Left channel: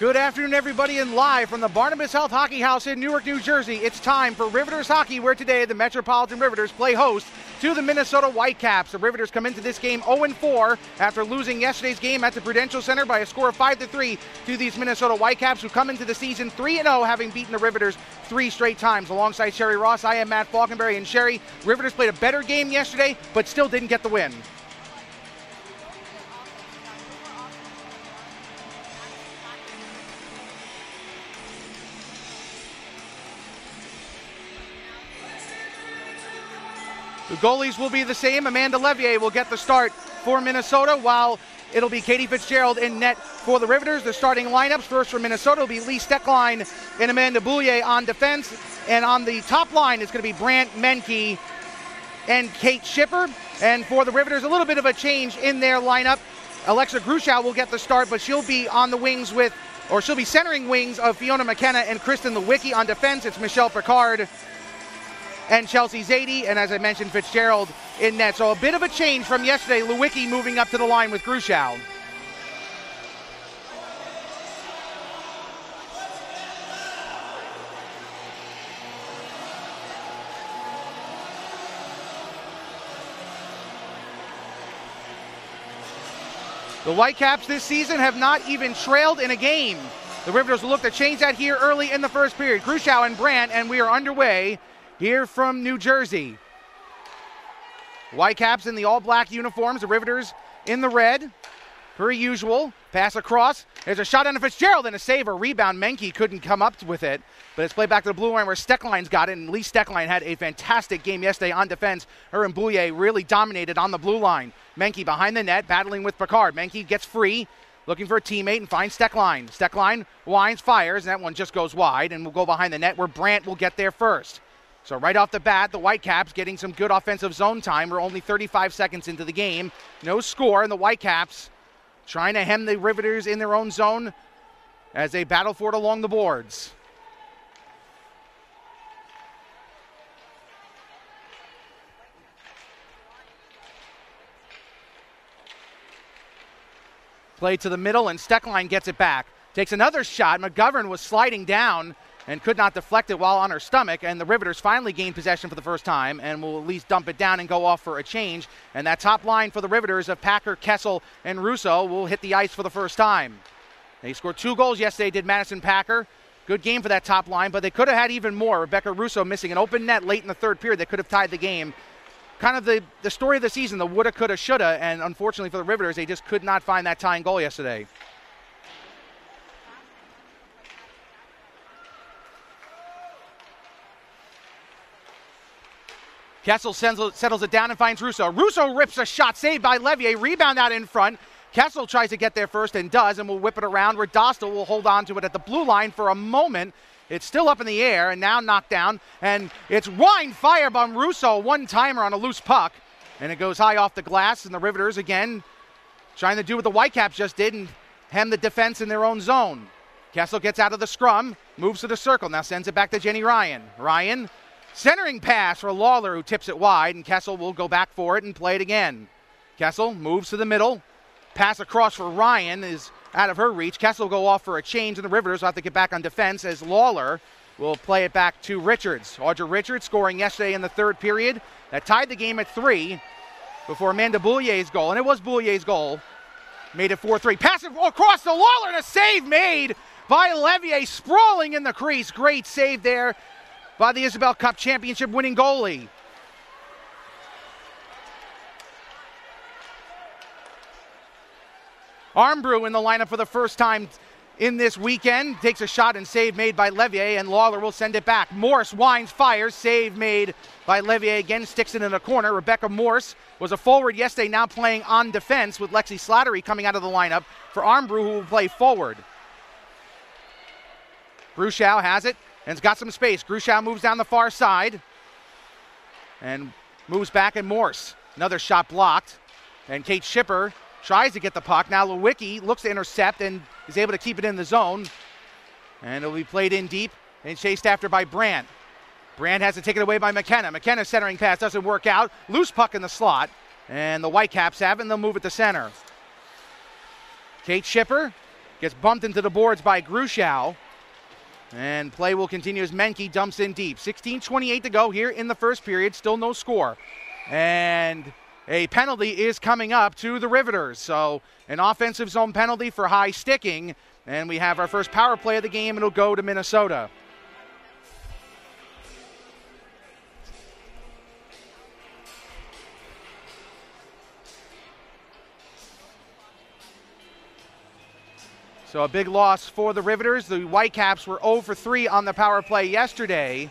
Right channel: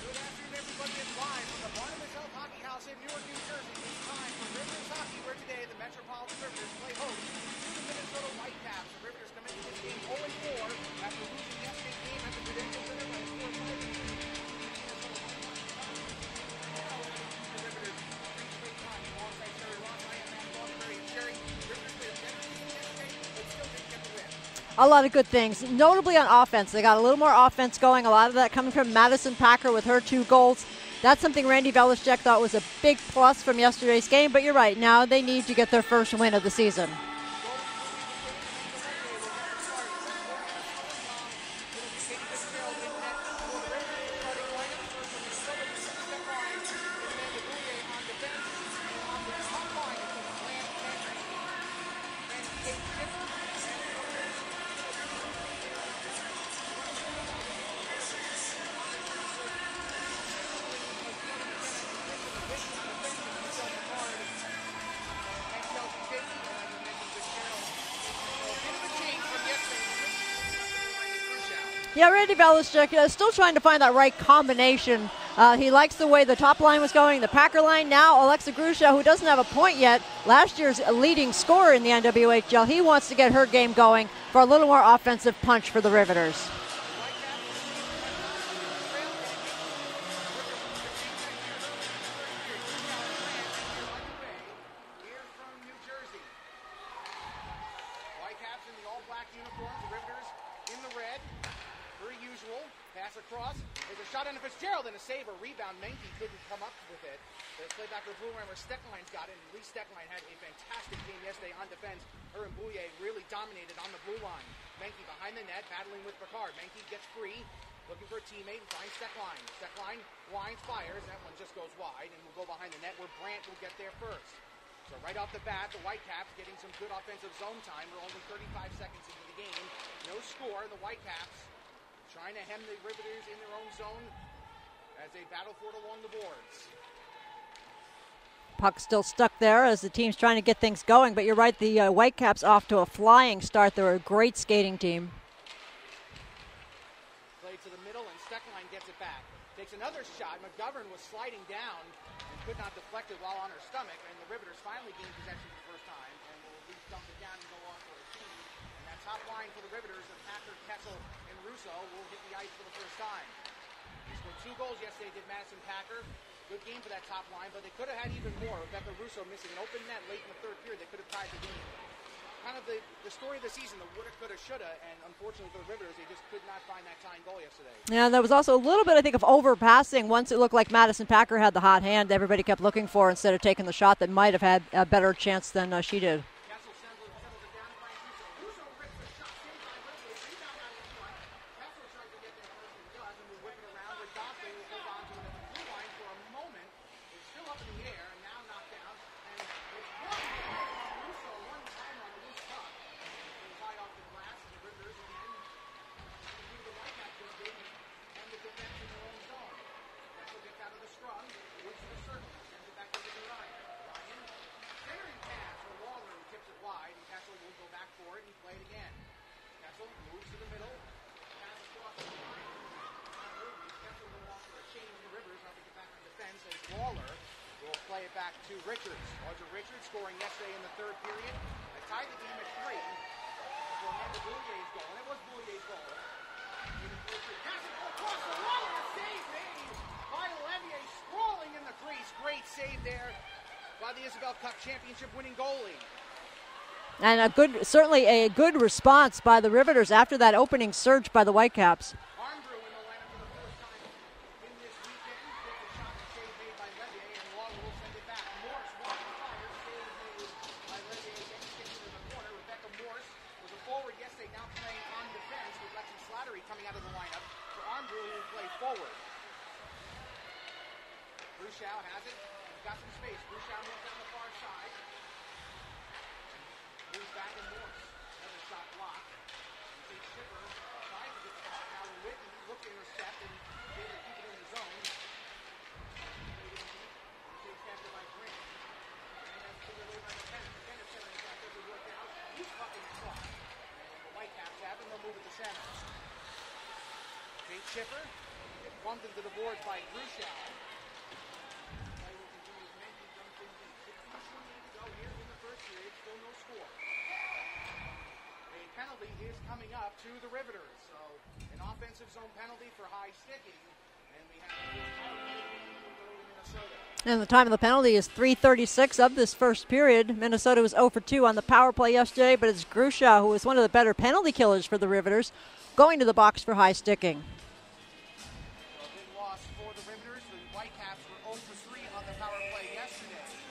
Good afternoon, everybody, and live from the Barnabas Health Hockey House in Newark, New Jersey. It's time for Riveters hockey, where today the Metropolitan Riveters play host to the Minnesota Whitecaps. The Riveters come into this game 0-4 after losing yesterday's game at the Prudential Center by a score of 5-3 to these Minnesota Whitecaps, who come into the season 3-0, having beaten the Riveters 3 straight times. Alongside Sherry Ross, I am Matt Falkenberry, and Sherry, Riveters played a better game yesterday, but still didn't get the win. A lot of good things, notably on offense. They got a little more offense going, a lot of that coming from Madison Packer with her 2 goals. That's something Randy Velishek thought was a big plus from yesterday's game, but you're right, now they need to get their first win of the season. The goalies will be the same. Amanda Levier will get the start for Minnesota, while it'll be Katie Fitzgerald in net for the Riveters. The starting lineups, first for Minnesota, will be Lee Steckline and Amanda Boulier on defense. And on the top line, it's going to be Brant Menke and Kate Schipper. And for the Riveters, a little bit of a change in their lineup. Alexa Gruschow will get the start, but she'll be on the wings she'll be centering wings of Fiona McKenna and Kristen Lewicki. On defense, it's Michelle Picard and Chelsea Zadie, and as I mentioned, Fitzgerald in net. So a bit of a change from yesterday. Lewicki moving up to the line with Gruschow. Yeah, Randy Velishek is still trying to find that right combination. He likes the way the top line was going, the Packer line. Now Alexa Gruschow, who doesn't have a point yet, last year's leading scorer in the NWHL, he wants to get her game going for a little more offensive punch for the Riveters. The Whitecaps this season have not even trailed in a game. The Riveters will look to change that here early in the first period. Gruschow and Brant, and we are underway here from New Jersey. Whitecaps in the all-black uniforms, the Riveters in the red, per usual. Pass across. There's a shot on Fitzgerald and a save or rebound. Menke couldn't come up with it, but it's played back to the blue line where Steckline's got it, and Lee Steckline had a fantastic game yesterday on defense. Her and Boulier really dominated on the blue line. Menke behind the net, battling with Picard. Menke gets free, looking for a teammate, and finds Steckline. Steckline winds, fires, and that one just goes wide, and will go behind the net where Brant will get there first. So right off the bat, the Whitecaps getting some good offensive zone time. We're only 35 seconds into the game. No score, and the Whitecaps trying to hem the Riveters in their own zone as they battle for it along the boards. Puck still stuck there as the team's trying to get things going, but you're right, the Whitecaps off to a flying start. They're a great skating team. Play to the middle, and Steckline gets it back. Takes another shot. McGovern was sliding down and could not deflect it while on her stomach, and the Riveters finally gained possession for the first time and will at least dump it down and go off for a change. And that top line for the Riveters of Packer, Kessel, and Russo will hit the ice for the first time. They scored 2 goals yesterday, did Madison Packer. Good game for that top line, but they could have had even more. Rebecca Russo missing an open net late in the third period that could have tied the game. Kind of the story of the season, the woulda, coulda, shoulda, and unfortunately for the Riveters, they just could not find that tying goal yesterday. Yeah, there was also a little bit, I think, of overpassing. Once it looked like Madison Packer had the hot hand, everybody kept looking for instead of taking the shot that might have had a better chance than she did. Kessel settles it down and finds Russo. Russo rips a shot, saved by Levier, rebound out in front. Kessel tries to get there first and does, and will whip it around where Dostal will hold on to it at the blue line for a moment. It's still up in the air and now knocked down, and it's wine fire by Russo, one-timer on a loose puck, and it goes high off the glass, and the Riveters again trying to do what the Whitecaps just did and hem the defense in their own zone. Kessel gets out of the scrum, moves to the circle, now sends it back to Jenny Ryan. Ryan, centering pass for Lawler, who tips it wide, and Kessel will go back for it and play it again. Kessel moves to the middle, pass across for Ryan is out of her reach. Kessel will go off for a change, and the Riveters will have to get back on defense as Lawler will play it back to Richards. Audra Richards scoring yesterday in the third period. That tied the game at 3 before Amanda Boulier's goal, and it was Boulier's goal. Made it 4-3. Pass it across to Lawler, and a save made by Levier, sprawling in the crease. Great save there by the Isabel Cup championship winning goalie. And certainly a good response by the Riveters after that opening surge by the Whitecaps. Armbrew in the lineup for the first time in this weekend. Takes a shot and save made by Levier, and Lawler will send it back. Morse winds, fires, save made by Levier again, sticks it in the corner. Rebecca Morse was a forward yesterday, now playing on defense with Lexi Slattery coming out of the lineup for Armbrew, who will play forward. Gruschow has it and has got some space. Gruschow moves down the far side and moves back, and Morse. Another shot blocked. And Kate Schipper tries to get the puck. Now Lewicki looks to intercept and is able to keep it in the zone. And it'll be played in deep and chased after by Brant. Brant has to take it away by McKenna. McKenna's centering pass doesn't work out. Loose puck in the slot. And the Whitecaps have it, and they'll move it to center. Kate Schipper Gets bumped into the boards by Grushow. And play will continue as Menke dumps in deep. 16:28 to go here in the first period. Still no score. And a penalty is coming up to the Riveters. So an offensive zone penalty for high sticking. And we have our first power play of the game. It'll go to Minnesota. And the time of the penalty is 3:36 of this first period. Minnesota was 0 for 2 on the power play yesterday, but it's Grushow, who is one of the better penalty killers for the Riveters, going to the box for high sticking. So a big loss for the Riveters. The Whitecaps were 0 for 3 on the power play yesterday.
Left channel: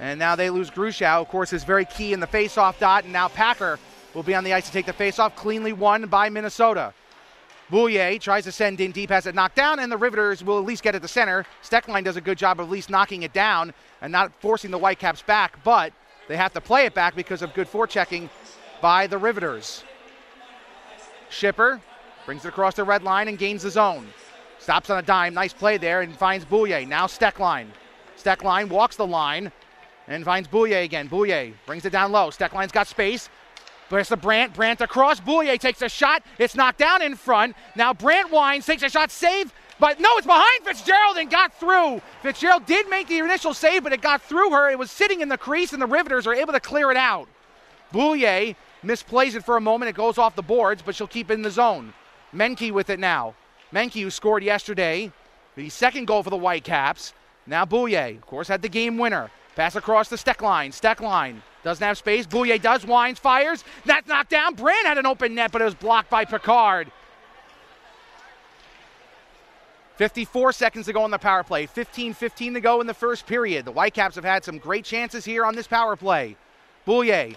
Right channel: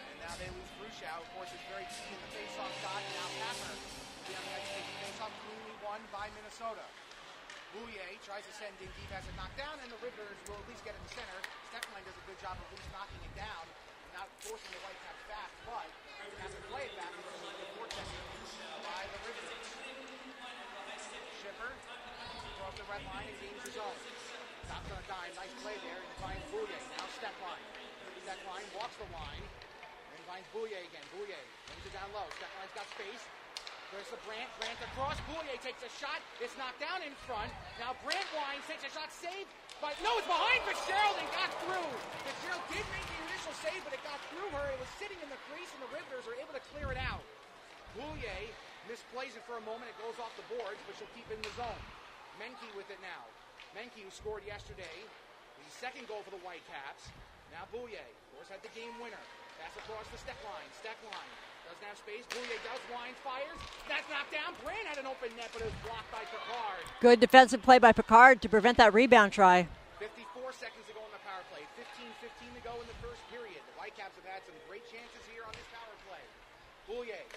And now they lose Grushow. Of course, is very key in the face-off dot. And now Packer will be on the ice to take the face-off. Cleanly won by Minnesota. Bouillet tries to send in deep, has it knocked down, and the Riveters will at least get it to center. Steckline does a good job of at least knocking it down and not forcing the Whitecaps back, but they have to play it back because of good forechecking by the Riveters. Schipper brings it across the red line and gains the zone. Stops on a dime, nice play there, and finds Bouillet. Now Steckline. Steckline walks the line and finds Bouillet again. Bouillet brings it down low. Steckline's got space. There's the Brandt. Brandt across. Bouillet takes a shot. It's knocked down in front. Now Brandt winds, takes a shot, save. But no, it's behind Fitzgerald and got through. Fitzgerald did make the initial save, but it got through her. It was sitting in the crease, and the Riveters are able to clear it out. Bouillet misplays it for a moment. It goes off the boards, but she'll keep it in the zone. Menke with it now. Menke, who scored yesterday, the second goal for the Whitecaps. Now Bouillet, of course, had the game winner. Pass across the Steckline. Steckline doesn't have space. Bouillet does, winds, fires. That's knocked down. Brandt had an open net, but it was blocked by Picard. Good defensive play by Picard to prevent that rebound try. 54 seconds to go on the power play. 15-15 to go in the first period. The Whitecaps have had some great chances here on this power play. Bouillet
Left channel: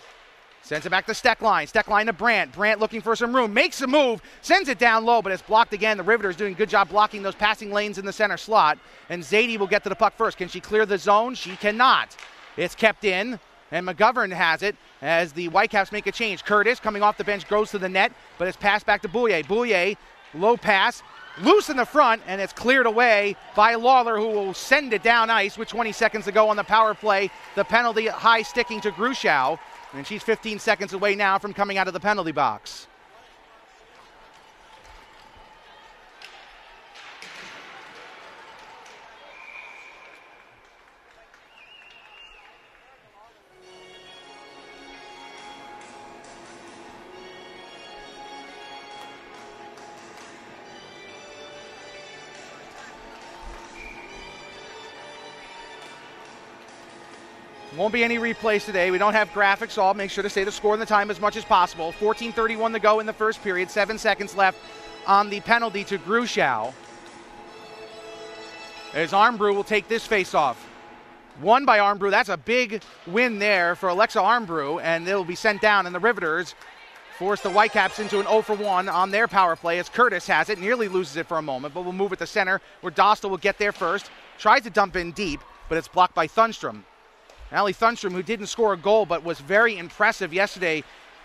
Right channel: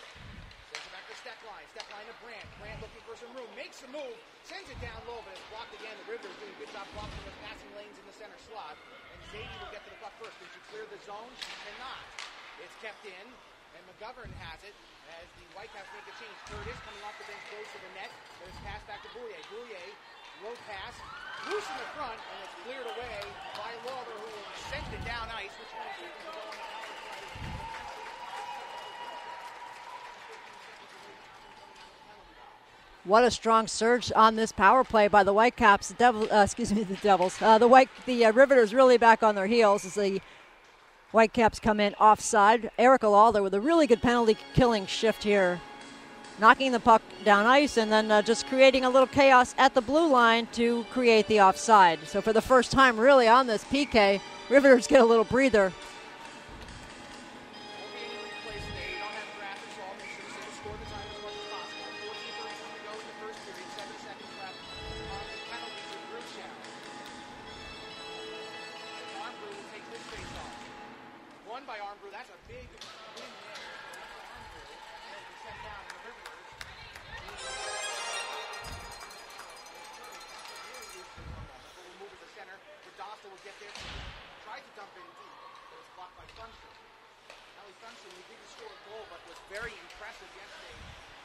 sends it back to Steckline. Steckline to Brandt. Brandt looking for some room. Makes a move. Sends it down low, but it's blocked again. The Riveters doing a good job blocking those passing lanes in the center slot. And Zadie will get to the puck first. Can she clear the zone? She cannot. It's kept in, and McGovern has it as the Whitecaps make a change. Curtis, coming off the bench, goes to the net, but it's passed back to Bouillet. Bouillet, low pass, loose in the front, and it's cleared away by Lawler, who will send it down ice with 20 seconds to go on the power play. The penalty high sticking to Grushow, and she's 15 seconds away now from coming out of the penalty box. What a strong surge on this power play by the Whitecaps. The Devils. The Riveters really back on their heels as the Whitecaps come in offside. Erica Lawler with a really good penalty killing shift here, knocking the puck down ice and then just creating a little chaos at the blue line to create the offside. So for the first time really on this PK, Riveters get a little breather. Won't be any replays today. We don't have graphics, so I'll make sure to say the score and the time as much as possible. 14:31 to go in the first period. 7 seconds left on the penalty to Grushow. As Armbrew will take this face-off. Won by Armbrew. That's a big win there for Alexa Armbrew, and they'll be sent down, and the Riveters force the Whitecaps into an 0 for 1 on their power play as Curtis has it, nearly loses it for a moment, but will move it to center where Dostal will get there first. Tries to dump in deep, but it's blocked by Thunstrom. Allie Thunstrom, who didn't score a goal but was very impressive yesterday,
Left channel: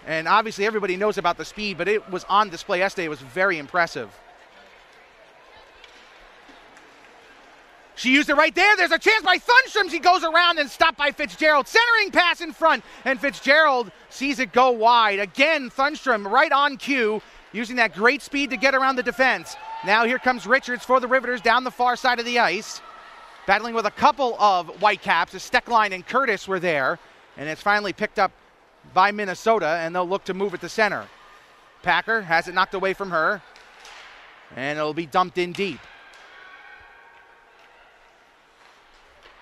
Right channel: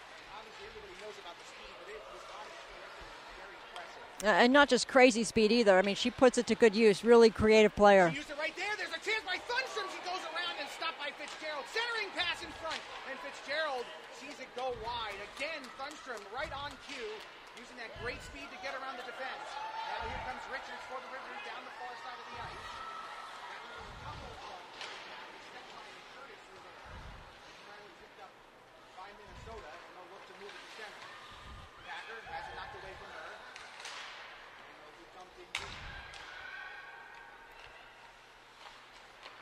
and obviously everybody knows about the speed, but it was on display yesterday. It was very impressive. And not just crazy speed either. I mean, she puts it to good use. Really creative player. She used it right there. There's a chance by Thunstrom. She goes around and stopped by Fitzgerald. Centering pass in front, and Fitzgerald sees it go wide. Again, Thunstrom right on cue, using that great speed to get around the defense. Now here comes Richards for the Riveters down the far side of the ice. Battling with a couple of Whitecaps as Steckline and Curtis were there, and it's finally picked up by Minnesota, and they'll look to move it to center. Packer has it knocked away from her, and it'll be dumped in deep.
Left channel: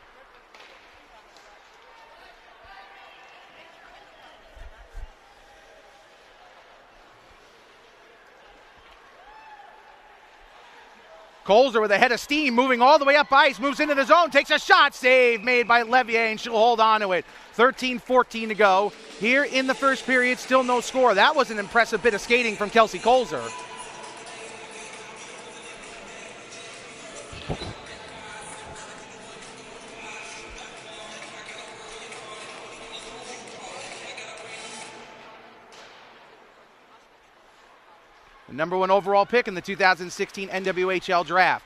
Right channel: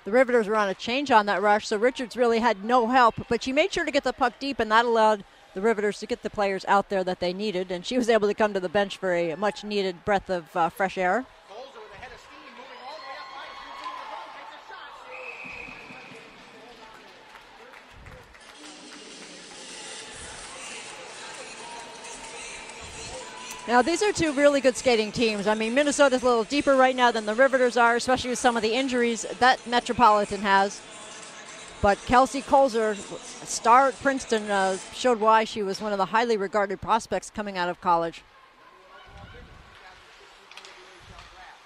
The Riveters were on a change on that rush, so Richards really had no help, but she made sure to get the puck deep, and that allowed the Riveters to get the players out there that they needed, and she was able to come to the bench for a much-needed breath of fresh air. Colzer with a head of steam, moving all the way up ice, moves into the zone, takes a shot, save made by Levier, and she'll hold on to it. 13-14 to go. Here in the first period, still no score. That was an impressive bit of skating from Kelsey Colzer. Now, these are two really good skating teams. I mean, Minnesota's a little deeper right now than the Riveters are, especially with some of the injuries that Metropolitan has. But Kelsey Colzer, star at Princeton, showed why she was one of the highly regarded prospects coming out of college. The number 1 overall pick in the 2016 NWHL draft.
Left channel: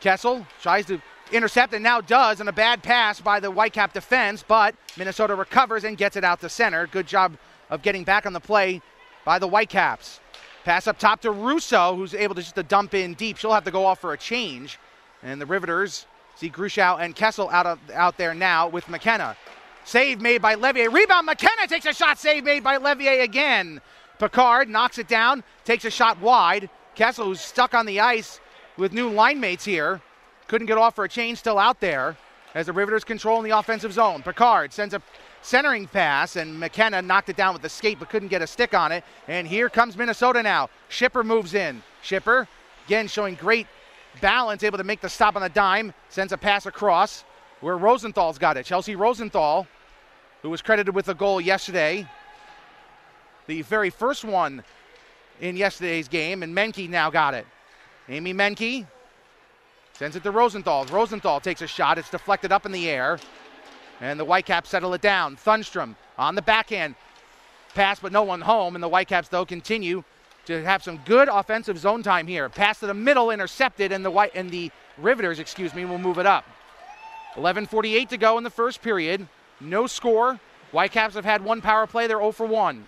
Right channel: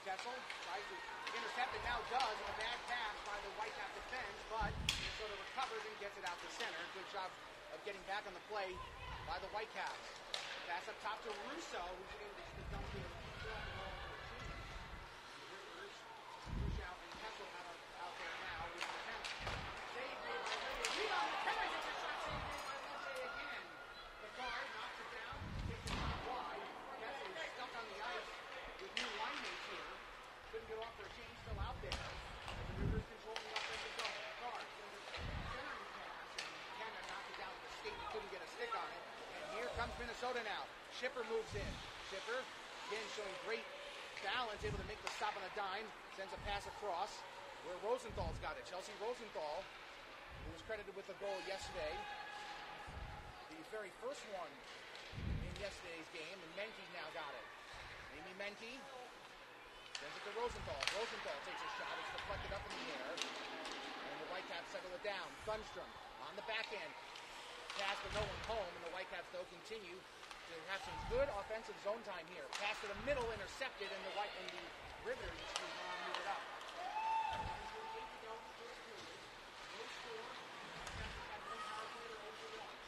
Kessel tries to intercept and now does, and a bad pass by the Whitecap defense, but Minnesota recovers and gets it out to center. Good job of getting back on the play by the Whitecaps. Pass up top to Russo, who's able to just dump in deep. She'll have to go off for a change. And the Riveters see Grushow and Kessel out there now with McKenna. Save made by Levier. Rebound, McKenna takes a shot. Save made by Levier again. Picard knocks it down, takes a shot wide. Kessel, who's stuck on the ice with new line mates here, couldn't get off for a change, still out there as the Riveters control in the offensive zone. Picard sends a centering pass, and McKenna knocked it down with the skate but couldn't get a stick on it. And here comes Minnesota now. Schipper moves in. Schipper, again, showing great balance, able to make the stop on the dime, sends a pass across where Rosenthal's got it. Chelsea Rosenthal, who was credited with a goal yesterday, the very first one in yesterday's game, and Menke now got it. Amy Menke sends it to Rosenthal. Rosenthal takes a shot. It's deflected up in the air, and the Whitecaps settle it down. Thunstrom on the backhand pass, but no one home, and the Whitecaps, though, continue to have some good offensive zone time here. Pass to the middle, intercepted, and the Riveters, will move it up. 11:48 to go in the first period. No score. Whitecaps have had one power play. They're 0 for 1.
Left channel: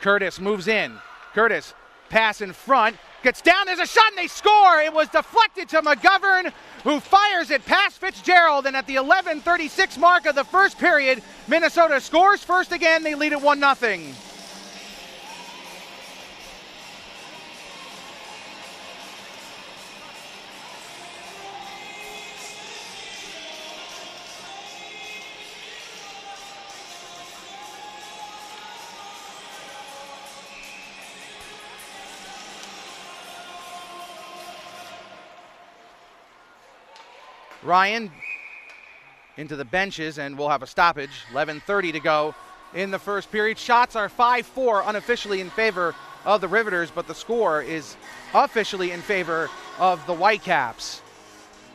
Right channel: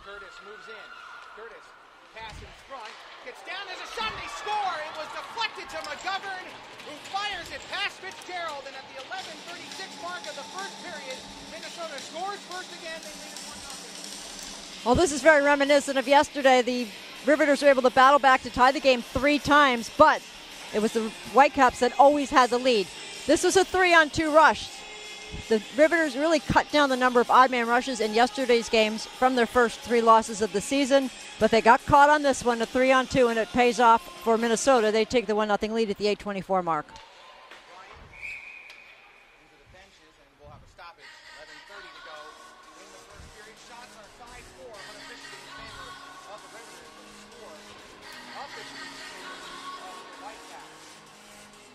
Curtis moves in. Curtis, pass in front, gets down, there's a shot, and they score! It was deflected to McGovern, who fires it past Fitzgerald, and at the 11:36 mark of the first period, Minnesota scores first again. They lead it 1-0. Well, this is very reminiscent of yesterday. The Riveters were able to battle back to tie the game 3 times, but it was the Whitecaps that always had the lead. This was a 3-on-2 rush. The Riveters really cut down the number of odd man rushes in yesterday's games from their first 3 losses of the season, but they got caught on this one, a 3-on-2, and it pays off for Minnesota. They take the 1-0 lead at the 8:24 mark. Ryan into the benches, and we'll have a stoppage. 11:30 to go in the first period. Shots are 5-4 unofficially in favor of the Riveters, but the score is officially in favor of the Whitecaps.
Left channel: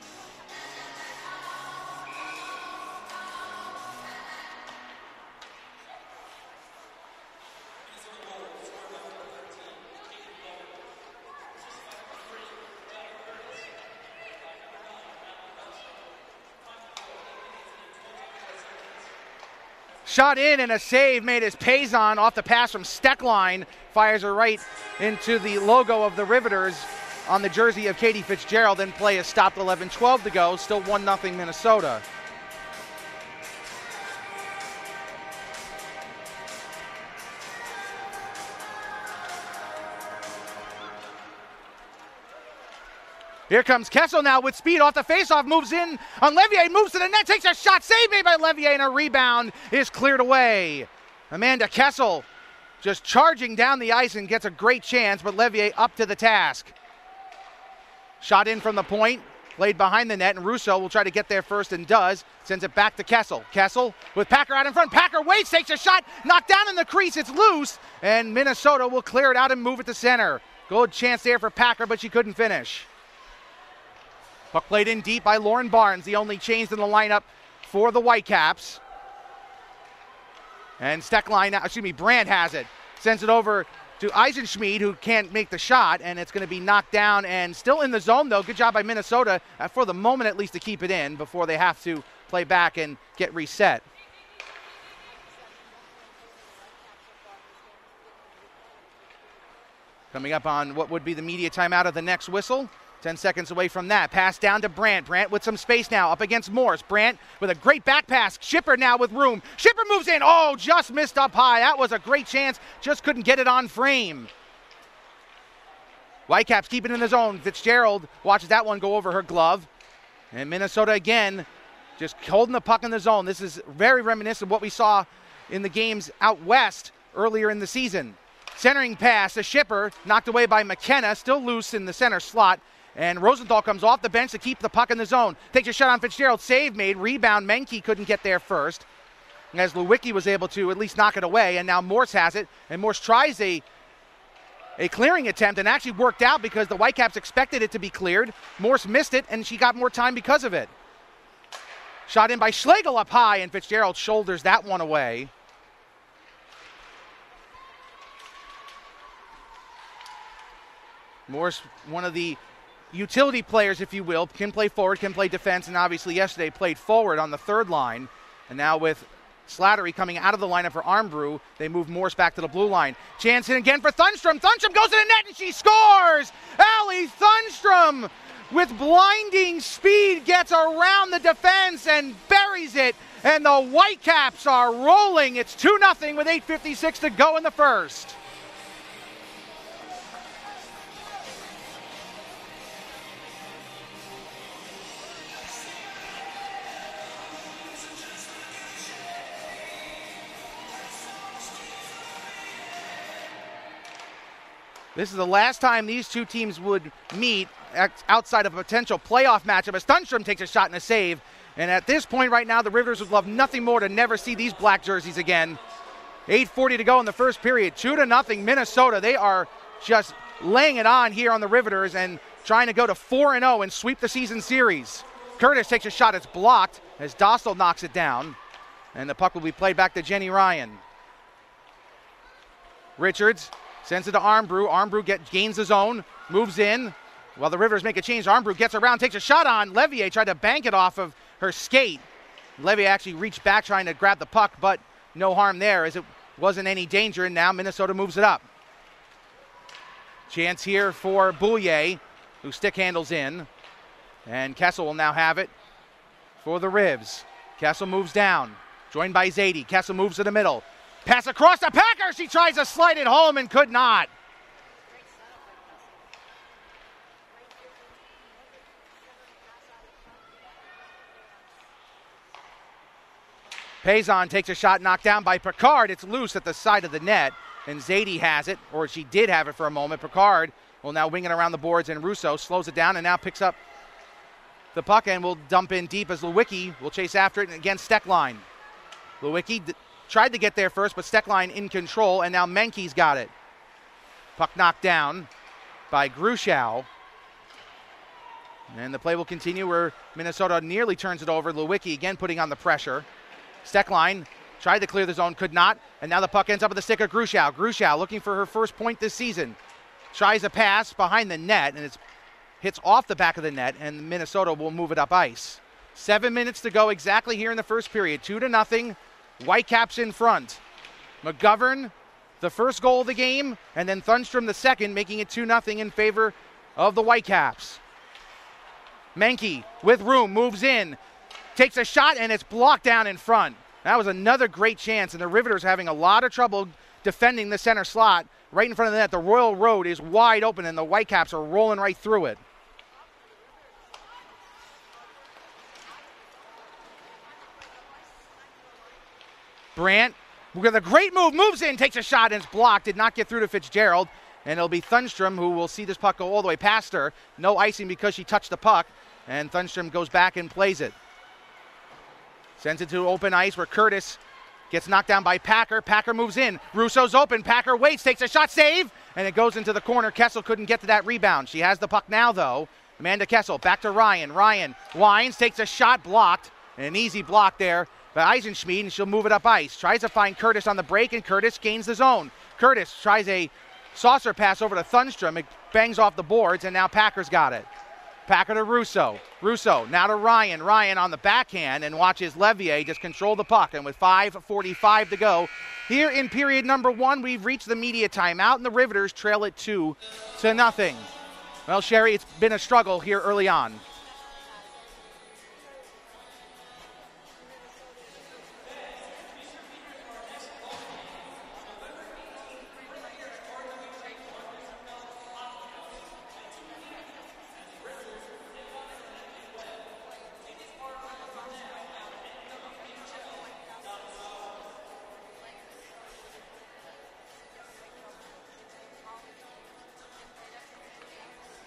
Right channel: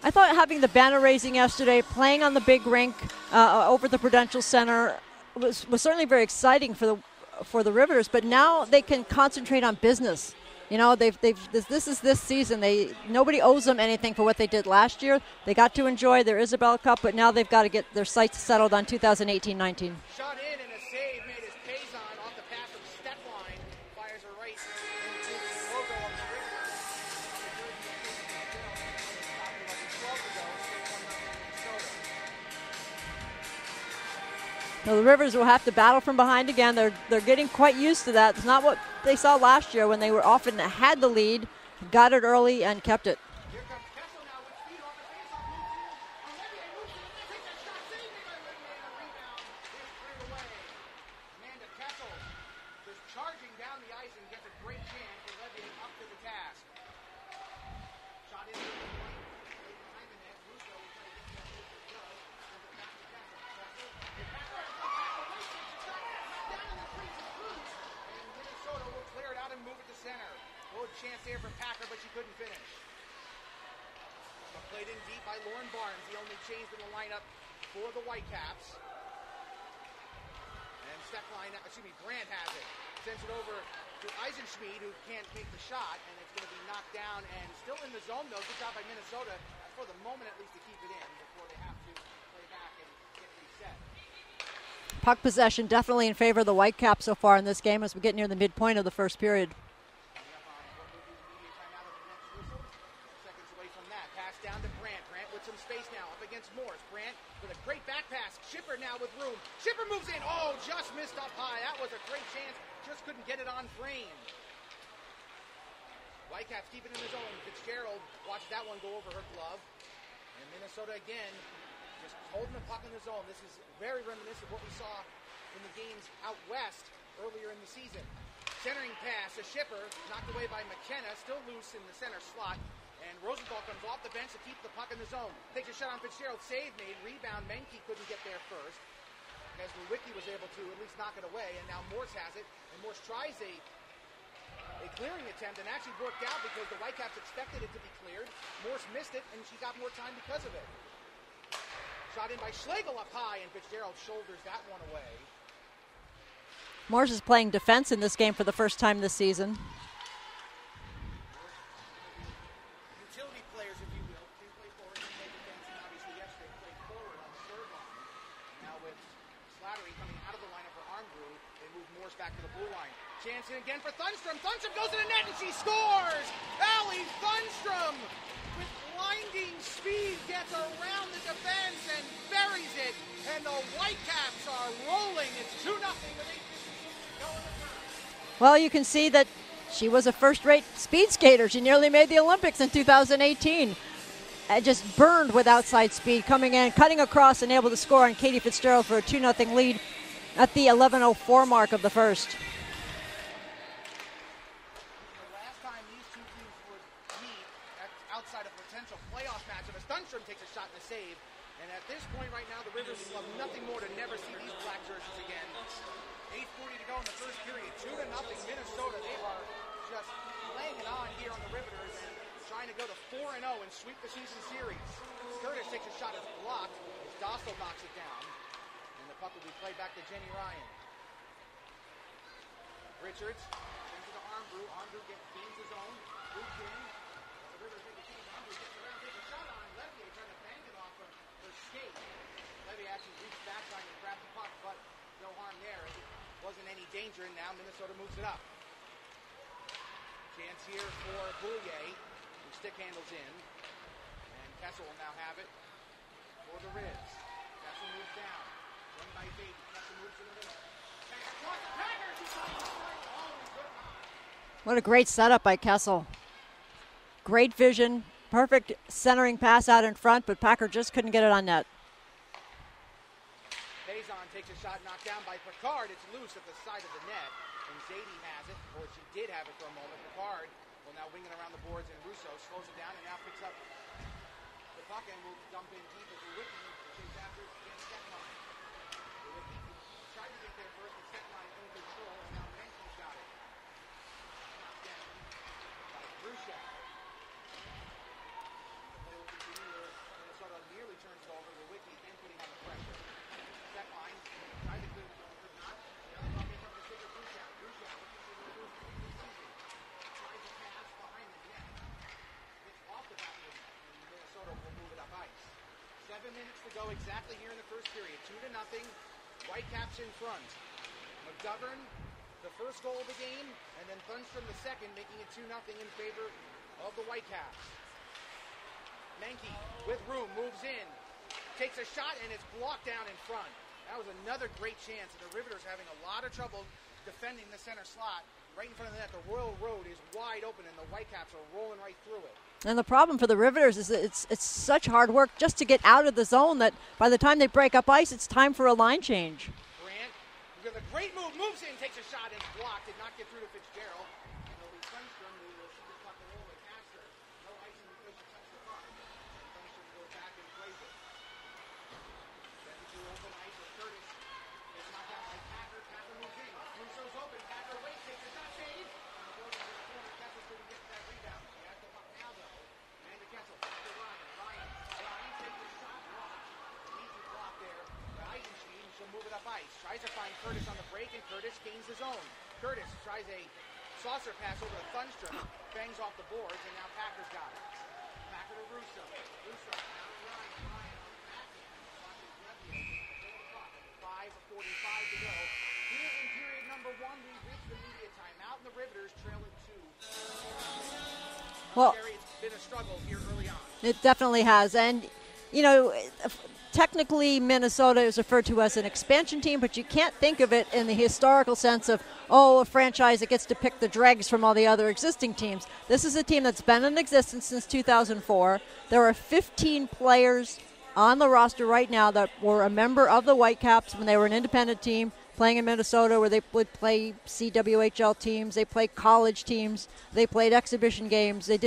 I thought having the banner raising yesterday, playing on the big rink over the Prudential Center was certainly very exciting for the Riveters, but now they can concentrate on business. You know, this is this season. Nobody owes them anything for what they did last year. They got to enjoy their Isabel Cup, but now they've got to get their sights settled on 2018-19. Shot in, and a save made as Payson off the pass from Steckline fires her right into the logo of the Riveters on the jersey of Katie Fitzgerald. Then play is stopped. 11:12 to go. Still 1-0 Minnesota. Now the Riveters will have to battle from behind again. They're getting quite used to that. It's not what they saw last year when they were often had the lead, got it early, and kept it. Here comes Kessel now with speed off the faceoff, moves in on Levier, moves to the net, takes a shot, save made by Levier, and a rebound is cleared away. Amanda Kessel just charging down the ice and gets a great chance, but Levier up to the task. Shot in from the point, played behind the net, and Russo will try to get there first and does. Sends it back to Kessel. Kessel with Packer out in front. Packer waits, takes a shot, knocked down in the crease. It's loose, and Minnesota will clear it out and move it to center. Good chance there for Packer, but she couldn't finish. Puck played in deep by Lauren Barnes, the only change in the lineup for the Whitecaps. And Brandt has it. Sends it over to Eisenschmied, who can't make the shot, and it's going to be knocked down and still in the zone, though. Good job by Minnesota, for the moment at least, to keep it in before they have to play back and get reset. Puck possession definitely in favor of the Whitecaps so far in this game as we get near the midpoint of the first period. Coming up on what would be the media timeout of the next whistle. 10 seconds away from that. Pass down to Brandt. Brandt with some space now up against Morse. Brandt with a great back pass. Schipper now with room. Schipper moves in. Oh, just missed up high. That was a great chance. Just couldn't get it on frame. Whitecaps keep it in the zone. Fitzgerald watches that one go over her glove. And Minnesota again just holding the puck in the zone. This is very reminiscent of what we saw in the games out west earlier in the season. Centering pass to Schipper, knocked away by McKenna, still loose in the center slot. And Rosenthal comes off the bench to keep the puck in the zone. Takes a shot on Fitzgerald. Save made. Rebound. Menke couldn't get there first, as Lewicki was able to at least knock it away. And now Morse has it. And Morse tries a clearing attempt and actually worked out because the Whitecaps expected it to be cleared. Morse missed it, and she got more time because of it. Shot in by Schlegel up high, and Fitzgerald shoulders that one away. Morse is playing defense in this game for the first time this season. Morse, one of the utility players, if you will, can play forward, can play defense, and obviously yesterday played forward on the third line. And now with Slattery coming out of the lineup for Armbrew. They move Morse back to the blue line. Chance in again for Thunstrom. Thunstrom goes to the net and she scores! Allie Thunstrom with blinding speed gets around the defense and buries it. And the Whitecaps are rolling. It's 2-0 with 8:56 to go in the first. Well, you can see that she was a first-rate speed skater. She nearly made the Olympics in 2018. And just burned with outside speed, coming in, cutting across, and able to score on Katie Fitzgerald for a 2-0 lead at the 11:04 mark of the first. This is the last time these two teams would meet outside of a potential playoff matchup as Thunstrom takes a shot and a save. And at this point right now, the Riveters would love nothing more to never see these black jerseys again. 8:40 to go in the first period. 2-0 Minnesota. They are just laying it on here on the Riveters and trying to go to 4-0 and sweep the season series. Curtis takes a shot. It's blocked as Dostal knocks it down. And the puck will be played back to Jenny Ryan. Richards sends it to Armbrew. Armbrew gains the zone, moves in. While the Riveters make a change, Armbrew gets around, takes a shot on Levier, tried to bank it off of her skate. Levier actually reached back trying to grab the puck, but no harm there as it wasn't any danger, and now Minnesota moves it up. Chance here for Boulier, who stick handles in. And Kessel will now have it for the Rivs. Kessel moves down, joined by Zadie. Kessel moves to the middle. Pass across to Packer. She tries to slide it home and could not. What a great setup by Kessel. Great vision, perfect centering pass out in front, but Packer just couldn't get it on net. Payson takes a shot knocked down by Picard. It's loose at the side of the net, and Zadie has it, or she did have it for a moment. Picard will now wing it around the boards, and Russo slows it down and now picks up the puck and will dump in deep as Lewicki will chase after it against Steckline. Lewicki tried to get there first, but Steckline in control, and now Menke's got it. Puck knocked down by Gruschow. And the play will continue where Minnesota nearly turns it over. Lewicki again putting on the pressure. Steckline tried to clear the zone, could not. And now the puck ends up at the stick of Gruschow. Gruschow looking for her first point this season. Tries a pass behind the net, and it hits off the back of the net, and Minnesota will move it up ice. 7 minutes to go exactly here in the first period. 2-0, Whitecaps in front. McGovern, the first goal of the game, and then Thunstrom the second, making it 2-0 in favor of the Whitecaps. Menke with room, moves in, takes a shot, and it's blocked down in front. That was another great chance, and the Riveters having a lot of trouble defending the center slot right in front of the net. The Royal Road is wide open, and the Whitecaps are rolling right through it. And the problem for the Riveters is that it's such hard work just to get out of the zone that by the time they break up ice, it's time for a line change. Brandt with a great move, moves in, takes a shot, and it's blocked. Did not get through to Fitzgerald, and it'll be Thunstrom who will see this puck go all the way past her. No icing because she touched the puck. And Thunstrom goes back and plays it. Sends it to open ice where Curtis gets knocked down by Packer. Packer moves in. Russo's open. Packer waits, takes a shot, save, and it goes into the corner. Kessel couldn't get to that rebound. She has the puck now, though. Amanda Kessel back to Ryan. Ryan winds, takes a shot, blocked. And an easy block there by Eisenschmied, and she'll move it up ice. Tries to find Curtis on the break, and Curtis gains the zone. Curtis tries a saucer pass over to Thunstrom. It bangs off the boards, and now Packer's got it. Packer to Russo. Russo now to Ryan. Ryan on the backhand and watches Levier just control the puck. And with 5:45 to go here in period number one, we've reached the media timeout, and the Riveters trail it 2-0. Well, Sherry, it's been a struggle here early on. It definitely has. And, you know, technically Minnesota is referred to as an expansion team, but you can't think of it in the historical sense of, oh, a franchise that gets to pick the dregs from all the other existing teams. This is a team that's been in existence since 2004. There are 15 players on the roster right now that were a member of the Whitecaps when they were an independent team playing in Minnesota, where they would play CWHL teams, they played college teams, they played exhibition games, they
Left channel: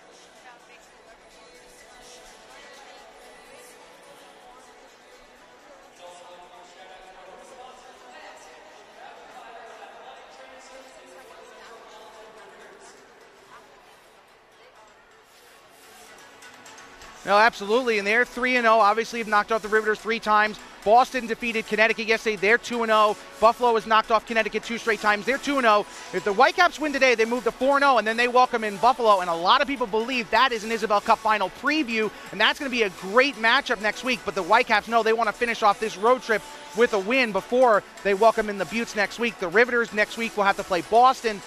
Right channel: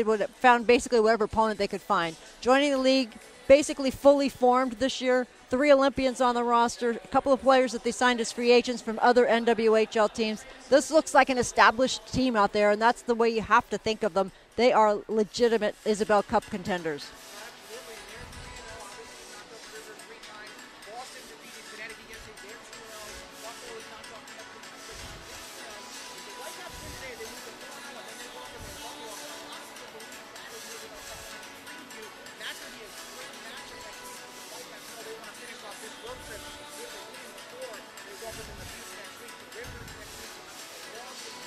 found basically whatever opponent they could find. Joining the league, basically fully formed this year. 3 Olympians on the roster, a couple of players that they signed as free agents from other NWHL teams. This looks like an established team out there, and that's the way you have to think of them. they are legitimate Isabel Cup contenders. No, absolutely, and they're 3-0. Obviously, have knocked off the Riveters 3 times. Boston defeated Connecticut yesterday. They're 2-0. Buffalo has knocked off Connecticut 2 straight times. They're 2-0. If the Whitecaps win today, they move to 4-0, and then they welcome in Buffalo. And a lot of people believe that is an Isabel Cup final preview, and that's going to be a great matchup next week. But the Whitecaps know they want to finish off this road trip with a win before they welcome in the Buttes next week. The Riveters next week will have to play Boston.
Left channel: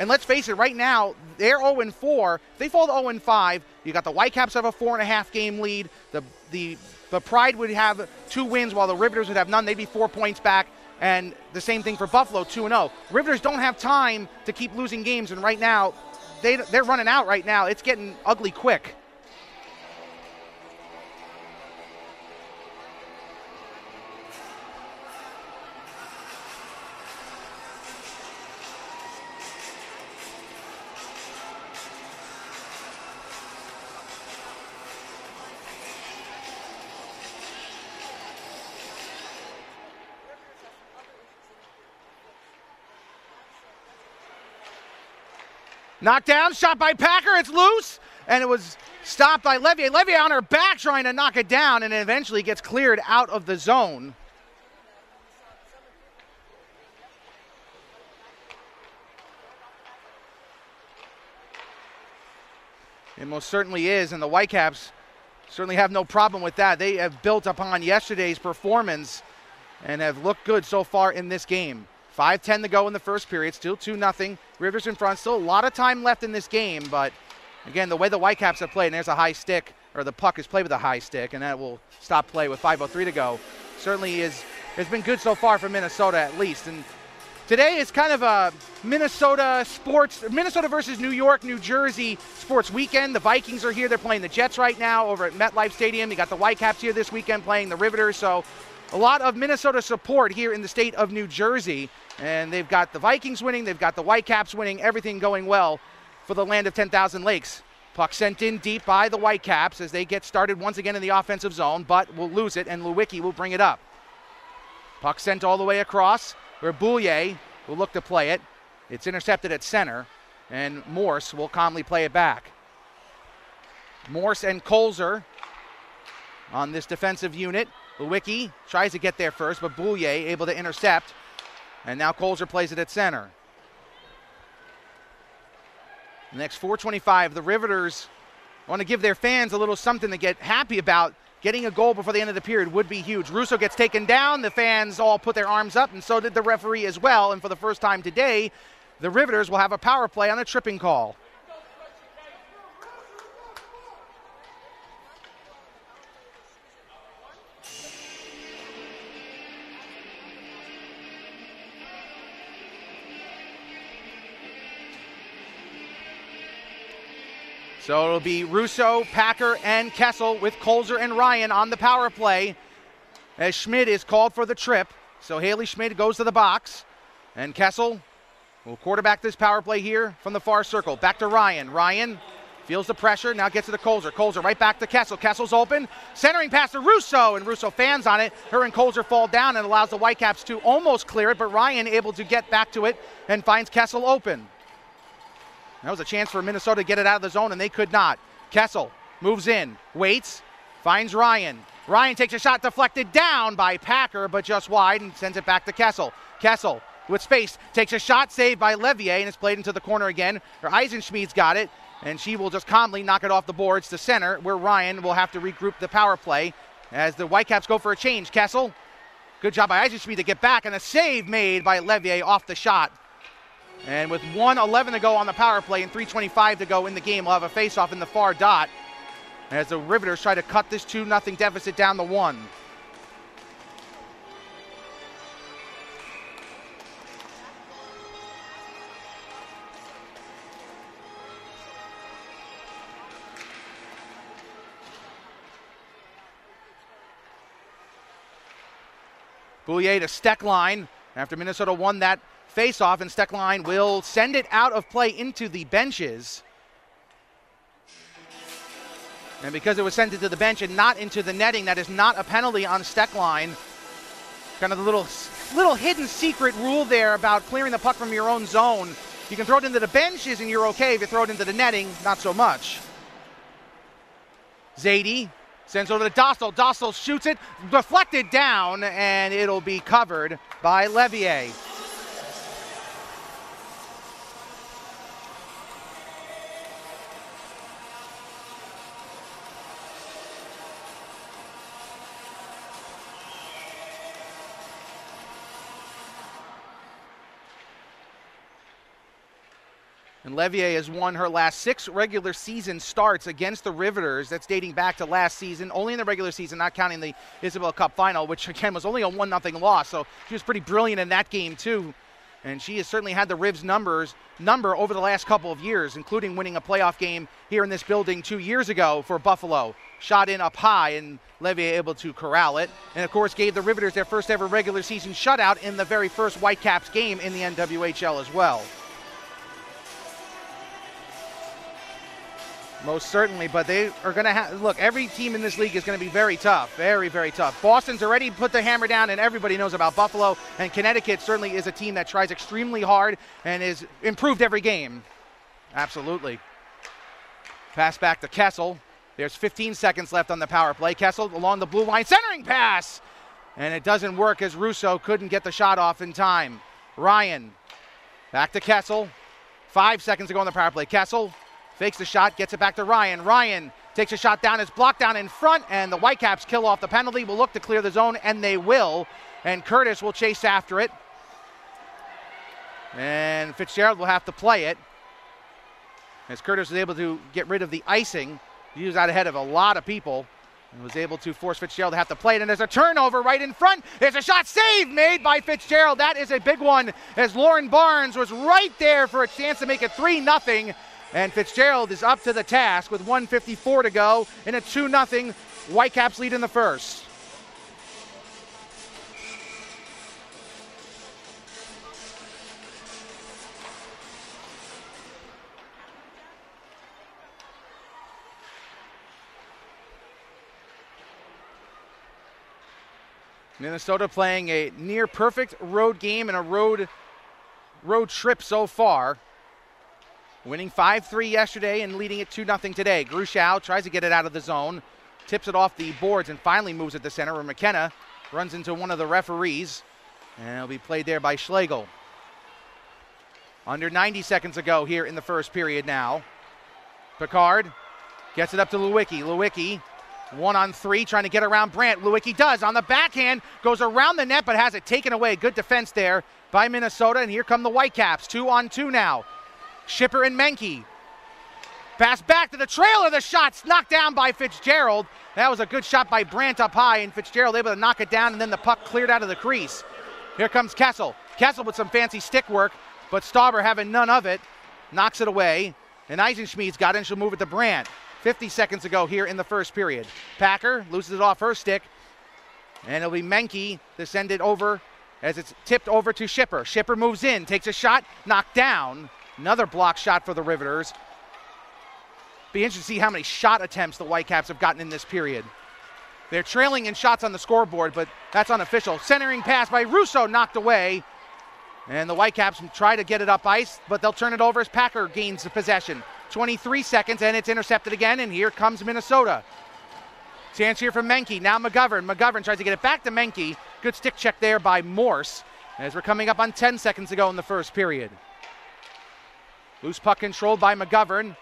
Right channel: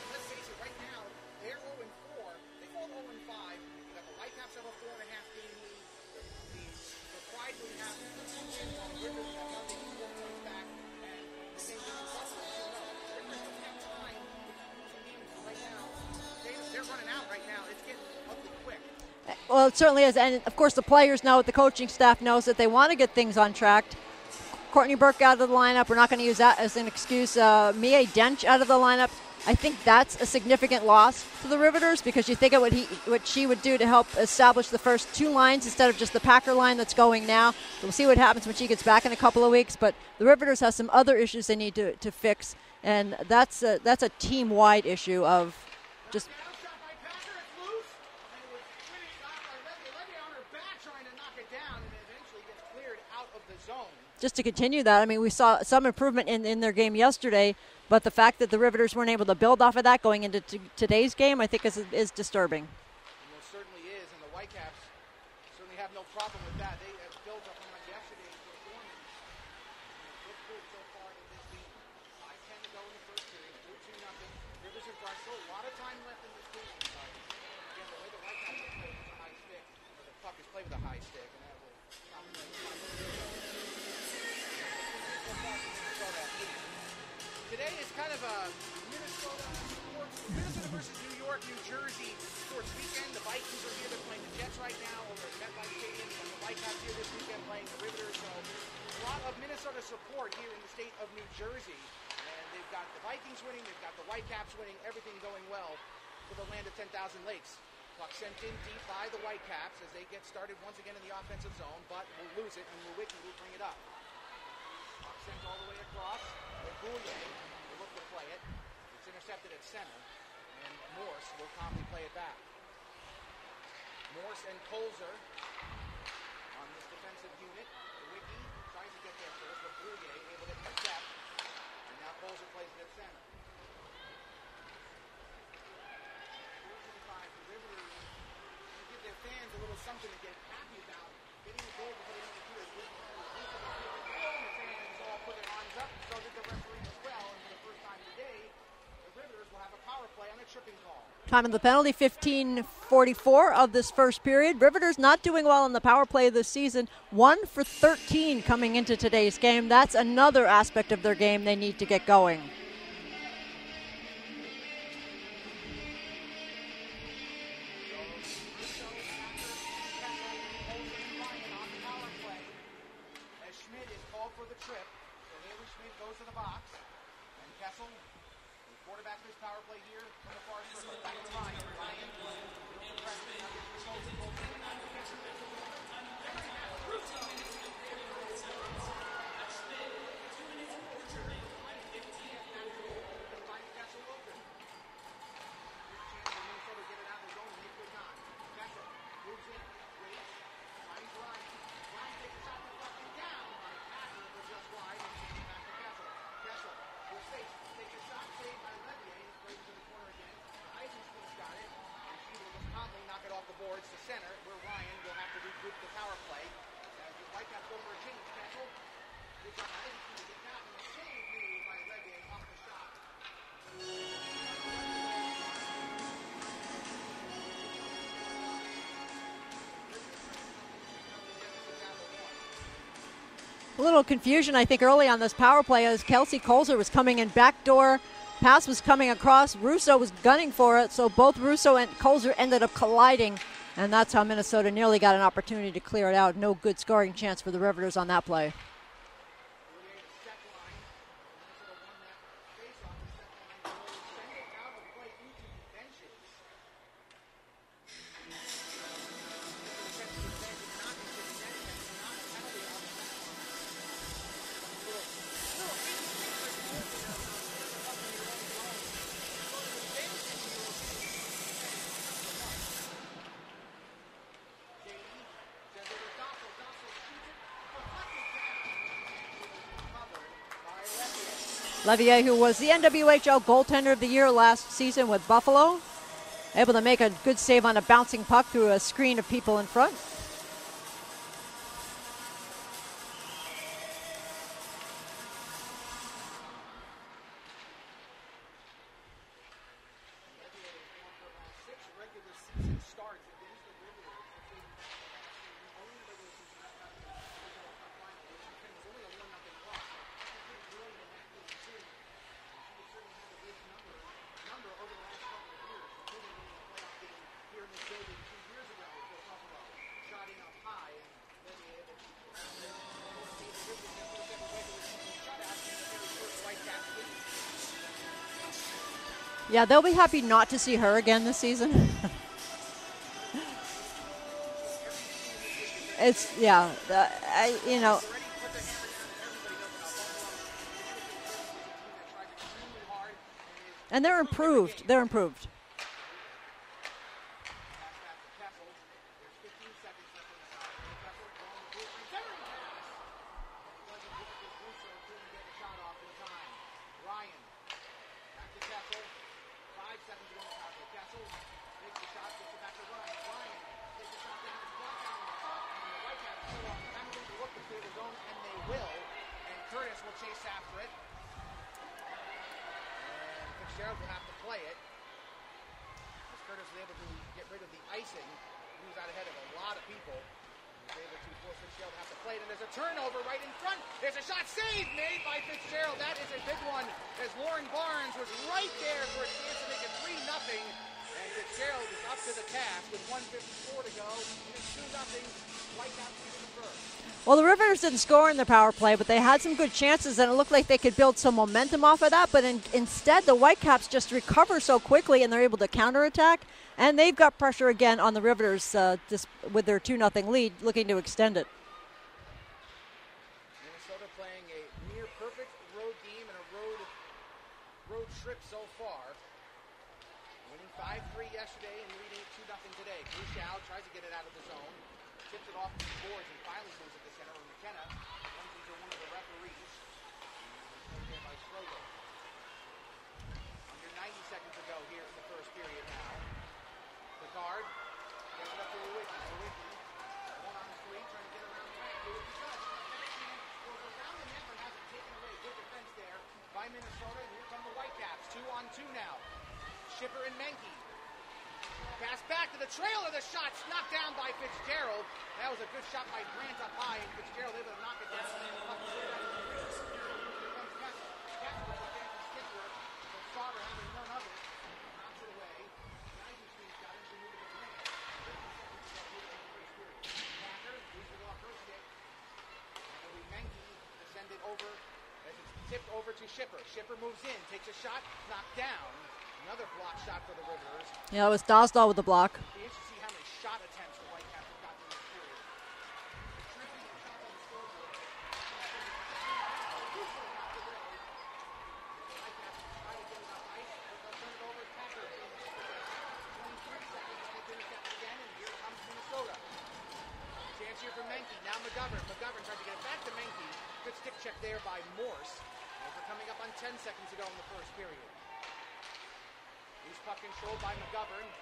And let's face it, right now, they're 0-4. They fall to 0-5. You got the Whitecaps have a 4.5 game lead. The Pride would have 2 wins while the Riveters would have none. They'd be 4 points back. And the same thing for Buffalo, 2-0. Riveters don't have time to keep losing games, and right now, they're running out right now. It's getting ugly quick. Well, it certainly is, and of course the players know it, the coaching staff knows that they want to get things on track. Courtney Burke out of the lineup. We're not going to use that as an excuse. Mia Dench out of the lineup. I think that's a significant loss to the Riveters because you think of what she would do to help establish the first 2 lines instead of just the Packer line that's going now. We'll see what happens when she gets back in a couple of weeks, but the Riveters have some other issues they need to fix, and that's a team-wide issue of... Knocked down, shot by Packer, it's loose, and it was stopped by Levier. Levier on her back trying to knock it down, and it eventually gets cleared out of the zone. Just to continue that, I mean, we saw some improvement in their game yesterday, but the fact that the Riveters weren't able to build off of that going into today's game, I think is disturbing. It most certainly is, and the Whitecaps certainly have no problem with that. They have built upon yesterday's performance and have looked good so far in this game. 5:10 to go in the first period, still 2-0. Riveters in front, still a lot of time left in this game, but again, the way the Whitecaps have played, and there's a high stick, or the puck is played with a high stick, and that will stop play with 5:03 to go. Certainly has been good so far for Minnesota at least. And today is kind of a Minnesota versus New York, New Jersey sports weekend. The Vikings are here. They're playing the Jets right now over at MetLife Stadium. You got the Whitecaps here this weekend playing the Riveters. So a lot of Minnesota support here in the state of New Jersey. And they've got the Vikings winning. They've got the Whitecaps winning. Everything going well for the land of 10,000 lakes. Puck sent in deep by the Whitecaps as they get started once again in the offensive zone, but will lose it, and Lewicki will bring it up. Puck sent all the way across, where Boulier will look to play it. It's intercepted at center, and Morse will calmly play it back. Morse and Kolzer on this defensive unit. Lewicki tries to get there first, but Boulier able to intercept, and now Kolzer plays it at center. The next 4:25, the Riveters want to give their fans a little something to get happy about. Getting a goal before the end of the period would be huge. Russo gets taken down. The fans all put their arms up, and so did the referee as well. And for the first time today, the Riveters will have a power play on a tripping call. Time of the penalty, 15:44 of this first period. Riveters not doing well in the power play this season. 1 for 13 coming into today's game. That's another aspect of their game they need to get going. So it'll be Russo, Packer, and Kessel with Kolzer and Ryan on the power play as Schmidt is called for the trip. So Haley Schmidt goes to the box, and Kessel will quarterback this power play here from the far circle. Back to Ryan. Ryan feels the pressure, now gets to the Kolzer. Kolzer right back to Kessel. Kessel's open, centering pass to Russo, and Russo fans on it. Her and Kolzer fall down and allows the Whitecaps to almost clear it, but Ryan able to get back to it and finds Kessel open. That was a chance for Minnesota to get it out of the zone, and they could not. Kessel moves in, waits, finds Ryan. Ryan takes a shot deflected down by Packer, but just wide, and sends it back to Kessel. Kessel with space, takes a shot, saved by Levier, and it's played into the corner again. Eisenschmid's got it, and she will just calmly knock it off the boards to center, where Ryan will have to regroup the power play as the Whitecaps go for a change. Kessel, good job by Eisenschmid to get back, and a save made by Levier off the shot. And with 1:11 to go on the power play and 3:25 to go in the game, we'll have a face-off in the far dot as the Riveters try to cut this 2-0 deficit down to 1. A little confusion, I think, early on this power play as Kelsey Kolzer was coming in backdoor. Pass was coming across. Russo was gunning for it, so both Russo and Kolzer ended up colliding, and that's how Minnesota nearly got an opportunity to clear it out. No good scoring chance for the Riveters on that play. Boulier to Steckline after Minnesota won that face-off, and Steckline will send it out of play into the benches. And because it was sent into the bench and not into the netting, that is not a penalty on Steckline. Kind of the little hidden secret rule there about clearing the puck from your own zone. You can throw it into the benches and you're okay. If you throw it into the netting, not so much. Zadie sends it over to Dostal. Dostal shoots it, deflected down, and it'll be covered by Levier. Levier, who was the NWHL goaltender of the year last season with Buffalo, able to make a good save on a bouncing puck through a screen of people in front. And Levier has won her last 6 regular season starts against the Riveters. That's dating back to last season, only in the regular season, not counting the Isabel Cup final, which again was only a 1-0 loss. So she was pretty brilliant in that game too. And she has certainly had the Rivs number over the last couple of years, including winning a playoff game here in this building 2 years ago for Buffalo. Shot in up high, and Levier able to corral it. And of course gave the Riveters their first ever regular season shutout in the very first Whitecaps game in the NWHL as well. Yeah, they'll be happy not to see her again this season. Most certainly, but they are going to have, look, every team in this league is going to be very tough, very tough. Boston's already put the hammer down, and everybody knows about Buffalo, and Connecticut certainly is a team that tries extremely hard and is improved every game. They're improved. Absolutely. Pass back to Kessel. There's 15 seconds left on the power play. Kessel along the blue line, centering pass, and it doesn't work as Russo couldn't get the shot off in time. Ryan, back to Kessel. 5 seconds to go on the power play. Kessel fakes the shot, gets it back to Ryan. Ryan takes a shot down, it's blocked down in front, and the Whitecaps kill off the penalty. Will look to clear the zone, and they will. And Curtis will chase after it. And Fitzgerald will have to play it. As Curtis was able to get rid of the icing, he was out ahead of a lot of people. And was able to force Fitzgerald to have to play it, and there's a turnover right in front. There's a shot save made by Fitzgerald. That is a big one, as Lauren Barnes was right there for a chance to make it 3-0, and Fitzgerald is up to the task with 1:54 to go in a 2-0 Whitecaps lead in the first. Well, the Riveters didn't score in the power play, but they had some good chances, and it looked like they could build some momentum off of that, but instead the Whitecaps just recover so quickly, and they're able to counterattack. And they've got pressure again on the Riveters with their 2-0 lead, looking to extend it. Minnesota playing a near perfect road game and a road trip so far. Winning 5-3 yesterday and leading it 2-0 today. Grushau tries to get it out of the zone, tips it off the boards, and finally moves it to center where McKenna runs into one of the referees. And it'll be played there by Schlegel. Under 90 seconds to go here in the first period now. Picard gets it up to Lewicki. Lewicki, 1-on-3, trying to get around Brandt. Lewicki does on the backhand, goes around the net, but has it taken away. Good defense there by Minnesota, and here come the Whitecaps, 2-on-2 now. Schipper and Menke. Pass back to the trailer. The shot's knocked down by Fitzgerald. That was a good shot by Brandt up high, and Fitzgerald able to knock it down, and then the puck cleared out of the crease. Here comes Kessel. Kessel with some fancy stick work, but Stauber having none of it, knocks it away. And Eisenschmid's got it, and she'll move it to Brandt. 50 seconds to go here in the first period. Packer loses it off her stick, and it'll be Menke to send it over as it's tipped over to Schipper. Schipper moves in, takes a shot, knocked down. Another block shot for the Riveters. Yeah, it was Dostal with the block. Be interested to see how many shot attempts the Whitecaps have gotten in this period. They're trailing in shots on the scoreboard, but that's unofficial. Centering pass by Russo, knocked away. And the Whitecaps try to get it up ice, but they'll turn it over as Packer gains the possession. 23 seconds, and it's intercepted again, and here comes Minnesota. Chance here from Menke. Now McGovern. McGovern tries to get it back to Menke. Good stick check there by Morse, as we're coming up on 10 seconds to go in the first period. Loose puck controlled by McGovern.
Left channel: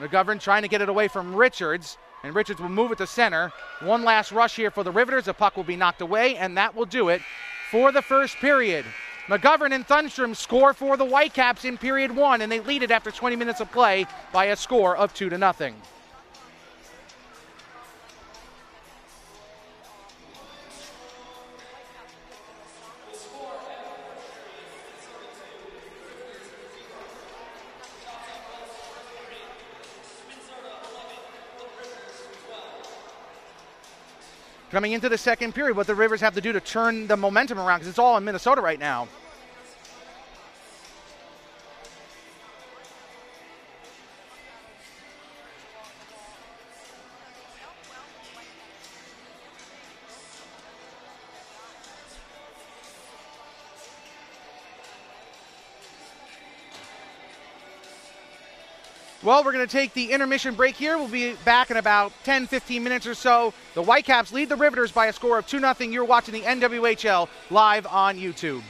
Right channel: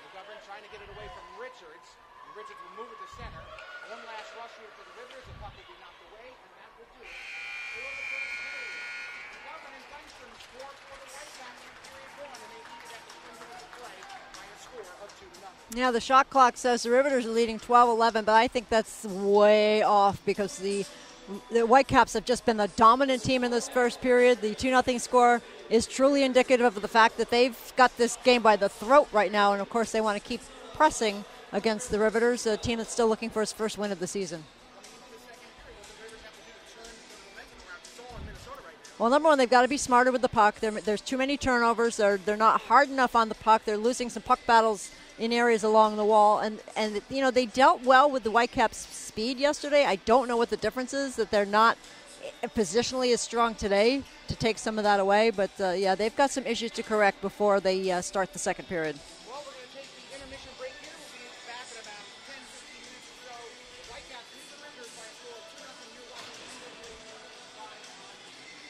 McGovern trying to get it away from Richards, and Richards will move it to center. One last rush here for the Riveters. The puck will be knocked away, and that will do it for the first period. McGovern and Thunstrom score for the Whitecaps in period 1, and they lead it after 20 minutes of play by a score of 2-0. Yeah, the shot clock says the Riveters are leading 12-11, but I think that's way off because the Whitecaps have just been the dominant team in this first period. The 2-0 score is truly indicative of the fact that they've got this game by the throat right now, and of course they want to keep pressing against the Riveters, a team that's still looking for its first win of the season. Coming into the second period, what the Rivers have to do to turn the momentum around, because it's all in Minnesota right now. Well, number one, they've got to be smarter with the puck. There's too many turnovers. They're not hard enough on the puck. They're losing some puck battles in areas along the wall. And you know, they dealt well with the Whitecaps' speed yesterday. I don't know what the difference is, that they're not positionally is strong today to take some of that away. But, yeah, they've got some issues to correct before they start the second period. Well, we're going to take the intermission break here. We'll be back in about 10, 15 minutes or so. The Whitecaps lead the Riveters by a score of 2-0. You're watching the NWHL live on YouTube.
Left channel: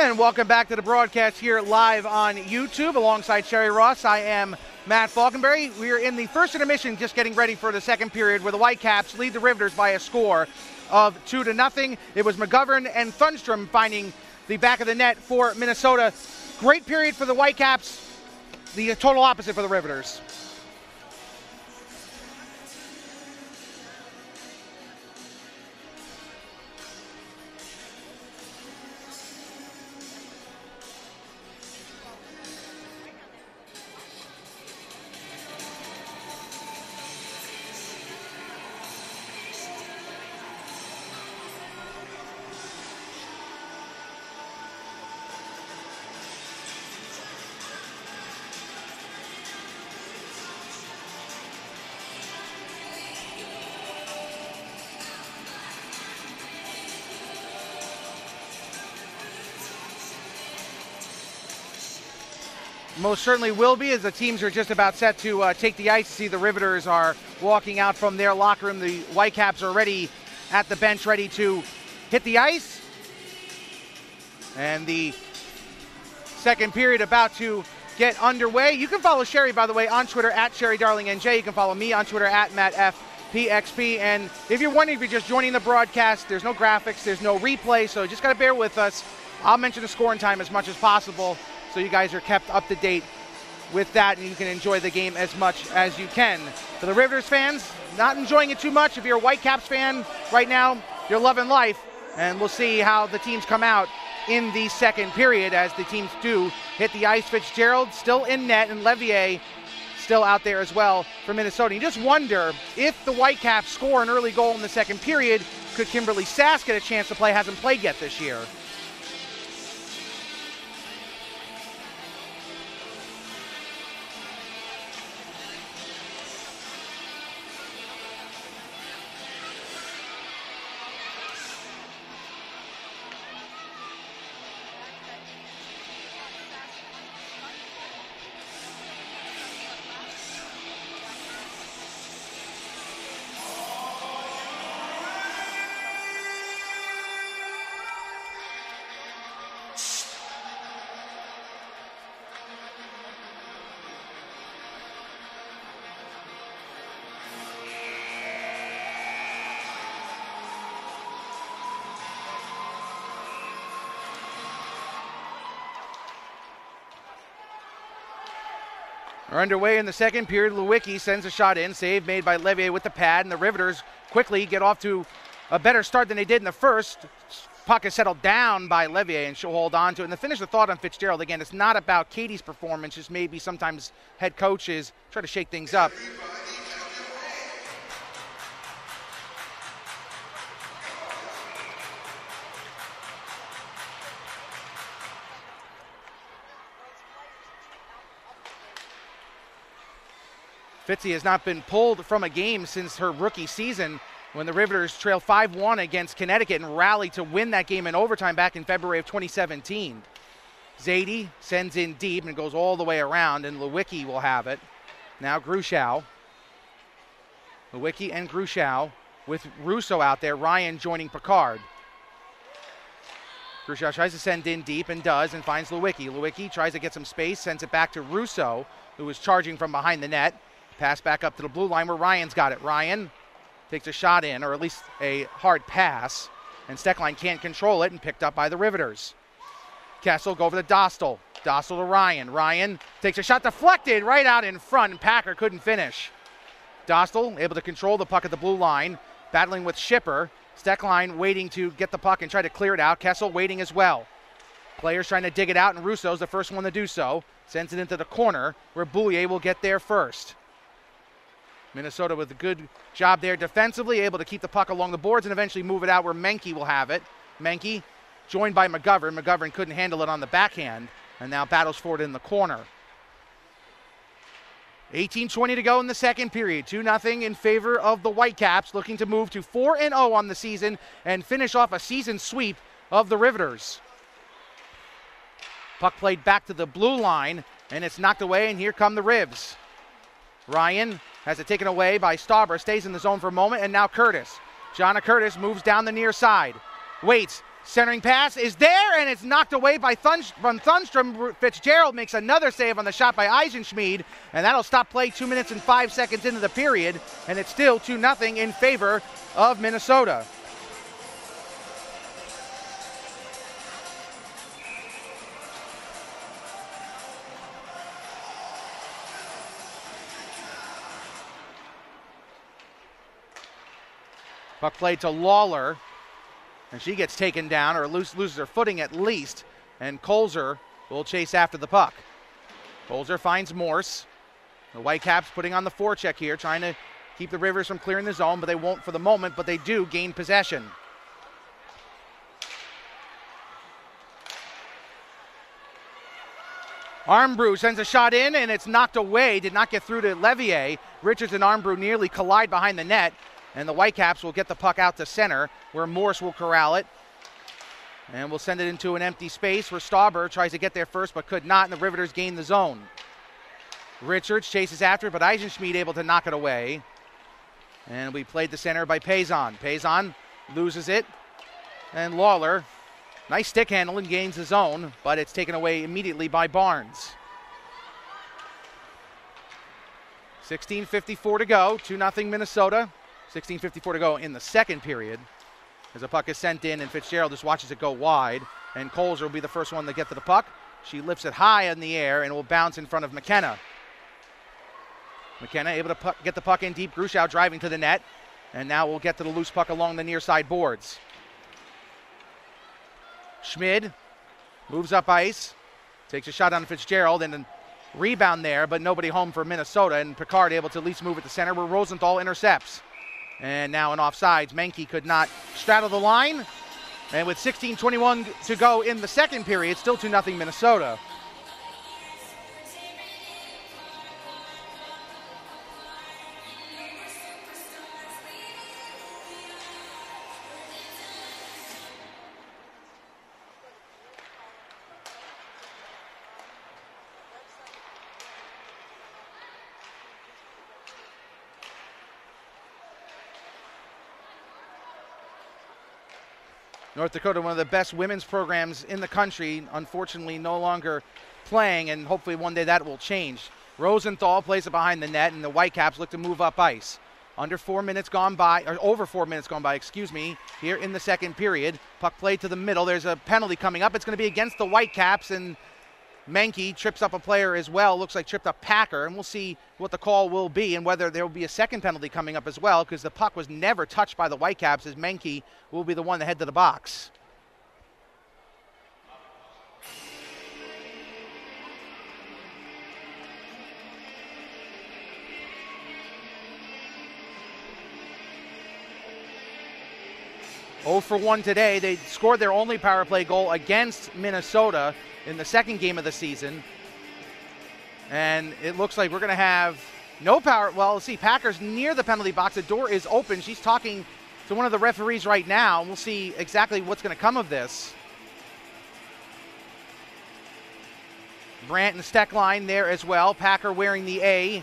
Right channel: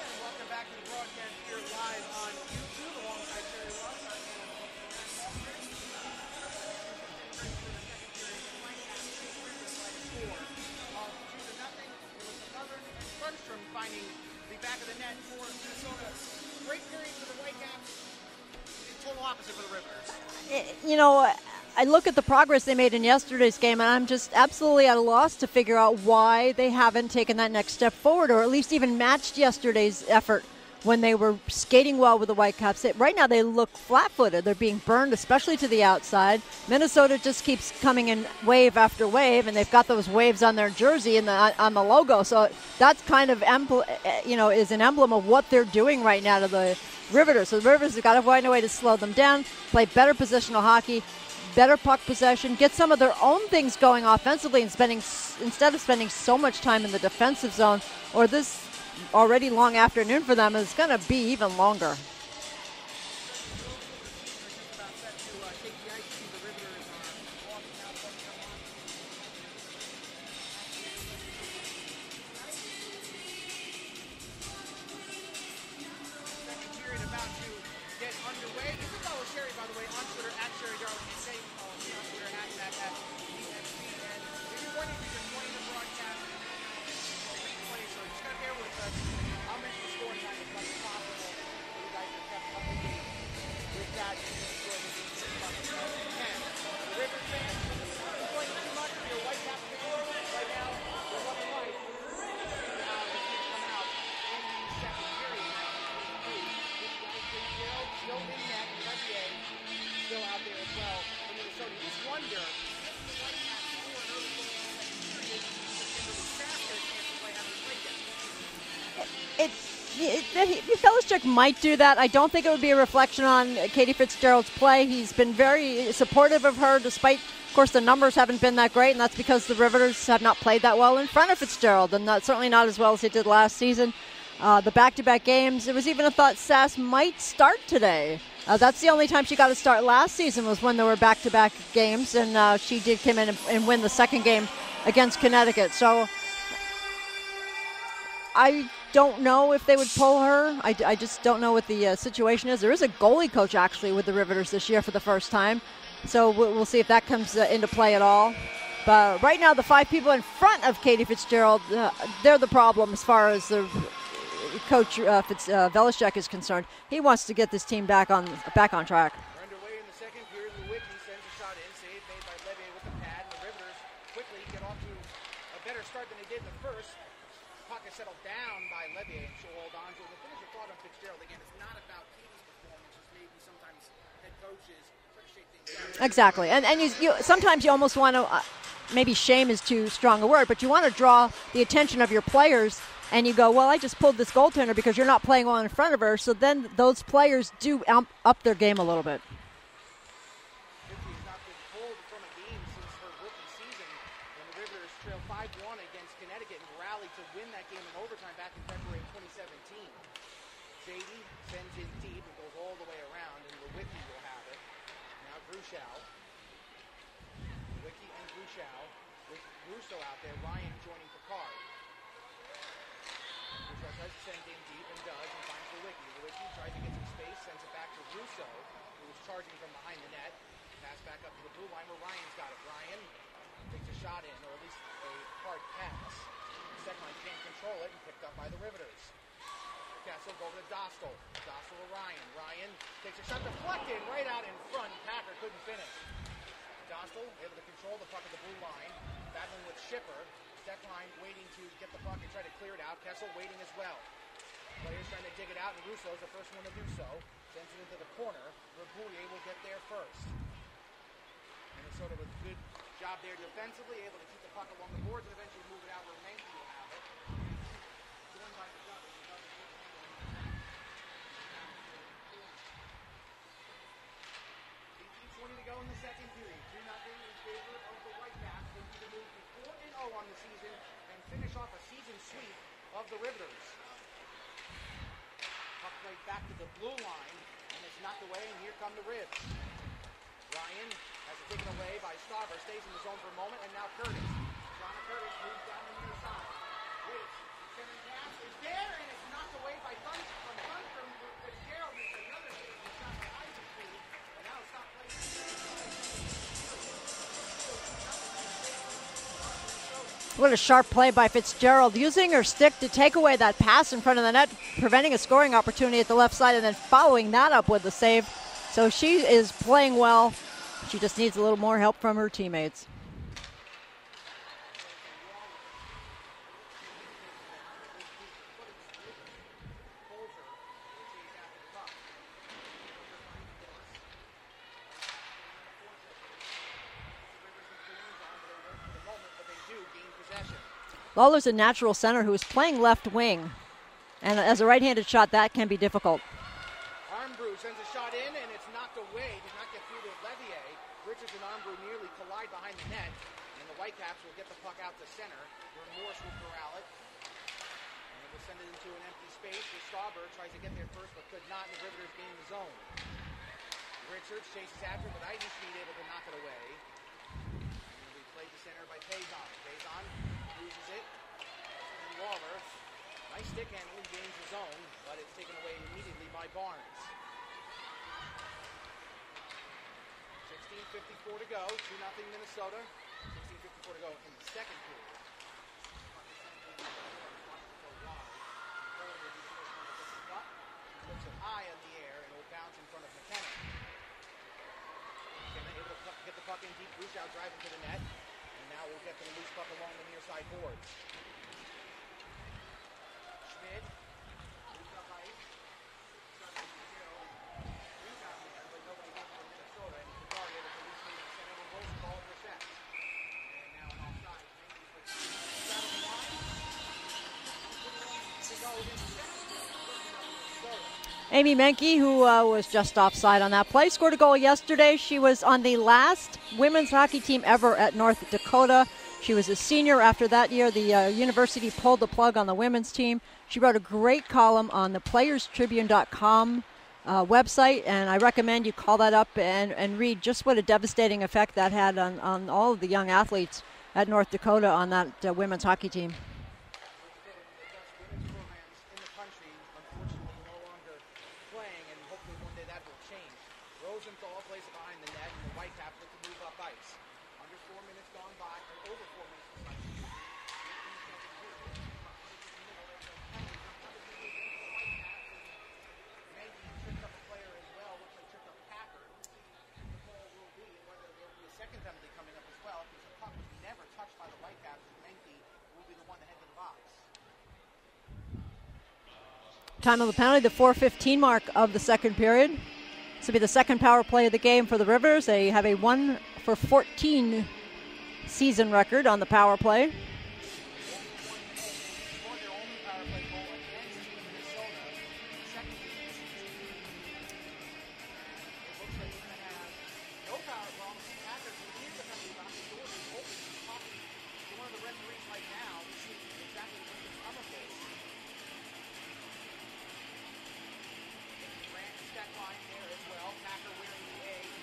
And welcome back to the broadcast here live on YouTube alongside Sherry Ross. I am Matt Falkenberry. We are in the first intermission, just getting ready for the second period, where the Whitecaps lead the Riveters by a score of 2-0. It was McGovern and Thunstrom finding the back of the net for Minnesota. Great period for the Whitecaps, the total opposite for the Riveters. You know, I look at the progress they made in yesterday's game, and I'm just absolutely at a loss to figure out why they haven't taken that next step forward, or at least even matched yesterday's effort when they were skating well with the Whitecaps. Right now they look flat-footed. They're being burned, especially to the outside. Minnesota just keeps coming in wave after wave, and they've got those waves on their jersey and on the logo. So that's kind of, is an emblem of what they're doing right now to the Riveters. So the Riveters have got to find a way to slow them down, play better positional hockey, better puck possession, get some of their own things going offensively, and instead of spending so much time in the defensive zone, or this already long afternoon for them is going to be even longer. Most certainly will be, as the teams are just about set to take the ice. See, the Riveters are walking out from their locker room. The Whitecaps are ready at the bench, ready to hit the ice. And the second period about to get underway. You can follow Sherry, by the way, on Twitter at SherryDarlingNJ. You can follow me on Twitter at MattFPXP. And if you're wondering if you're just joining the broadcast, there's no graphics, there's no replay, so just got to bear with us. I'll mention the scoring time as much as possible so you guys are kept up to date with that and you can enjoy the game as much as you can. For the Riveters fans, not enjoying it too much. If you're a Whitecaps fan right now, you're loving life. And we'll see how the teams come out in the second period as the teams do hit the ice. Fitzgerald still in net, and Levier still out there as well for Minnesota. You just wonder if the Whitecaps score an early goal in the second period, could Kimberly Sass get a chance to play? Hasn't played yet this year. Belichick might do that. I don't think it would be a reflection on Katie Fitzgerald's play. He's been very supportive of her, despite, of course, the numbers haven't been that great, and that's because the Riveters have not played that well in front of Fitzgerald, and certainly not as well as they did last season. The back-to-back games, it was even a thought Sass might start today. That's the only time she got to start last season, was when there were back-to-back games, and she did come in and win the second game against Connecticut. So I don't know if they would pull her. I just don't know what the situation is. There is a goalie coach, actually, with the Riveters this year for the first time. So we'll see if that comes into play at all. But right now, the five people in front of Katie Fitzgerald, they're the problem as far as the coach Belichick is concerned. He wants to get this team back on track. We're underway in the second period. Lewicki sends a shot in. Save made by Levier with the pad, and the Riveters quickly get off to a better start than they did in the first. Puck is settled down by Levier, and she'll hold on to it. And to finish the thought on Fitzgerald, again, it's not about Katie's performance, just maybe sometimes head coaches try to shake things up. Exactly. And sometimes you almost want to, maybe shame is too strong a word, but you want to draw the attention of your players, and you go, well, I just pulled this goaltender because you're not playing well in front of her, so then those players do up their game a little bit. Fitzy has not been pulled from a game since her rookie season, when the Riveters trailed 5-1 against Connecticut and rallied to win that game in overtime back in February of 2017. Zadie sends in deep and goes all the way around, and Lewicki will have it. Now Gruchow. Lewicki and Gruchow with Russo out there. Ryan joining Picard. Gruchow tries to send in deep and does, and finds Lewicki. Lewicki tries to get some space, sends it back to Russo, who is charging from behind the net. Pass back up to the blue line where Ryan's got it. Ryan takes a shot in, or at least a hard pass, and Steckline can't control it, and picked up by the Riveters. Kessel go over to Dostal. Dostal to Ryan. Ryan takes a shot deflected right out in front, and Packer couldn't finish. Dostal able to control the puck at the blue line, battling with Schipper. Steckline waiting to get the puck and try to clear it out. Kessel waiting as well. Players trying to dig it out, and Russo's the first one to do so. Sends it into the corner where Boulier will get there first. Minnesota with a good job there defensively, able to keep the puck along the boards and eventually move it out where Menke will have it. Menke joined by McGovern. McGovern couldn't handle it on the backhand and now battles for it in the corner. 18:20 to go in the second period. 2-0 in favor of the Whitecaps, looking to move to 4-0 on the season and finish off a season sweep of the Riveters. Puck played back to the blue line, and it's knocked away, and here come the Ribs. Ryan has it taken away by Stauber, stays in the zone for a moment, and now Curtis. Jonna Curtis moves down the near side. Waits, Centering pass is there, and it's knocked away by from Thunstrom. Fitzgerald makes another save on the shot by Eisenschmied, and that'll stop play 2 minutes and 5 seconds into the period, and it's still 2-0 in favor of Minnesota. What a sharp play by Fitzgerald, using her stick to take away that pass in front of the net, preventing a scoring opportunity at the left side, and then following that up with the save. So she is playing well. She just needs a little more help from her teammates. Puck played to Lawler, and she gets taken down, or loses her footing at least, and Colzer will chase after the puck. Colzer finds Morse. The Whitecaps putting on the forecheck here, trying to keep the Rivers from clearing the zone, but they won't for the moment, but they do gain possession. Lawler's a natural center who is playing left wing, and as a right-handed shot, that can be difficult. Armbrew sends a shot in, and it's knocked away, did not get through to Levier. Richards and Armbrew nearly collide behind the net, and the Whitecaps will get the puck out to center, where Morse will corral it. And we'll send it into an empty space where Stauber tries to get there first but could not, and the Riveters gain the zone. Richards chases after it, but Eisenschmied able to knock it away. And we played the center by Payson. Payson loses it, and Lawler, nice stick handle and gains the zone, but it's taken away immediately by Barnes. 16:54 to go, 2-0 Minnesota. 16:54 to go in the second period. As the puck is sent in, and Fitzgerald just watches it go wide, and Colzer will be the first one to get to the puck. She lifts it high in the air and will bounce in front of McKenna. McKenna able to get the puck in deep. Gruschow driving to the net, and now we'll get to the loose puck along the near side boards. Schmid moves up ice, takes a shot on Fitzgerald, and a rebound there, but nobody home for Minnesota, and Picard able to at least move it to center where Rosenthal intercepts. And now in offsides, Menke could not straddle the line. And with 16:21 to go in the second period, still 2-0 Minnesota. Amy Menke, who was just offside on that play, scored a goal yesterday. She was on the last women's hockey team ever at North Dakota. She was a senior after that year. The university pulled the plug on the women's team. She wrote a great column on the playerstribune.com website, and I recommend you call that up and read just what a devastating effect that had on all of the young athletes at North Dakota on that women's hockey team. North Dakota, one of the best women's programs in the country, unfortunately no longer playing, and hopefully one day that will change. Rosenthal plays it behind the net, and the Whitecaps look to move up ice. Over 4 minutes gone by, here in the second period. Puck played to the middle. There's a penalty coming up. It's going to be against the Whitecaps, and Menke trips up a player as well. Looks like tripped up Packer, and we'll see what the call will be and whether there will be a second penalty coming up as well, because the puck was never touched by the Whitecaps, as Menke will be the one to head to the box. Time of the penalty, the 4:15 mark of the second period. This will be the second power play of the game for the Rivers. They have a 1-for-14 season record on the power play. 0 for 1 today. They scored their only power play goal against Minnesota in the second game of the season. And it looks like we're going to have no power. Well, let's see. Packer's near the penalty box. The door is open. She's talking to one of the referees right now. We'll see exactly what's going to come of this. Brandt and Steckline there as well. Packer wearing the A.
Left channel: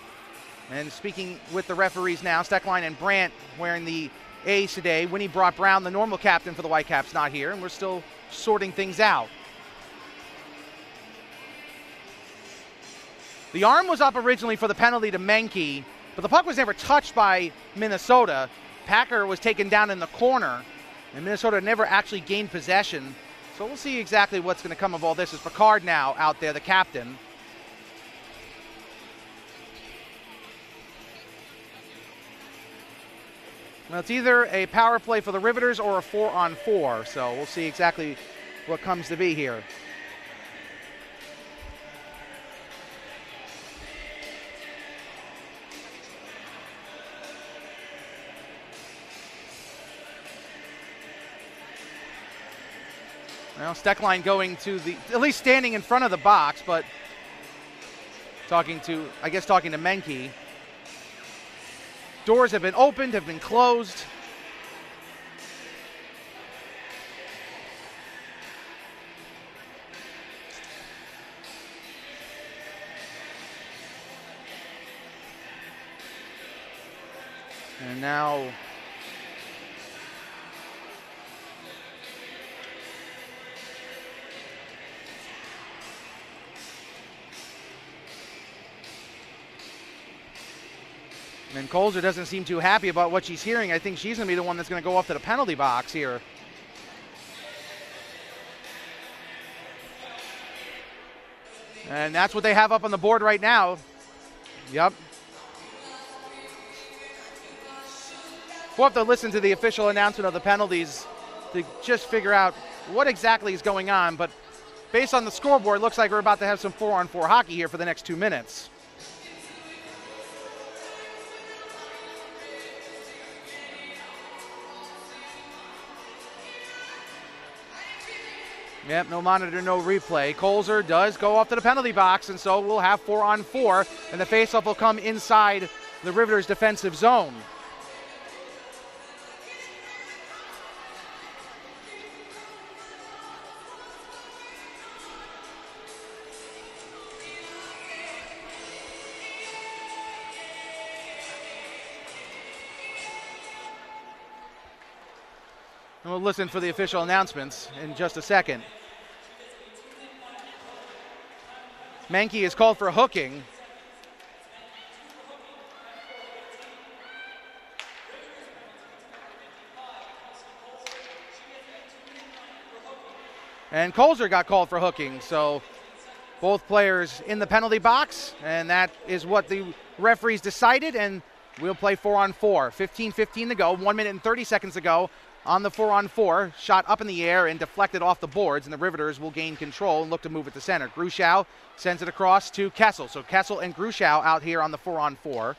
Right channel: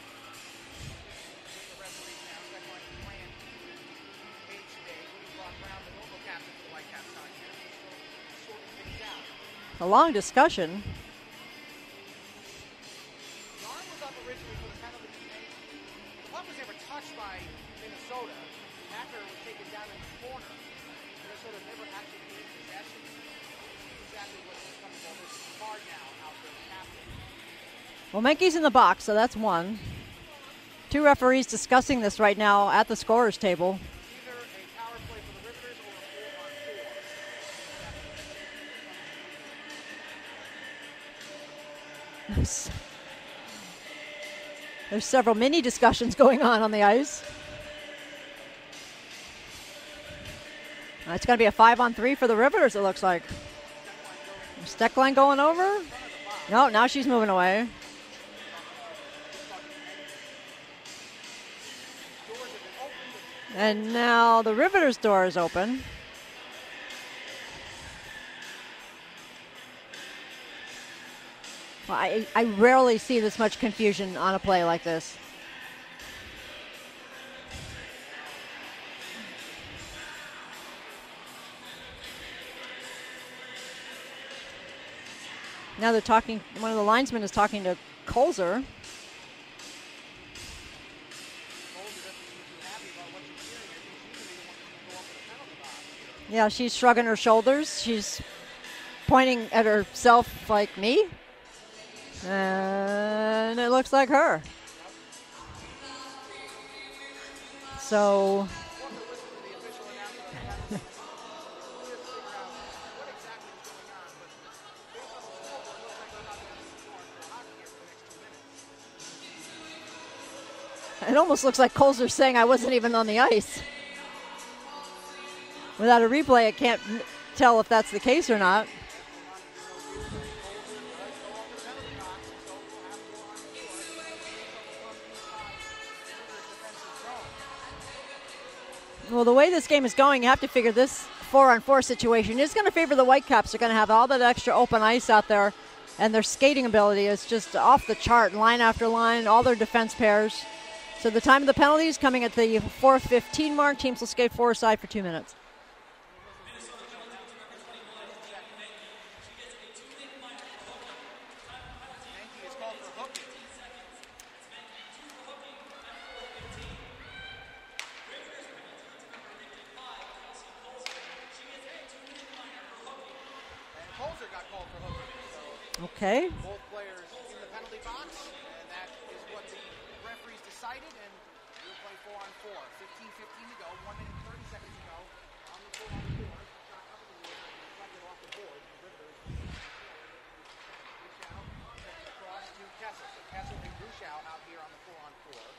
And speaking with the referees now, Steckline and Brandt wearing the A's today. Winnie Brock-Brown, the normal captain for the Whitecaps, not here, and we're still sorting things out. A long discussion. The arm was up originally for the penalty to Menke, but the puck was never touched by Minnesota. Packer was taken down in the corner, and Minnesota never actually gained possession. So we'll see exactly what's going to come of all this. Is Picard now out there, the captain. Well, Menke's in the box, so that's one. Two referees discussing this right now at the scorer's table. Well, it's either a power play for the Riveters or a 4-on-4, so we'll see exactly what comes to be here. There's several mini discussions going on the ice. It's going to be a 5-on-3 for the Riveters, it looks like. Well, Steckline going to at least standing in front of the box. No, now she's moving away. Talking to Menke. Doors have been opened, have been closed. And now the Riveters' door is open. Well, I rarely see this much confusion on a play like this. And now Now they're talking, one of the linesmen is talking to Kolzer. And Kolzer doesn't seem too happy about what she's hearing. I think she's going to be the one that's going to go off to the penalty box here. Yeah, she's shrugging her shoulders. She's pointing at herself like me. And that's what they have up on the board right now. It looks like her. Yep. So we'll have to listen to the official announcement of the penalties to just figure out what exactly is going on. But based on the scoreboard, it looks like we're about to have some 4-on-4 hockey here for the next 2 minutes. It almost looks like Kolzer saying I wasn't even on the ice. Without a replay, I can't tell if that's the case or not. Yep, no monitor, no replay. Kolzer does go off to the penalty box, and so we'll have 4-on-4, and the faceoff will come inside the Riveters' defensive zone. Well, the way this game is going, you have to figure this 4-on-4 situation is going to favor the Whitecaps. They're going to have all that extra open ice out there, and their skating ability is just off the chart, line after line, all their defense pairs. So the time of the penalties coming at the 4:15 mark. Teams will skate four-side for 2 minutes. And we'll listen for the official announcements in just a second. Menke is called for hooking. And Kolzer got called for hooking, so okay. Both players in the penalty box, and that is what the referees decided, and we'll play 4-on-4. 15:15 to go, 1 minute and 30 seconds to go on the 4-on-4. Shot up in the air and deflected off the boards, and the Riveters will gain control and look to move it to center. Grushow sends it across to Kessel. So Kessel and Grushow out here on the 4-on-4,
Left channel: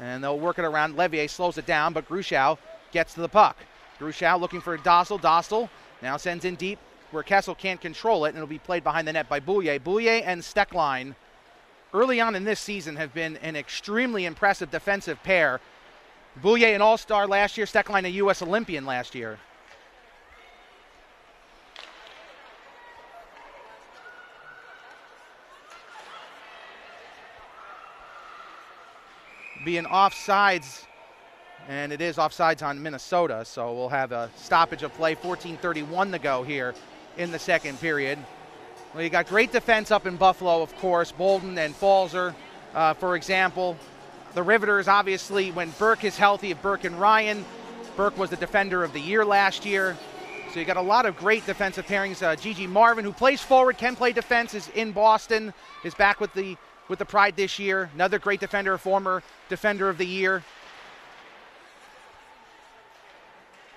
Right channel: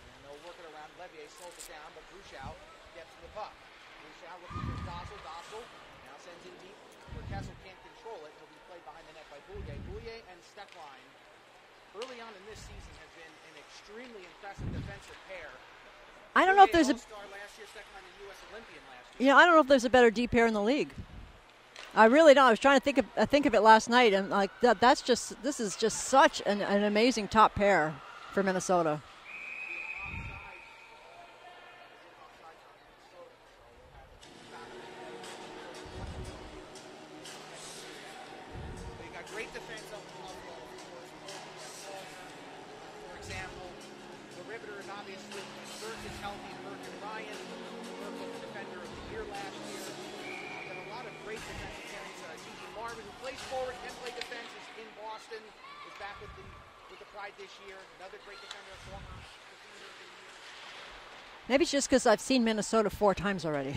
and they'll work it around. Levier slows it down, but Grushow gets to the puck. Grushow looking for Dostal. Dostal now sends in deep where Kessel can't control it, and it'll be played behind the net by Boulier. Boulier and Stecklein early on in this season have been an extremely impressive defensive pair. Boulier an all-star last year, Stecklein a U.S. Olympian last year. You know, I don't know if there's a better D pair in the league. I really don't. I was trying to think of it last night, and like this is just such an amazing top pair for Minnesota. Being offsides, and it is offsides on Minnesota, so we'll have a stoppage of play. 14:31 to go here in the second period. Well, you got great defense up in Buffalo, of course. Bolden and Falzer, for example. The Riveters, obviously, when Burke is healthy, Burke and Ryan. Burke was the defender of the year last year. So you got a lot of great defensive pairings. Gigi Marvin, who plays forward, can play defense, is in Boston, is back with the Pride this year. Another great defender, former defender of the year. Maybe it's just because I've seen Minnesota 4 times already.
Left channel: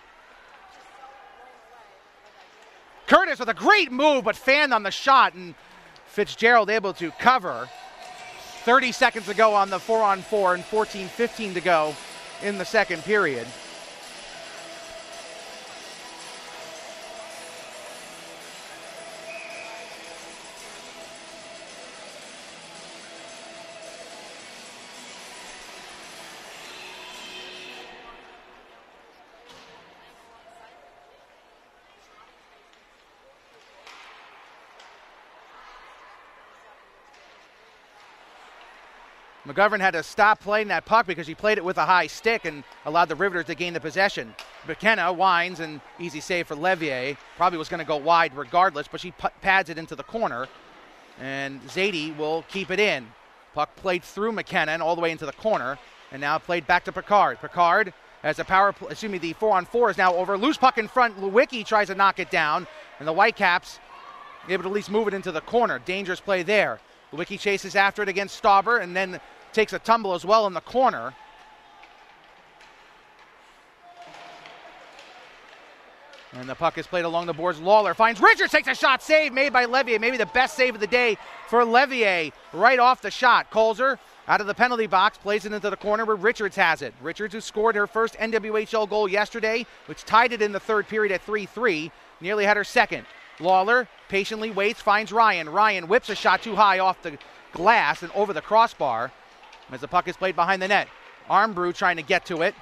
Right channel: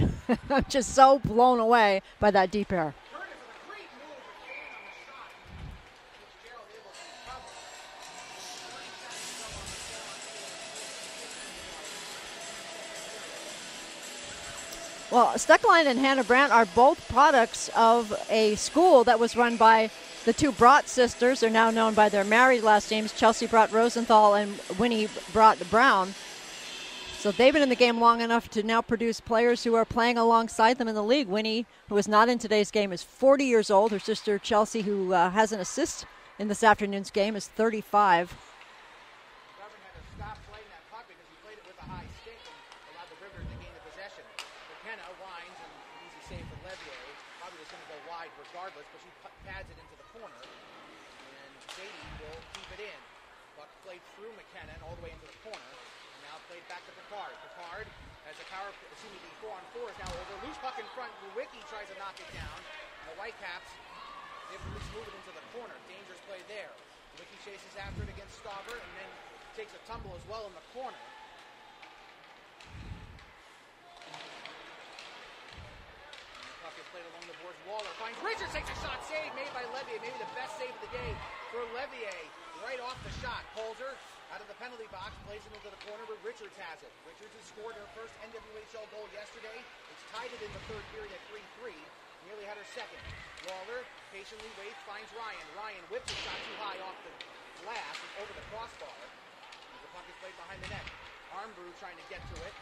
I'm just so blown away by that deep pair. Curtis with a great move, but fanned on the shot, and Fitzgerald able to cover. 30 seconds to go on the 4-on-4 and 14:15 to go in the second period. Well, Stecklein and Hannah Brandt are both products of a school that was run by the two Brott sisters. They're now known by their married last names, Chelsea Brott Rosenthal and Winnie Brott Brown. So they've been in the game long enough to now produce players who are playing alongside them in the league. Winnie, who is not in today's game, is 40 years old. Her sister Chelsea, who has an assist in this afternoon's game, is 35. McGovern had to stop playing that puck because he played it with a high stick and allowed the Riveters to gain the possession. McKenna winds, and easy save for Levier. Probably was going to go wide regardless, but she pads it into the corner. And Zadie will keep it in. Puck played through McKenna and all the way into the corner. And now played back to Picard. Picard has a the 4-on-4 is now over. Loose puck in front. Lewicki tries to knock it down. And the Whitecaps able to at least move it into the corner. Dangerous play there. Lewicki chases after it against Stauber and then takes a tumble as well in the corner. And the puck is played along the boards. Lawler finds Richards, takes a shot, save made by Levier. Maybe the best save of the day for Levier right off the shot. Kolzer out of the penalty box, plays it into the corner where Richards has it. Richards, who scored her first NWHL goal yesterday, which tied it in the third period at 3-3, nearly had her second. Lawler patiently waits, finds Ryan. Ryan whips a shot too high off the glass and over the crossbar as the puck is played behind the net. Armbrew trying to get to it,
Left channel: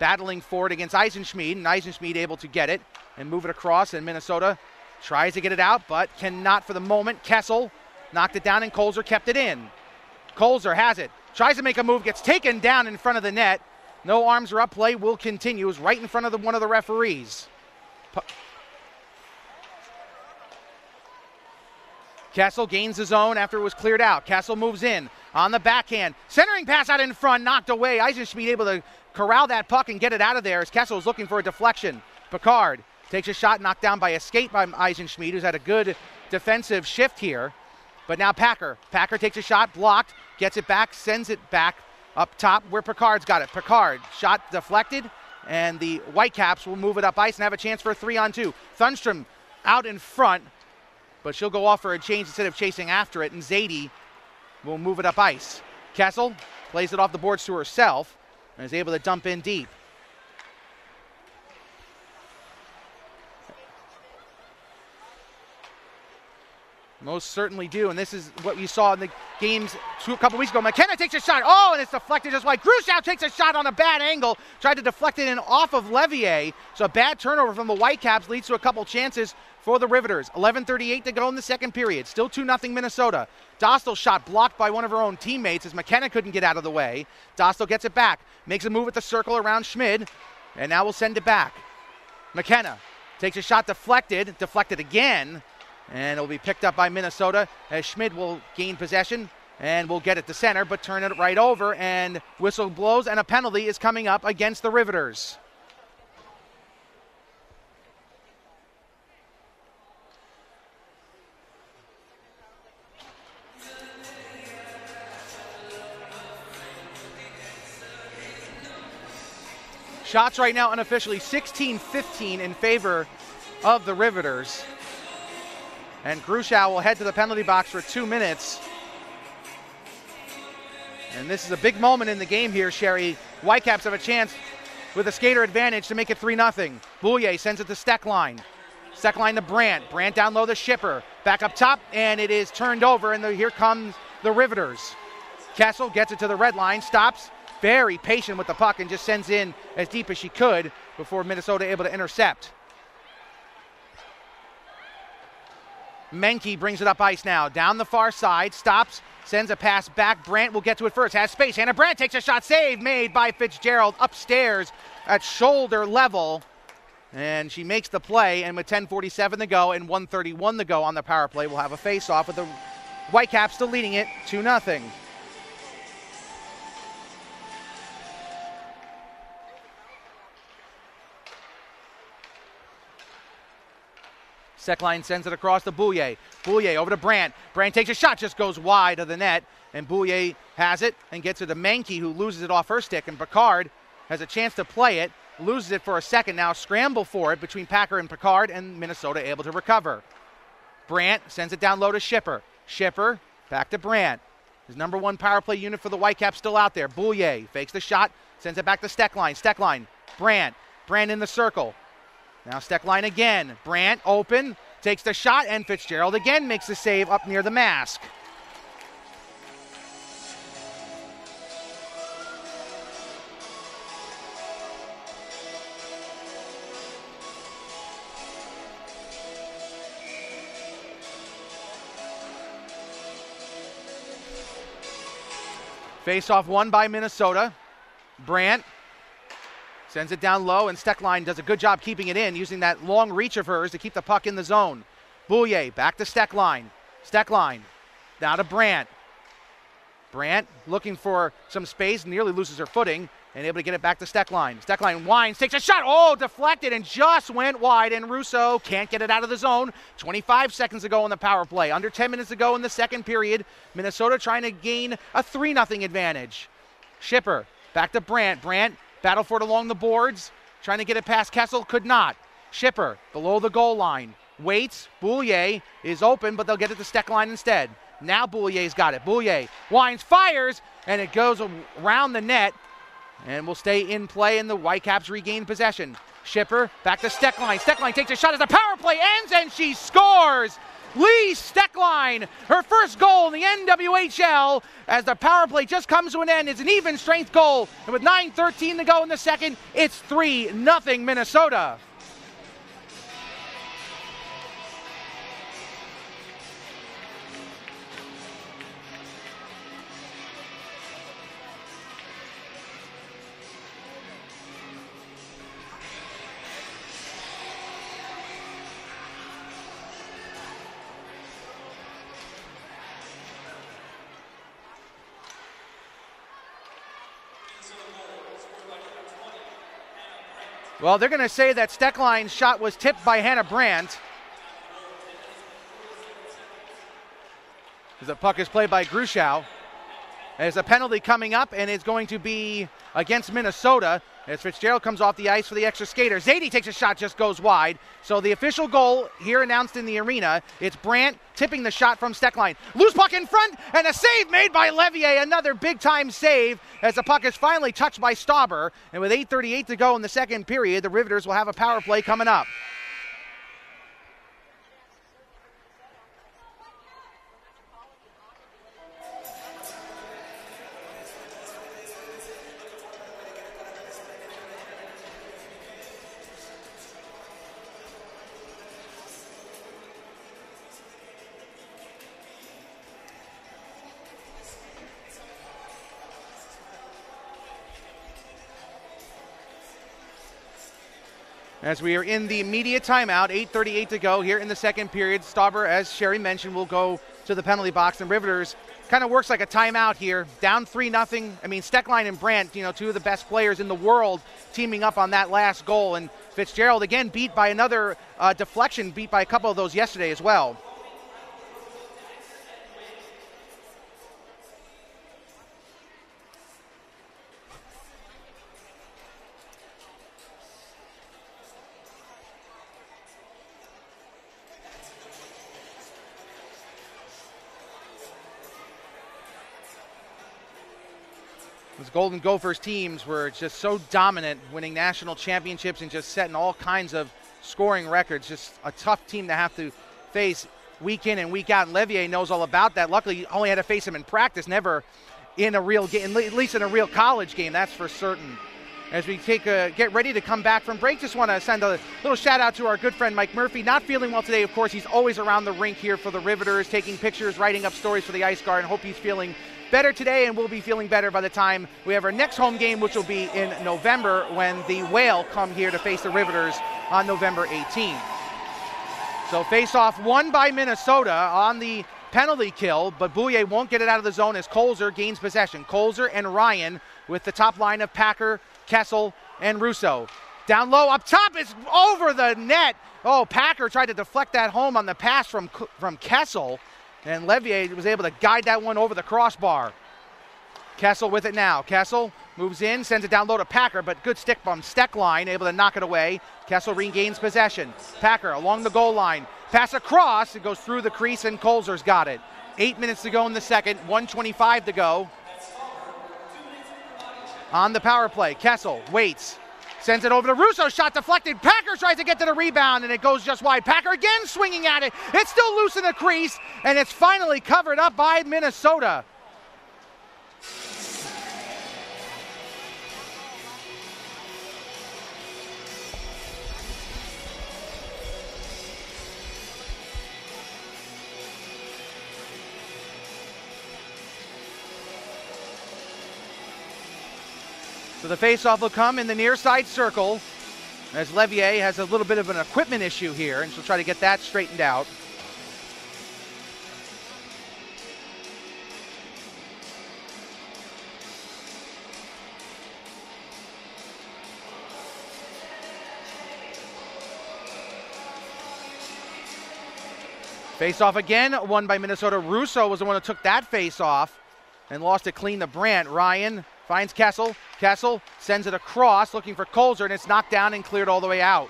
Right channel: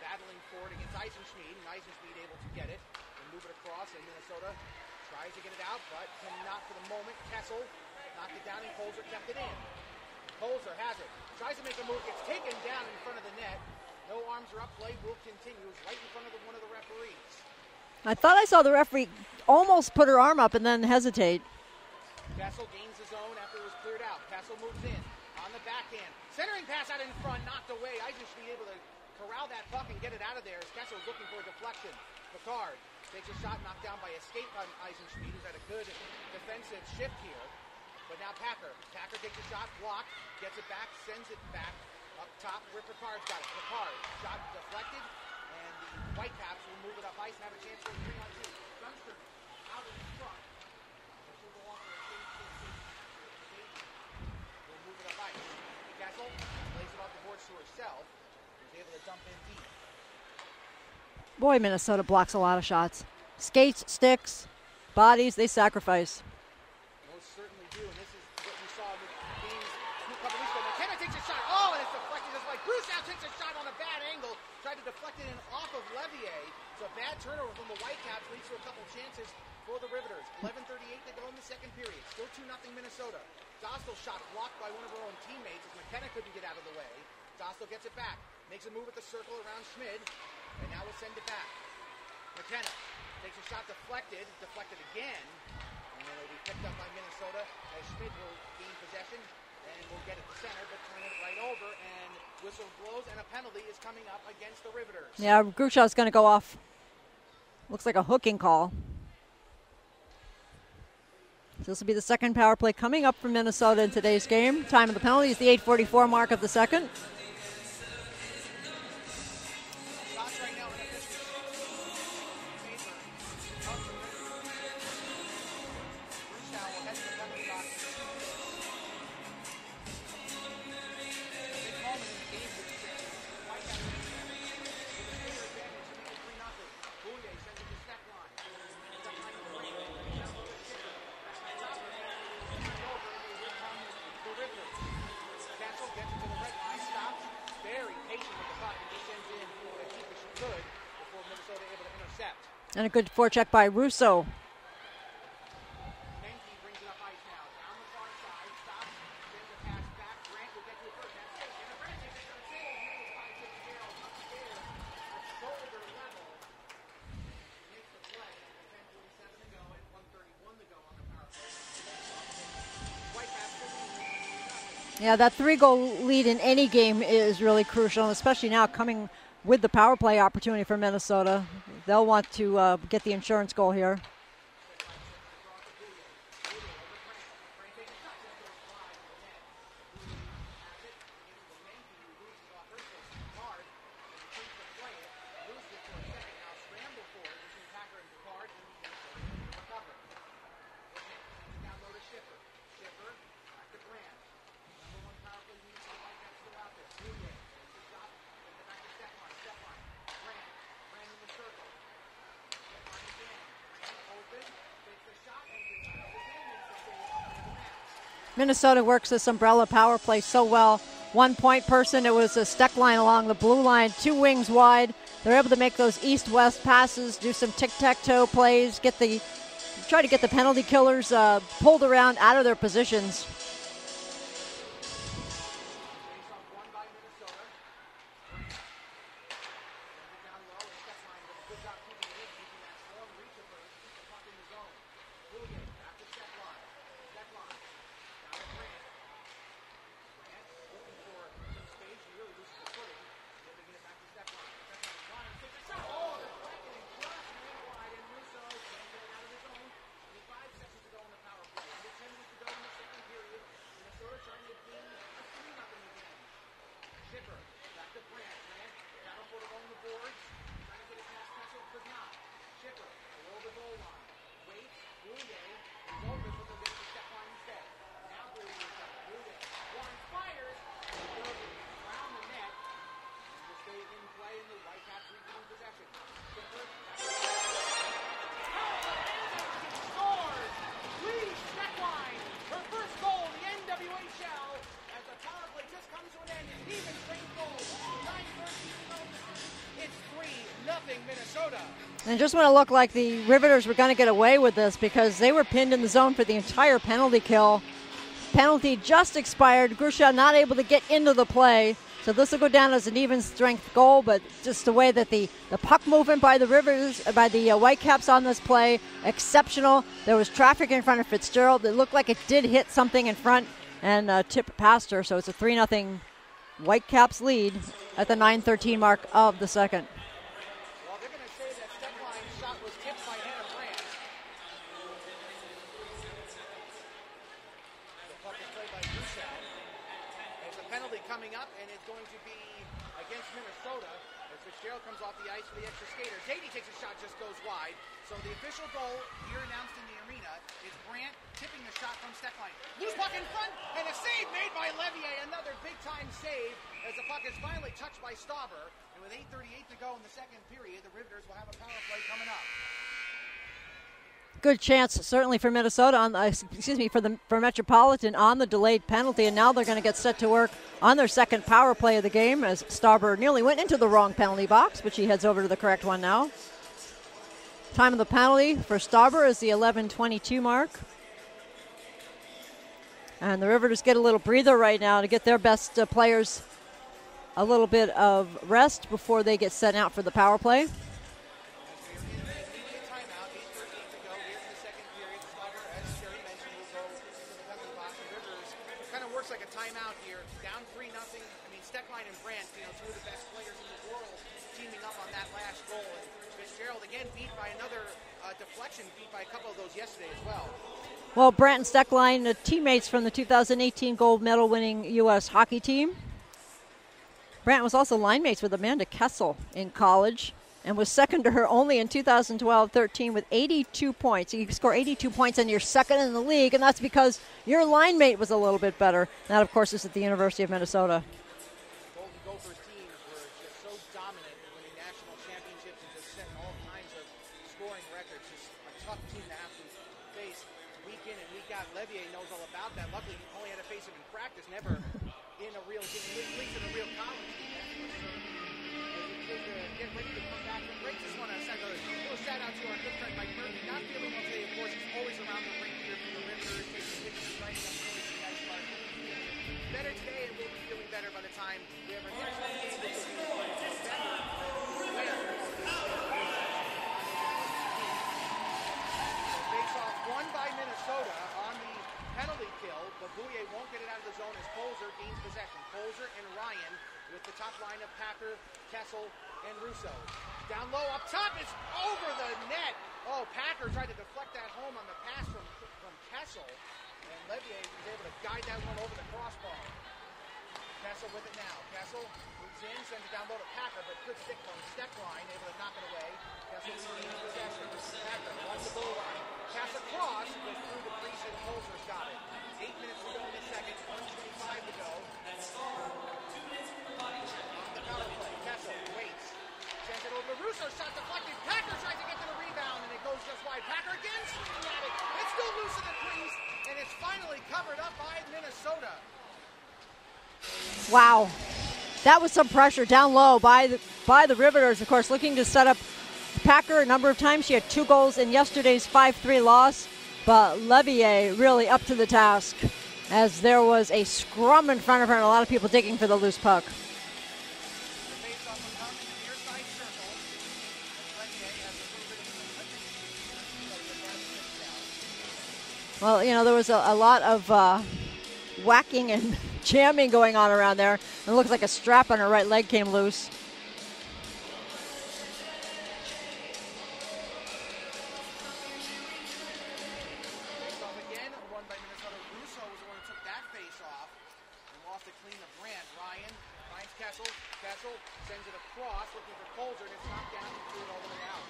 battling for it against Eisenschmied, and Eisenschmied able to get it and move it across, and Minnesota tries to get it out, but cannot for the moment. Kessel knocked it down, and Kolzer kept it in. Kolzer has it, tries to make a move, gets taken down in front of the net. No arms are up, play will continue. Is right in front of one of the referees. I thought I saw the referee almost put her arm up and then hesitate. Kessel gains the zone after it was cleared out. Kessel moves in on the backhand. Centering pass out in front, knocked away. Eisenschmidt able to corral that puck and get it out of there as Kessel is looking for a deflection. Picard takes a shot, knocked down by a skate by Eisenschmidt, who's had a good defensive shift here. But now Packer. Packer takes a shot, blocked, gets it back, sends it back up top where Picard's got it. Picard, shot deflected, and the Whitecaps will move it up ice and have a chance for a 3-on-2. Thunstrom out in front, but she'll go off for a change instead of chasing after it, and Zadie will move it up ice. Kessel plays it off the boards to herself and is able to dump in deep. Boy, Minnesota blocks a lot of shots. Skates, sticks, bodies, they sacrifice. Most certainly do, and this is what you saw in the games a couple weeks ago. McKenna takes a shot, oh, and it's deflected just like Grushow takes a shot on a bad angle, tried to deflect it in off of Levier, so a bad turnover from the Whitecaps leads to a couple chances for the Riveters. 11:38 to go in the second period, still 2-0 Minnesota. Dostal shot blocked by one of her own teammates as McKenna couldn't get out of the way. Dostal gets it back, makes a move at the circle around Schmid, and now we'll send it back. McKenna takes a shot deflected again, and it'll be picked up by Minnesota as Schmid will gain possession and will get it to center, but turn it right over, and whistle blows, and a penalty is coming up against the Riveters. Yeah, Grushow's going to go off. Looks like a hooking call. This will be the second power play coming up from Minnesota in today's game. Time of the penalty is the 8:44 mark of the second. Shots right now unofficially 16-15 in favor of the Riveters. And Grushow will head to the penalty box for 2 minutes. And this is a big moment in the game here, Sherry. Whitecaps have a chance with a skater advantage to make it 3-0. Boulier sends it to Steckline. Steckline to Brandt. Brandt down low to Shipper. Back up top, and it is turned over, and here comes the Riveters. Kessel gets it to the red line, stops, very patient with the puck, and just sends in as deep as she could before Minnesota able to intercept. And a good forecheck by Russo. Menke brings it up ice now, down the far side, stops, sends a pass back. Brandt will get to it first, has space. Hannah Brandt takes a shot, save made by Fitzgerald upstairs at shoulder level. And she makes the play, and with 10:47 to go and 1:31 to go on the power play, we'll have a face-off with the Whitecaps still leading it 2-0. Yeah, that 3-goal lead in any game is really crucial, especially now coming with the power play opportunity for Minnesota. They'll want to get the insurance goal here. Steckline sends it across to Boulier. Boulier over to Brandt. Brandt takes a shot, just goes wide of the net, and Boulier has it and gets it to Menke, who loses it off her stick, and Picard has a chance to play it, loses it for a second, now scramble for it between Packer and Picard, and Minnesota able to recover. Brandt sends it down low to Shipper. Shipper back to Brandt. His number one power play unit for the Whitecaps still out there. Boulier fakes the shot, sends it back to Steckline. Steckline, Brandt. Brandt in the circle. Now Steckline again. Brandt open, takes the shot, and Fitzgerald again makes the save up near the mask. Minnesota works this umbrella power play so well. 1 point person, it was a Steckline along the blue line, 2 wings wide. They're able to make those east-west passes, do some tic-tac-toe plays, try to get the penalty killers pulled around out of their positions. Face-off won by Minnesota. Brandt sends it down low, and Steckline does a good job keeping it in, using that long reach of hers to keep the puck in the zone. Boulier back to Steckline. Steckline now to Brandt. Brandt looking for some space, nearly loses her footing, and able to get it back to Steckline. Steckline winds, takes a shot, oh, deflected, and just went wide, and Russo can't get it out of the zone. 25 seconds to go on the power play. Under 10 minutes to go in the second period. Minnesota trying to gain a 3-0 advantage. Shipper back to Brandt. Brandt battle for it along the boards, trying to get it past Kessel, could not. Shipper below the goal line, waits, Boulier is open, but they'll get it to Steckline instead. Now Boulier's got it. Boulier winds, fires, and it goes around the net, and will stay in play, and the Whitecaps regain possession. Shipper back to Steckline. Steckline takes a shot as the power play ends, and she scores! Lee Steckline, her first goal in the NWHL, as the power play just comes to an end. It's an even strength goal, and with 9:13 to go in the second, it's 3-0 Minnesota. And just want to look like the Riveters were going to get away with this because they were pinned in the zone for the entire penalty kill. Penalty just expired. Grushow not able to get into the play. So this will go down as an even strength goal, but just the way that the puck movement by the Whitecaps on this play, exceptional. There was traffic in front of Fitzgerald. It looked like it did hit something in front and tipped past her. So it's a 3-0 Whitecaps lead at the 9:13 mark of the second. Well, they're going to say that Steckline's shot was tipped by Hannah Brandt. The puck is played by Gruschow. There's a penalty coming up, and it's going to be against Minnesota as Fitzgerald comes off the ice for the extra skater. Zadie takes a shot, just goes wide. So the official goal here announced in the arena, it's Brandt tipping the shot from Steckline. Loose puck in front, and a save made by Levier. Another big-time save as the puck is finally touched by Stauber. And with 8:38 to go in the second period, the Riveters will have a power play coming up. Good chance, certainly for Minnesota, for Metropolitan on the delayed penalty, and now they're going to get set to work on their second power play of the game as Stauber nearly went into the wrong penalty box, but she heads over to the correct one now. Time of the penalty for Stauber is the 11:22 mark. And the Riveters get a little breather right now to get their best players a little bit of rest before they get sent out for the power play. As we are in the immediate timeout, 8:38 to go here in the second period. Stauber, as Sherry mentioned, will go to the penalty box. And Riveters kind of works like a timeout here. Down 3-0. I mean, Steckline and Brandt, two of the best players in the world teaming up on that last goal. And Fitzgerald, again, beat by another deflection, beat by a couple of those yesterday as well. Well, Brandt and Steckline, teammates from the 2018 gold medal winning U.S. hockey team. Brandt was also line mates with Amanda Kessel in college, and was second to her only in 2012-13 with 82 points. You score 82 points and you're second in the league, and that's because your line mate was a little bit better. And that, of course, is at the University of Minnesota. Those Golden Gophers teams were just so dominant, winning national championships and just setting all kinds of scoring records. Just a tough team to have to face week in and week out. And Levier knows all about that. Luckily, he only had to face him in practice, never in a real game, at least in a real college game, that's for certain. As we get ready to come back from break, just want to send a little shout out to our good friend Mike Murphy. Not feeling well today, of course. He's always around the rink here for the Riveters, taking pictures, writing up stories for the Ice Guard, and hope he's feeling better today, and will be feeling better by the time we have our next home game, which will be in November when the Whale come here to face the Riveters on November 18th. So face-off won by Minnesota on the penalty kill, but Bouye won't get it out of the zone as Colzer gains possession. Colzer and Ryan with the top line of Packer, Kessel, and Russo. Down low, up top, it's over the net. Oh, Packer tried to deflect that home on the pass from Kessel, and Levier was able to guide that one over the crossbar. Kessel with it now. Kessel moves in, sends it down low to Packer, but good stick from Steckline, able to knock it away. Kessel regains possession. Packer along the goal line. Pass across, it goes through the crease, and Colzer's got it. 8 minutes to go in the second, 1:25 to go. On the power play, Kessel waits, sends it over to Russo, shot deflected. Packer tries to get to the rebound, and it goes just wide. Packer again swinging at it. It's still loose in the crease, and it's finally covered up by Minnesota. Wow, that was some pressure down low by the Riveters, of course, looking to set up Packer a number of times. She had 2 goals in yesterday's 5-3 loss, but Levier really up to the task as there was a scrum in front of her and a lot of people digging for the loose puck. So the faceoff will come in the near side circle as Levier has a little bit of an equipment issue here, and she'll try to get that straightened out. Well, there was a lot of whacking and jamming going on around there. It looks like a strap on her right leg came loose. Face-off again, won by Minnesota. Russo was the one who took that face-off and lost it clean to Brandt. Ryan finds Kessel. Kessel sends it across, looking for Colzer, and it's knocked down and cleared all the way out.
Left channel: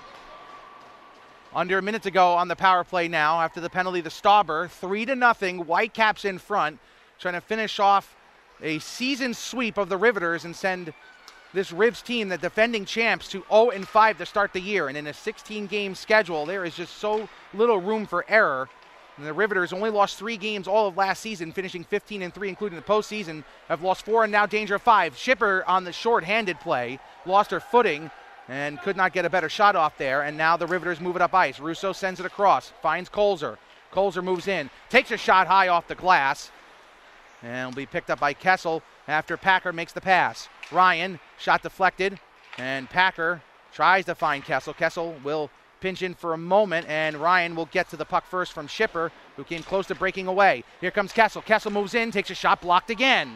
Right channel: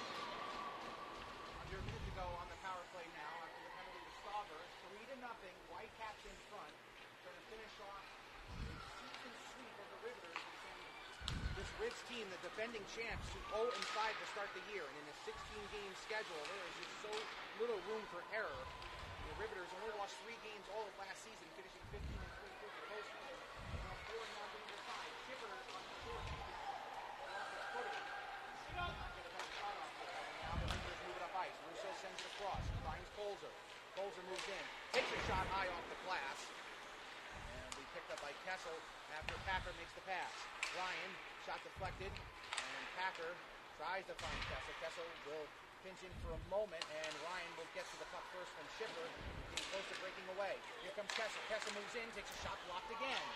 Under a minute to go on the power play now after the penalty to Stauber. 3-0, Whitecaps in front, trying to finish off a season sweep of the Riveters and send this Rivs team, the defending champs, to 0-5 to start the year. And in a 16-game schedule, there is just so little room for error. And the Riveters only lost 3 games all of last season, finishing 15-3, including the postseason. Have lost 4 and now danger of 5. Schipper on the short-handed play, lost her footing and could not get a better shot off there. And now the Riveters move it up ice. Russo sends it across, finds Colzer. Colzer moves in, takes a shot high off the glass, and will be picked up by Kessel. after Packer makes the pass. Ryan, shot deflected, and Packer tries to find Kessel. Kessel will pinch in for a moment, and Ryan will get to the puck first from Shipper, who came close to breaking away. Here comes Kessel. Kessel moves in, takes a shot, blocked again.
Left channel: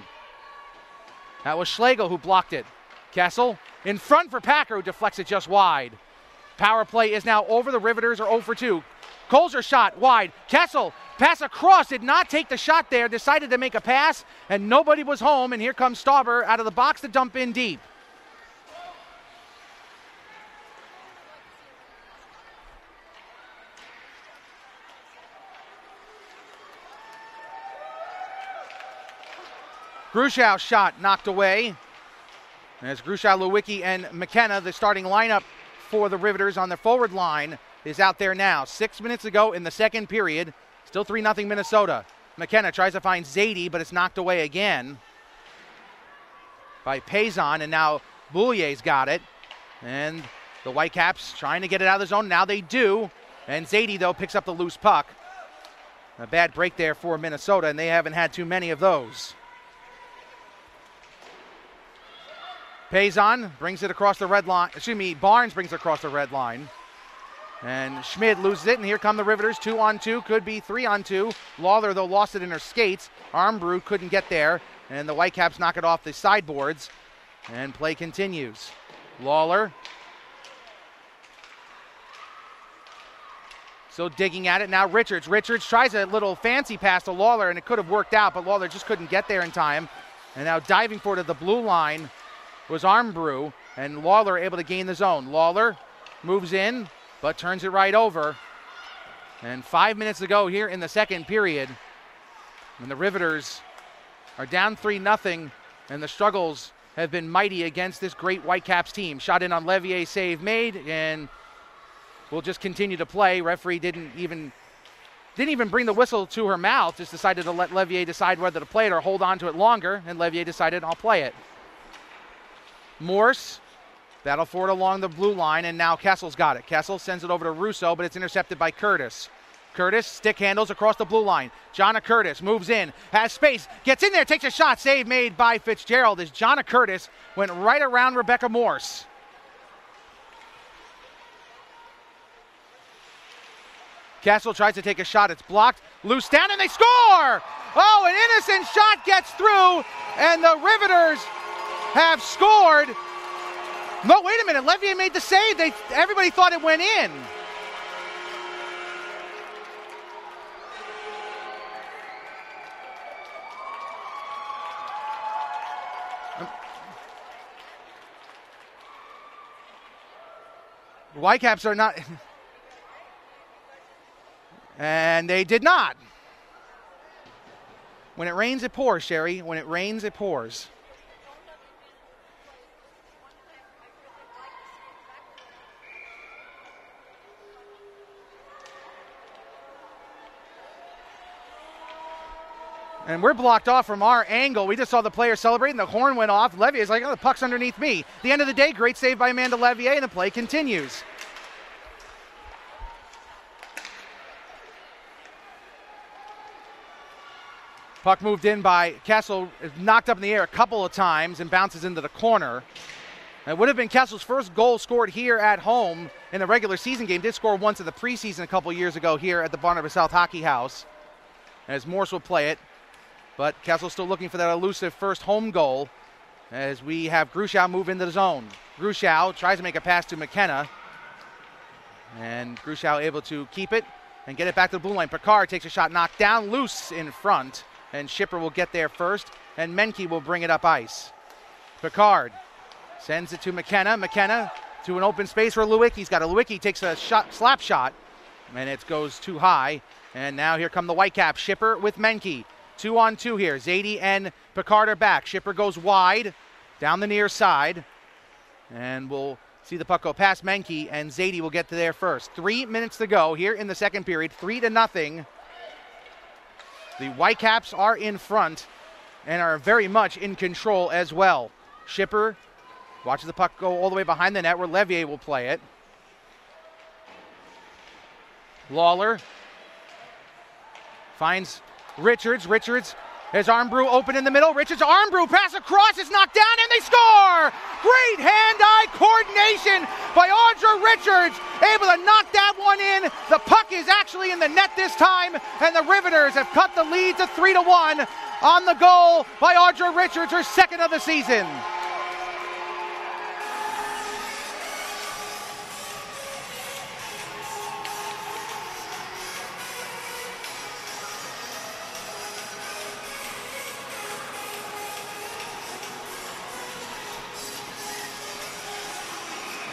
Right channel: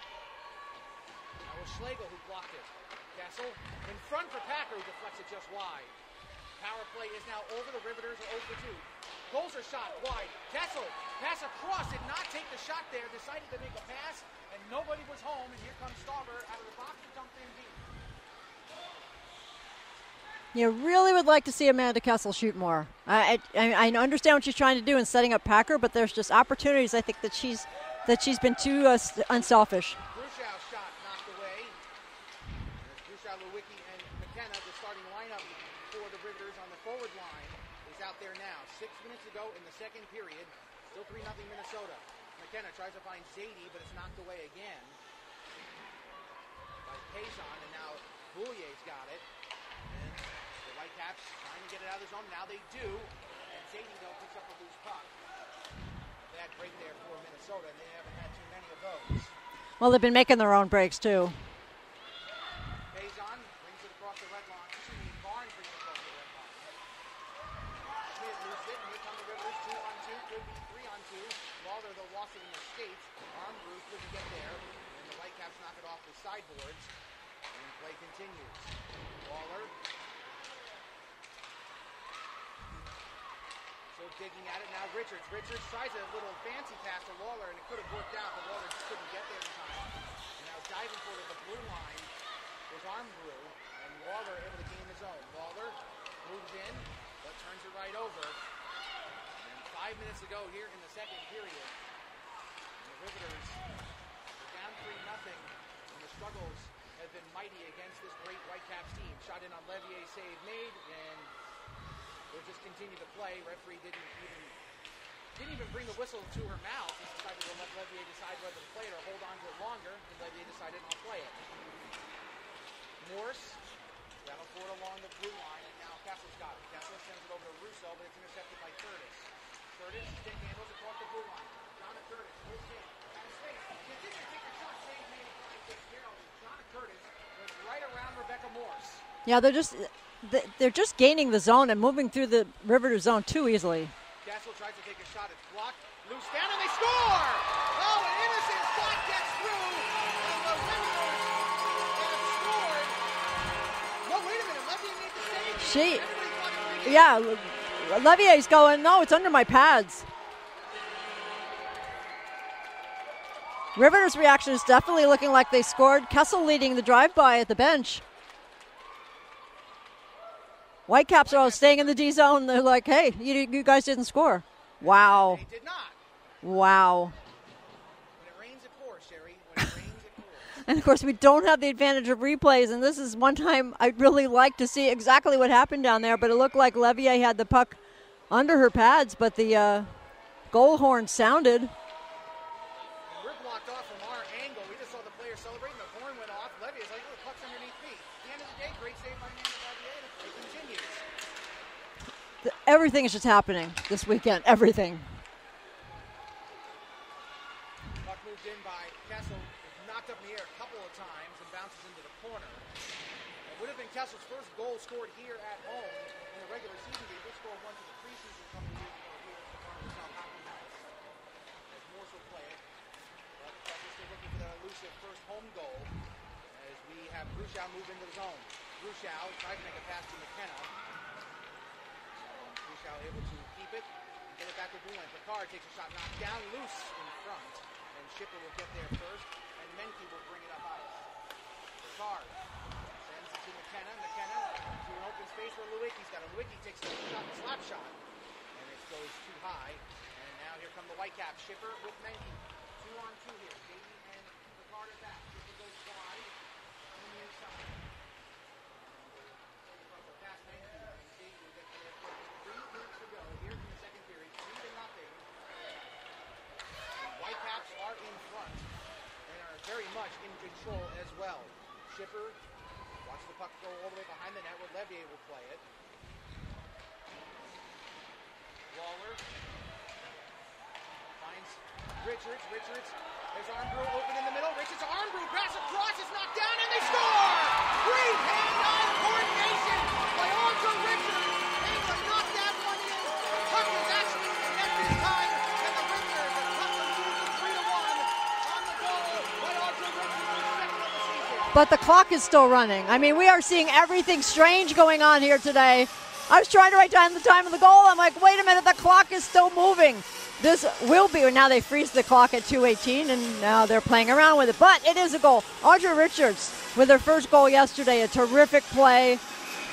That was Schlegel who blocked it. Kessel in front for Packer, who deflects it just wide. Power play is now over. The Riveters are 0 for 2. Colzer shot wide. Kessel, pass across, did not take the shot there, decided to make a pass, and nobody was home, and here comes Stauber out of the box to dump in deep. You really would like to see Amanda Kessel shoot more. I understand what she's trying to do in setting up Packer, but there's just opportunities I think that she's been too unselfish. Grushow shot knocked away. As Grushow, Lewicki, and McKenna, the starting lineup for the Riveters on the forward line, is out there now. 6 minutes ago in the second period, still 3-0 Minnesota. McKenna tries to find Zadie, but it's knocked away again by Payson, and now Boulier's got it. And the Whitecaps trying to get it out of the zone. Now they do. And Zadie, though, picks up the loose puck. A bad break there for Minnesota, and they haven't had too many of those. Well, they've been making their own breaks, too. Payson brings it across the red line. Barnes brings it across the red line. And Schmid loses it, and here come the Riveters. 2-on-2, could be 3-on-2. Lawler, though, lost it in her skates. Armbrew couldn't get there, and the Whitecaps knock it off the sideboards. And play continues. Lawler still digging at it. Now Richards. Richards tries a little fancy pass to Lawler, and it could have worked out, but Lawler just couldn't get there in time. And now diving for it at the blue line was Armbrew, and Lawler able to gain the zone. Lawler moves in, but turns it right over. And 5 minutes to go here in the second period. And the Riveters are down 3-0, and the struggles have been mighty against this great Whitecaps team. Shot in on Levier, save made, and we'll just continue to play. Referee didn't even bring the whistle to her mouth, just decided to let Levier decide whether to play it or hold on to it longer, and Levier decided, I'll play it. Morse, battle for it along the blue line, and now Kessel's got it. Kessel sends it over to Russo, but it's intercepted by Curtis. Curtis stick handles across the blue line. Jonna Curtis moves in, has space, gets in there, takes a shot, save made by Fitzgerald as Jonna Curtis went right around Rebecca Morse. Yeah, they're just gaining the zone and moving through the Riveter zone too easily. Kessel tries to take a shot, it's blocked, loose down, and they score! Oh, an innocent shot gets through, and the Riveters have scored. No, wait a minute, Levier made the save. Everybody thought it went in. Yeah, Levier's going, no, it's under my pads. Riveters' reaction is definitely looking like they scored. Kessel leading the drive-by at the bench. Whitecaps are staying in the D zone. They're like, hey, you guys didn't score. Wow. And they did not. Wow. When it rains, it pours, Sherry. When it rains, it pours. And, of course, we don't have the advantage of replays, and this is one time I'd really like to see exactly what happened down there, but it looked like Levier had the puck under her pads, but the goal horn sounded. And we're blocked off from our angle. We just saw the player celebrating. The horn went off. Levier's like, oh, the puck's underneath me. At the end of the day, great save by Amanda Levier, and the play continues. Everything is just happening this weekend. Everything. Puck moved in by Kessel, knocked up in the air a couple of times and bounces into the corner. It would have been Kessel's first goal scored here at home in a regular season game. Did score once in the preseason a couple years ago here at the Barnabas South Hockey House. As Morse will play it. But Kessel's still looking for that elusive first home goal as we have Grushow move into the zone. Grushow tries to make a pass to McKenna. And Grushow able to keep it and get it back to the blue line. Picard takes a shot, knocked down, loose in front. And Shipper will get there first, and Menke will bring it up ice. Picard sends it to McKenna. McKenna to an open space where Lewicki's got it. Lewicki takes a slap shot, and it goes too high. And now here come the Whitecaps. Shipper with Menke. 2-on-2 here. Zadie and Picard are back. Shipper goes wide down the near side, and we'll see the puck go past Menke, and Zadie will get to there first. 3 minutes to go here in the second period. 3-0. The Whitecaps are in front and are very much in control as well. Shipper watches the puck go all the way behind the net where Levier will play it. Lawler finds Richards. Richards As Armbrew open in the middle, Richards Armbrew pass across is knocked down and they score! Great hand-eye coordination by Audra Richards, able to knock that one in. The puck is actually in the net this time, and the Riveters have cut the lead to 3-1 on the goal by Audra Richards, her second of the season. But the clock is still running. I mean, we are seeing everything strange going on here today. I was trying to write down the time of the goal. I'm like, wait a minute, the clock is still moving. This will be, now they freeze the clock at 2:18, and now they're playing around with it. But it is a goal. Audra Richards with her first goal yesterday, a terrific play,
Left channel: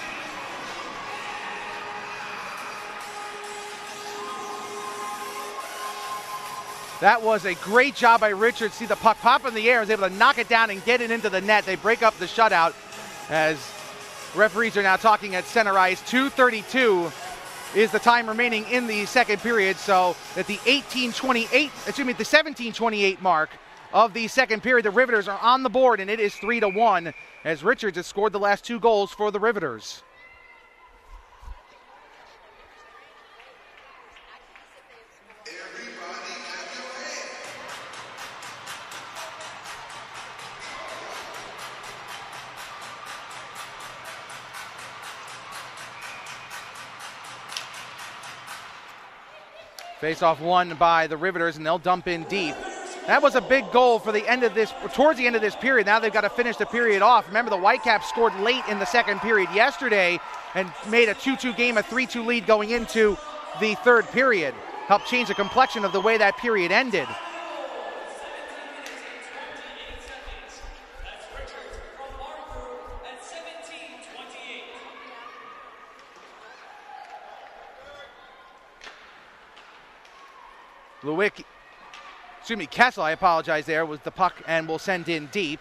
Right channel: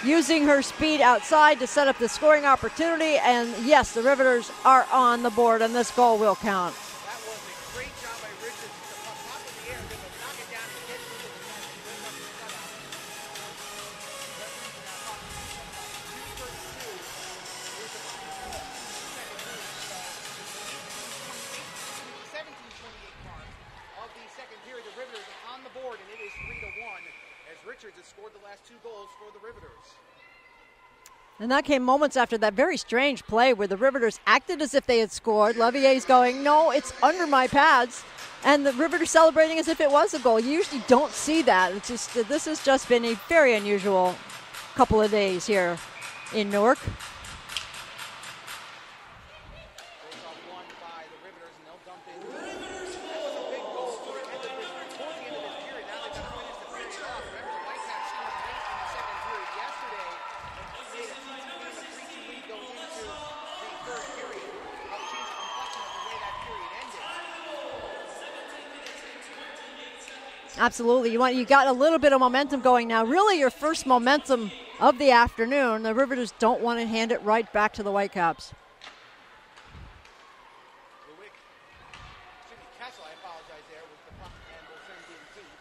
using her speed outside to set up the scoring opportunity. And yes, the Riveters are on the board, and this goal will count. That was a great job by Richards. See the puck pop in the air, is able to knock it down and get it into the net. They break up the shutout as referees are now talking at center ice. 2:32 is the time remaining in the second period. So at the 17:28 mark of the second period, the Riveters are on the board, and it is 3-1 as Richards has scored the last two goals for the Riveters. And that came moments after that very strange play where the Riveters acted as if they had scored. Levier's going, no, it's under my pads. And the Riveters celebrating as if it was a goal. You usually don't see that. It's just, this has just been a very unusual couple of days here in Newark. Face-off won by the Riveters, and they'll dump in deep. That was a big goal for the end of this, towards the end of this period. Now they've got to finish the period off. Remember, the Whitecaps scored late in the second period yesterday and made a 2-2 game, a 3-2 lead going into the third period. Helped change the complexion of the way that period ended. Absolutely. You got a little bit of momentum going now. Really your first momentum of the afternoon. The Riveters don't want to hand it right back to the Whitecaps. Kessel, I apologize there, was the puck and will send in deep.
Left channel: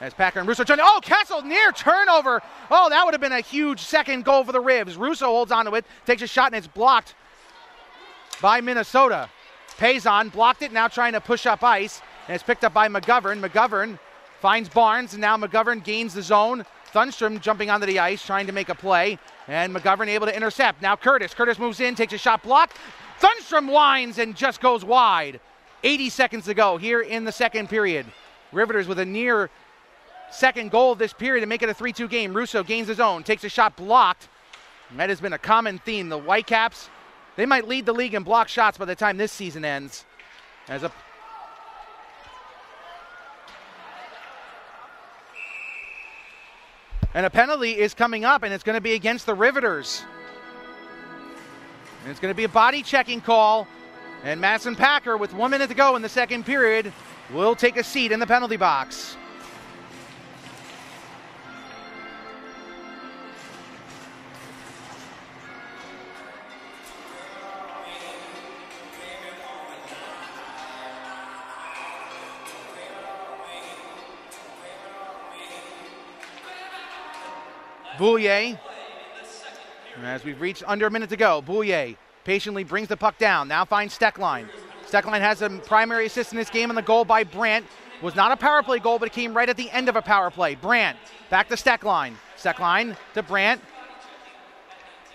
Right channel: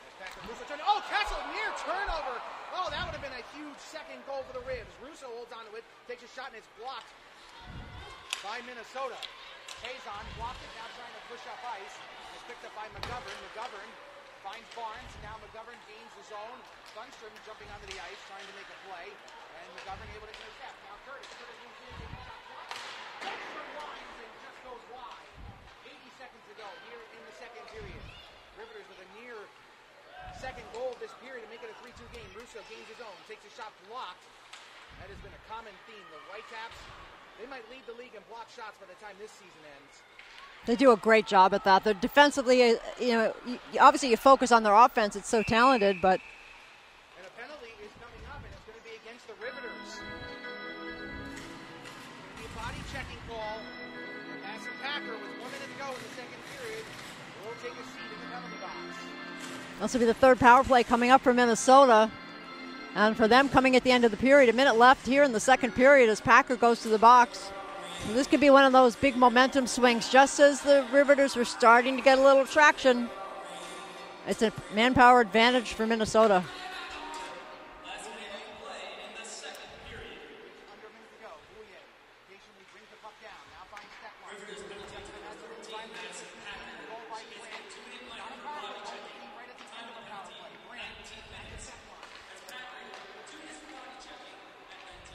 As Packer and Russo join. Oh, Kessel near turnover. Oh, that would have been a huge second goal for the Rivs. Russo holds onto it, takes a shot, and it's blocked by Minnesota. Payson blocked it, now trying to push up ice, and it's picked up by McGovern. McGovern finds Barnes, and now McGovern gains the zone. Thunstrom jumping onto the ice, trying to make a play, and McGovern able to intercept. Now Curtis. Curtis moves in, takes a shot, blocked. Thunstrom winds and just goes wide. 80 seconds to go here in the second period. Riveters with a near second goal of this period to make it a 3-2 game. Russo gains his own, takes a shot, blocked. And that has been a common theme. The Whitecaps, they might lead the league in block shots by the time this season ends. They do a great job at that. They're defensively, obviously you focus on their offense. It's so talented, but. And a penalty is coming up, and it's going to be against the Riveters. And it's going to be a body checking call. And Madison Packer, with 1 minute to go in the second period, will take a seat in the penalty box. This will be the third power play coming up for Minnesota. And for them coming at the end of the period, a minute left here in the second period as Packer goes to the box. So this could be one of those big momentum swings, just as the Riveters were starting to get a little traction. It's a manpower advantage for Minnesota. Boulier, as we've reached under a minute to go, Boulier patiently brings the puck down, now finds Steckline. Steckline has a primary assist in this game, and the goal by Brandt was not a power play goal, but it came right at the end of a power play. Brandt back to Steckline. Steckline to Brandt.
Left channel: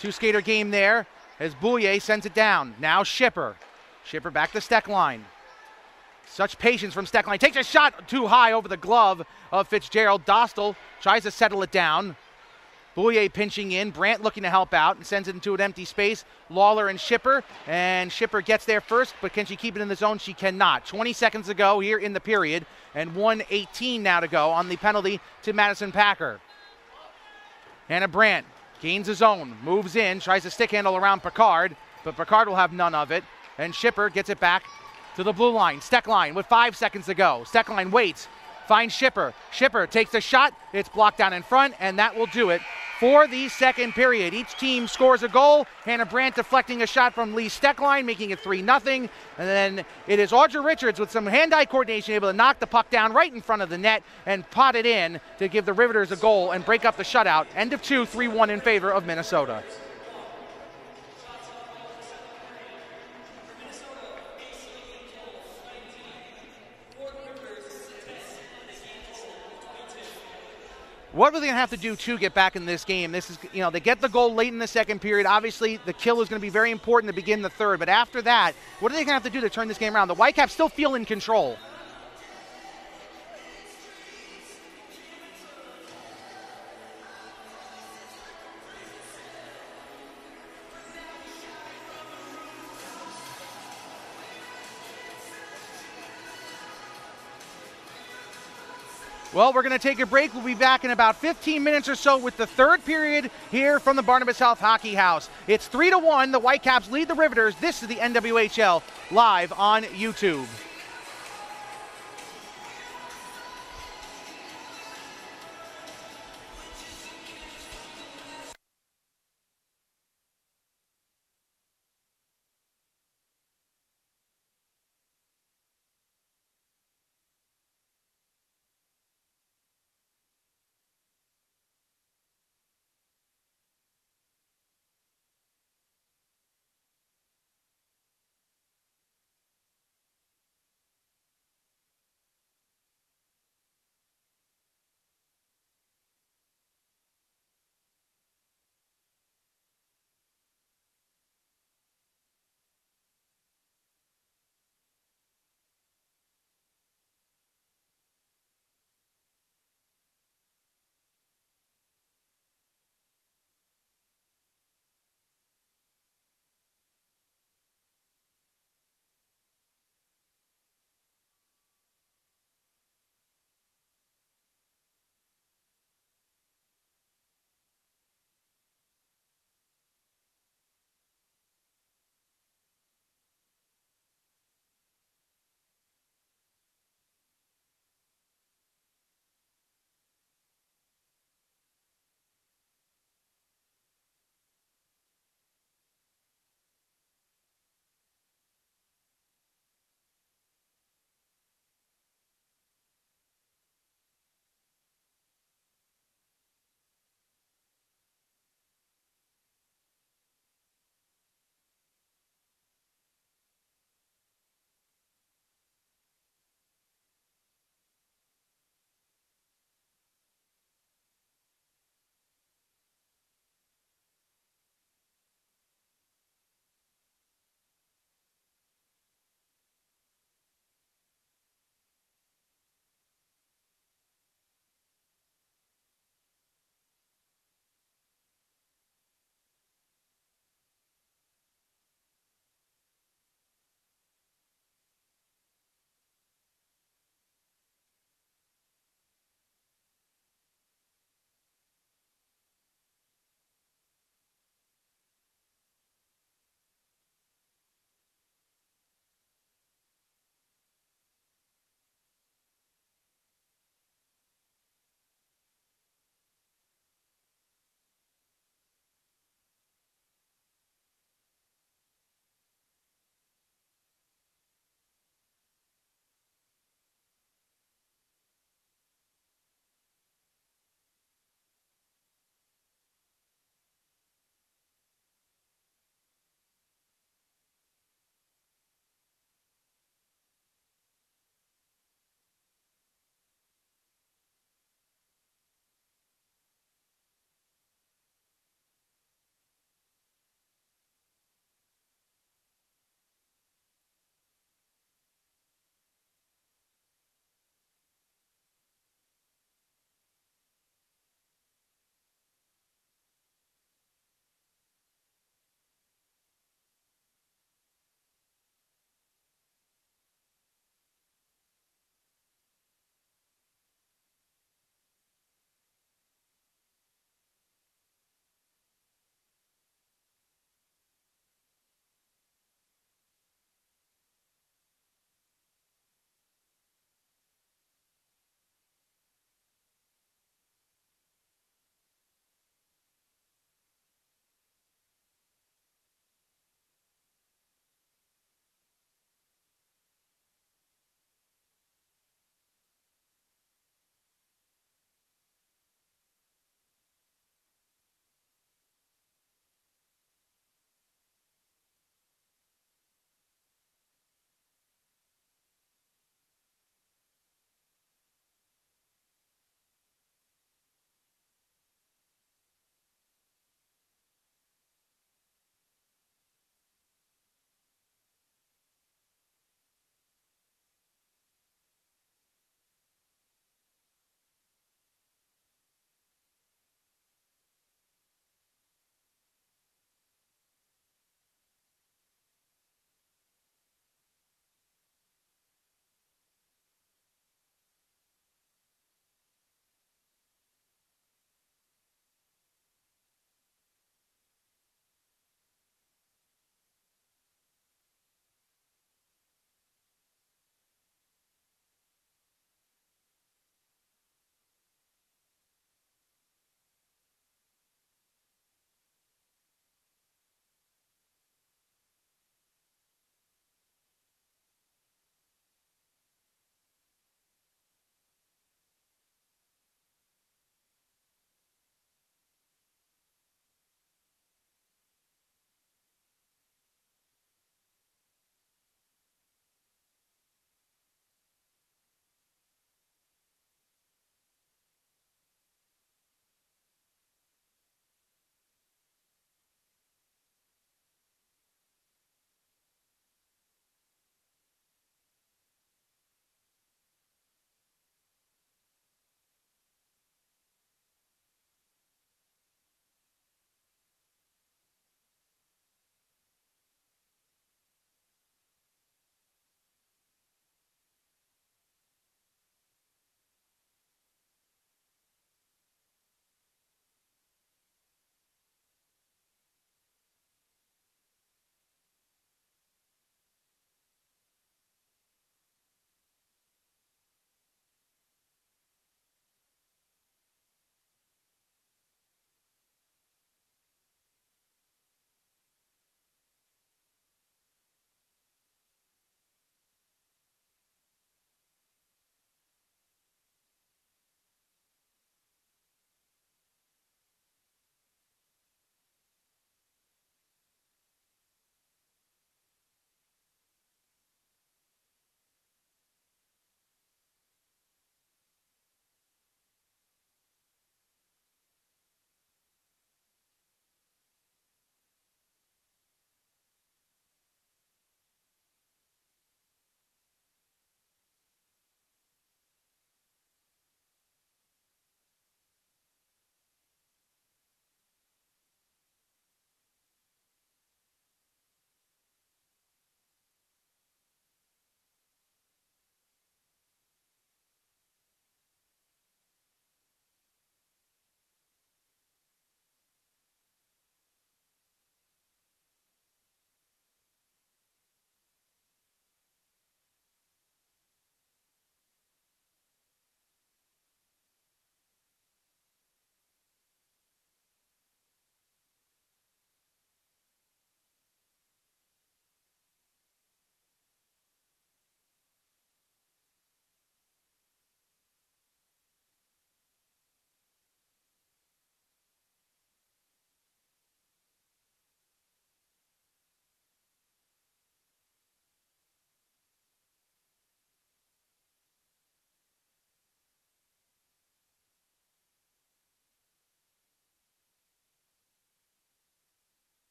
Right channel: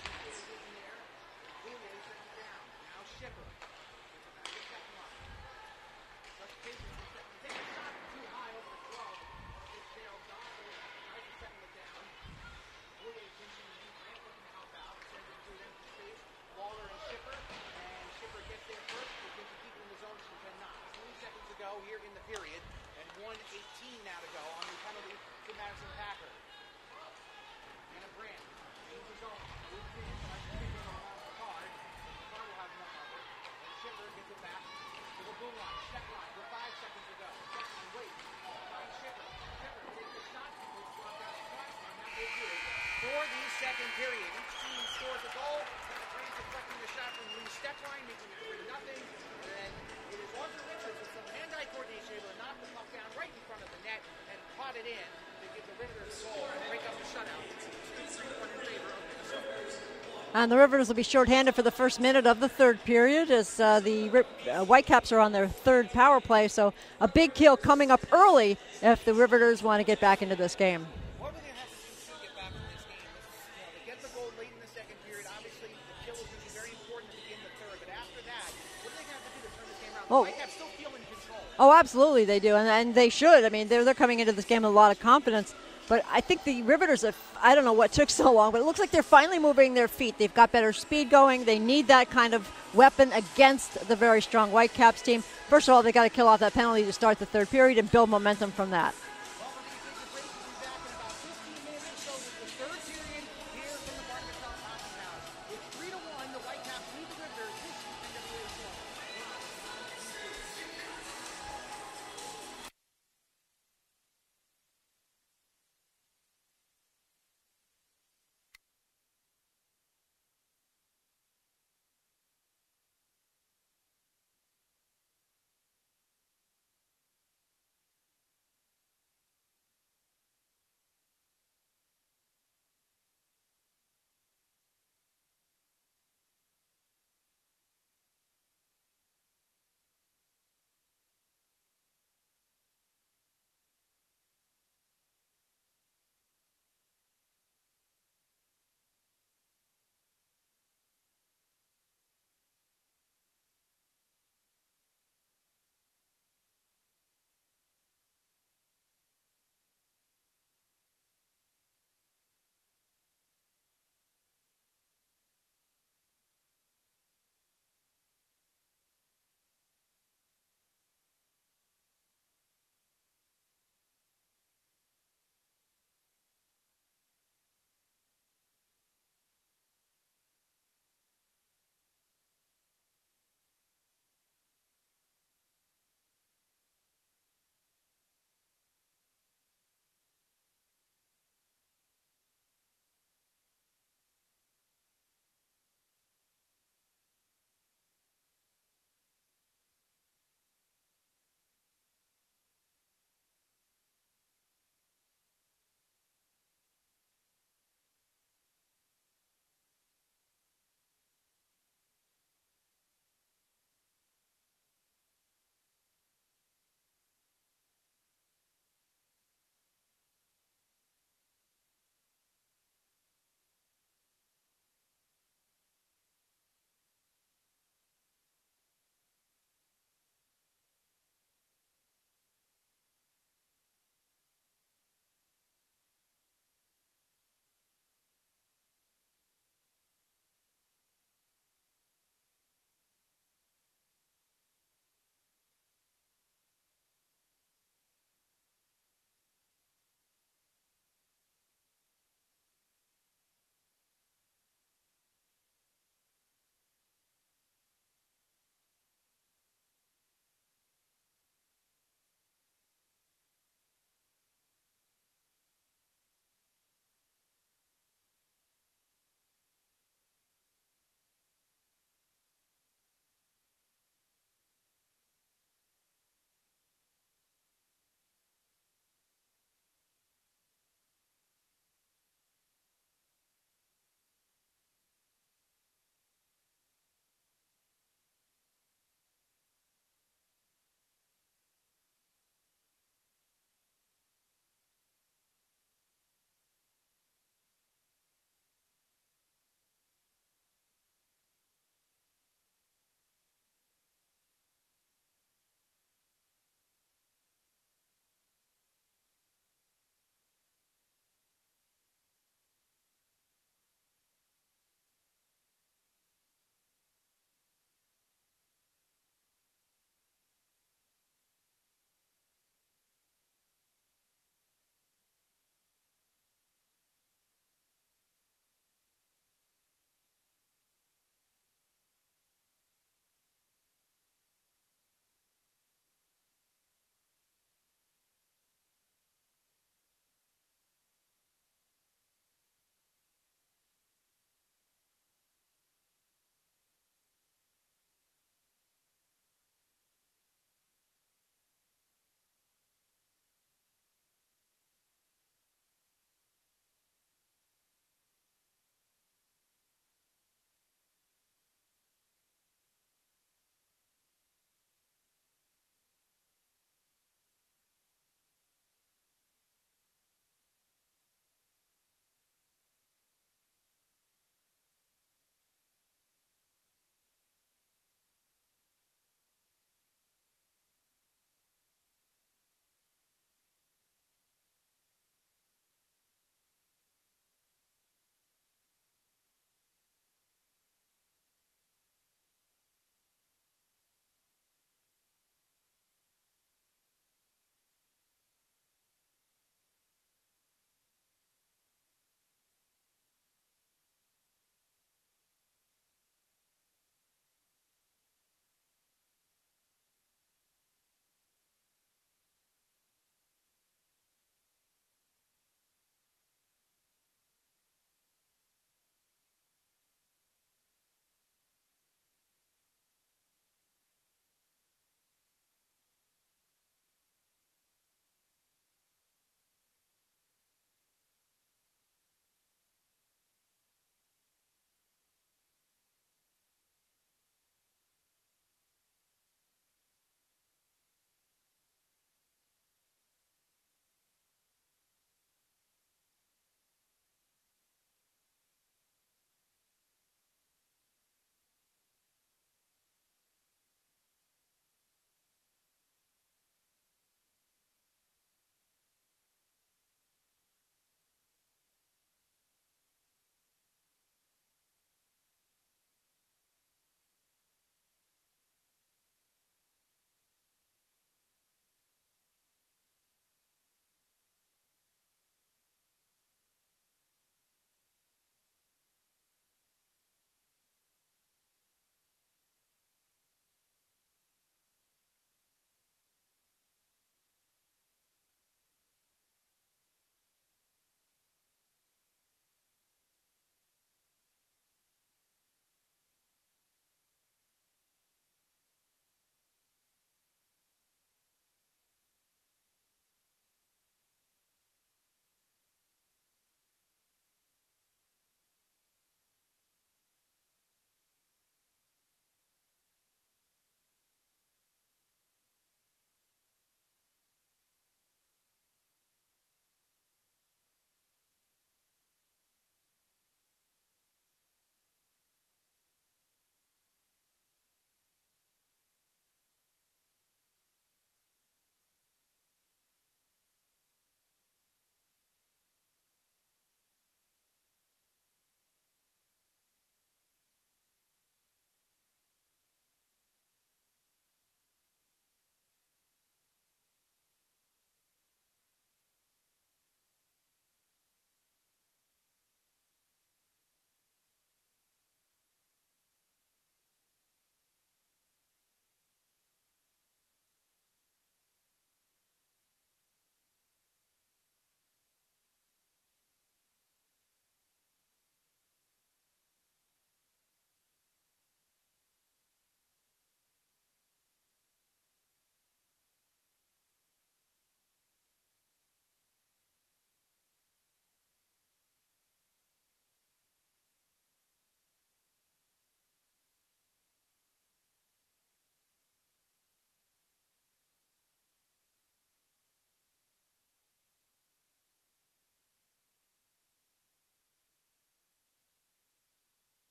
Two-skater game there as Boulier sends it down. Now Schipper. Schipper back to Steckline. Such patience from Steckline. Takes a shot too high over the glove of Fitzgerald. Dostal tries to settle it down. Boulier pinching in, Brandt looking to help out and sends it into an empty space. Lawler and Schipper gets there first, but can she keep it in the zone? She cannot. 20 seconds to go here in the period, and 1:18 now to go on the penalty to Madison Packer. Hannah Brandt gains his own, moves in, tries to stick handle around Picard, but Picard will have none of it, and Schipper gets it back to the blue line. Steckline with 5 seconds to go. Steckline waits, finds Schipper. Schipper takes the shot, it's blocked down in front, and that will do it for the second period. Each team scores a goal. Hannah Brandt deflecting a shot from Lee Steckline, making it 3-0. And then it is Audra Richards with some hand-eye coordination able to knock the puck down right in front of the net and pot it in to give the Riveters a goal and break up the shutout. End of 2, 3-1 in favor of Minnesota. And the Riveters will be shorthanded for the first minute of the third period as the Whitecaps are on their third power play. So a big kill coming up early if the Riveters want to get back into this game. What are they going to have to do to get back in this game? This is, you know, they get the goal late in the second period. Obviously, the kill is going to be very important to begin the third. But after that, what are they going to have to do to turn this game around? The Whitecaps still feel in control. Oh, absolutely they do, and they should. I mean, they're coming into this game with a lot of confidence. But I think the Riveters, I don't know what took so long, but it looks like they're finally moving their feet. They've got better speed going. They need that kind of weapon against the very strong Whitecaps team. First of all, they got to kill off that penalty to start the third period and build momentum from that. Well, we're going to take a break. We'll be back in about 15 minutes or so with the third period here from the Barnabas Health Hockey House. It's 3-1. The Whitecaps lead the Riveters. This is the NWHL live on YouTube.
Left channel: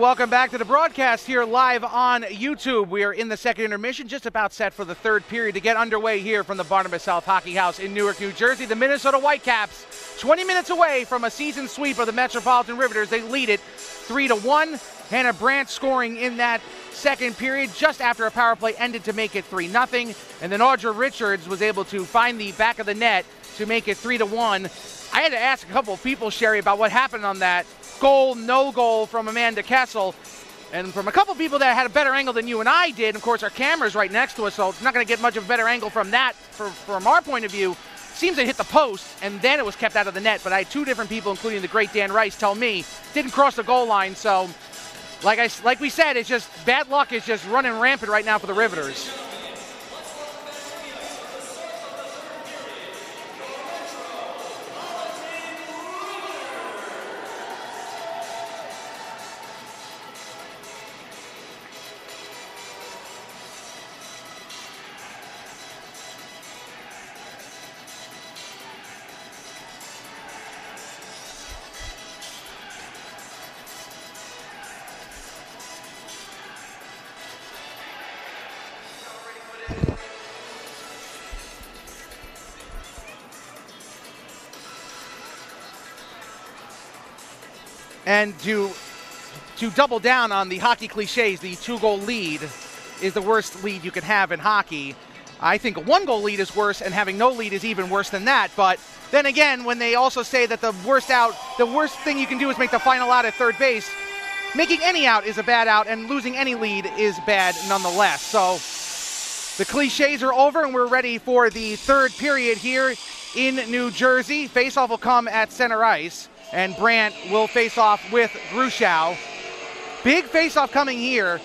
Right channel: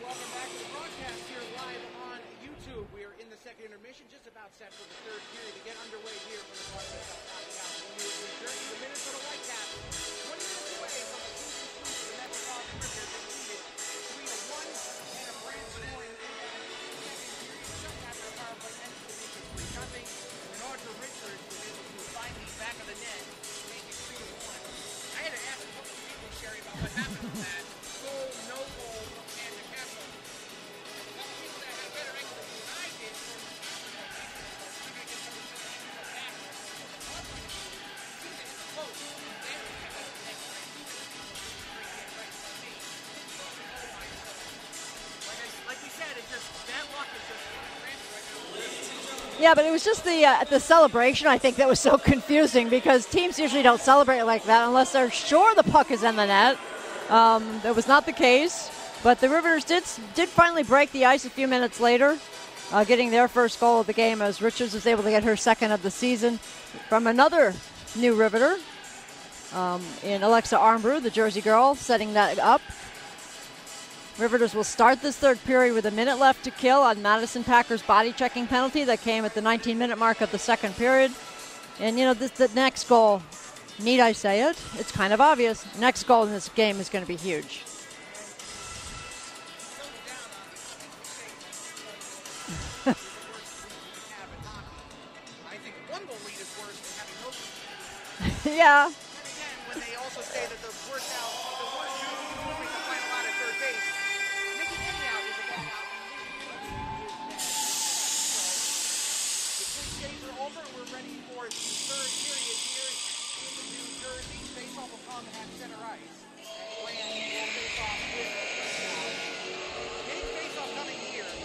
welcome back to the broadcast here live on YouTube. We are in the second intermission, just about set for the third period to get underway here from the Barnabas South Hockey House in Newark, New Jersey. The Minnesota Whitecaps, 20 minutes away from a season sweep of the Metropolitan Riveters. They lead it 3-1. Hannah Brandt scoring in that second period just after a power play ended to make it 3-0. And then Audra Richards was able to find the back of the net to make it 3-1. I had to ask a couple of people, Sherry, about what happened on that goal, no goal from Amanda Kessel, and from a couple people that had a better angle than you and I did. Of course, our camera's right next to us, so it's not going to get much of a better angle from that from our point of view. Seems it hit the post, and then it was kept out of the net, but I had two different people, including the great Dan Rice, tell me didn't cross the goal line. So like we said, it's just bad luck is just running rampant right now for the Riveters. Yeah, but it was just the celebration, I think, that was so confusing, because teams usually don't celebrate like that unless they're sure the puck is in the net. That was not the case, but the Riveters did finally break the ice a few minutes later, getting their first goal of the game as Richards was able to get her second of the season from another new Riveter in Alexa Armbrew, the Jersey girl, setting that up. Riveters will start this third period with a minute left to kill on Madison Packer's body checking penalty that came at the 19-minute mark of the second period. And, you know, the next goal, need I say it? It's kind of obvious. Next goal in this game is going to be huge. And to double down on the hockey cliches, the two-goal lead is the worst lead you can have in hockey. I think a one-goal lead is worse, and having no lead is even worse than that. Yeah. But then again, when they also say that the worst thing you can do is make the final out at third base, making any out is a bad out, and losing any lead is bad nonetheless. So the cliches are over, and we're ready for the third period here in New Jersey. Faceoff will come at center ice, and Brandt will face off with Grushau. Big faceoff coming here,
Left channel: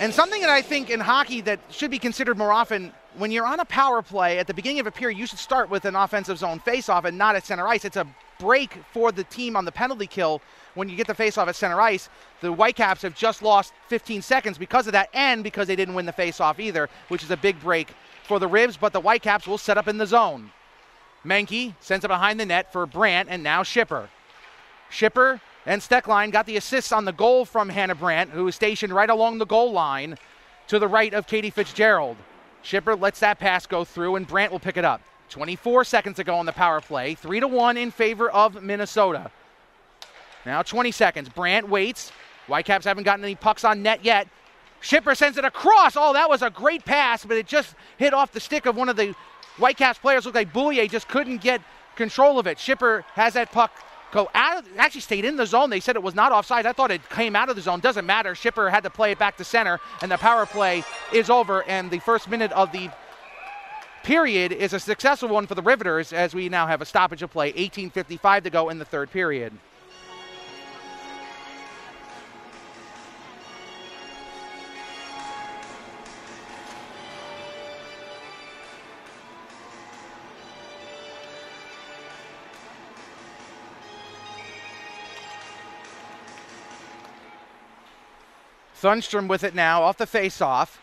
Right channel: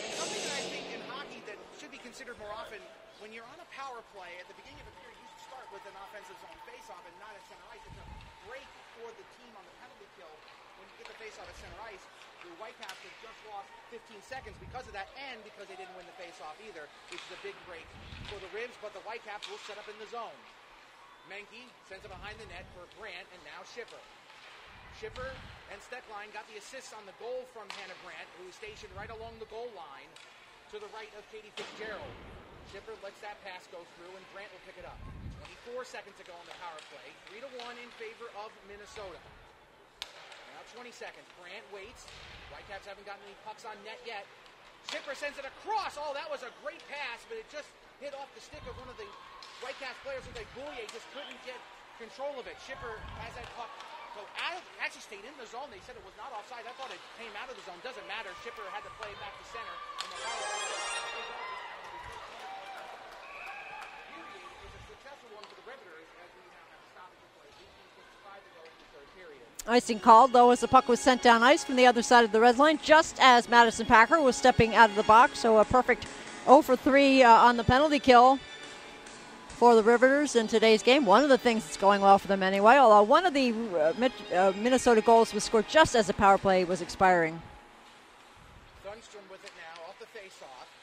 and something that I think in hockey that should be considered more often. When you're on a power play at the beginning of a period, you should start with an offensive zone faceoff and not at center ice. It's a break for the team on the penalty kill when you get the faceoff at center ice. The Whitecaps have just lost 15 seconds because of that, and because they didn't win the faceoff either, which is a big break for the Ribs, but the Whitecaps will set up in the zone. Menke sends it behind the net for Brandt, and now Schipper. Schipper and Stecklein got the assists on the goal from Hannah Brandt, who is stationed right along the goal line to the right of Katie Fitzgerald. Schipper lets that pass go through, and Brandt will pick it up. 24 seconds to go on the power play. 3-1 in favor of Minnesota. Now 20 seconds. Brandt waits. Whitecaps haven't gotten any pucks on net yet. Schipper sends it across. Oh, that was a great pass, but it just hit off the stick of one of the Whitecaps players. Looked like Boulier just couldn't get control of it. Schipper has that puck go out. Actually stayed in the zone. They said it was not offside. I thought it came out of the zone. Doesn't matter. Schipper had to play it back to center, and the power play is over, and the first minute of the period is a successful one for the Riveters, as we now have a stoppage of play. 18:55 to go in the third period. Icing called, though, as the puck was sent down ice from the other side of the red line, just as Madison Packer was stepping out of the box. So a perfect 0 for 3 on the penalty kill for the Riveters in today's game. One of the things that's going well for them anyway, although one of the Minnesota goals was scored just as the power play was expiring. Thunstrom with it now off the face-off.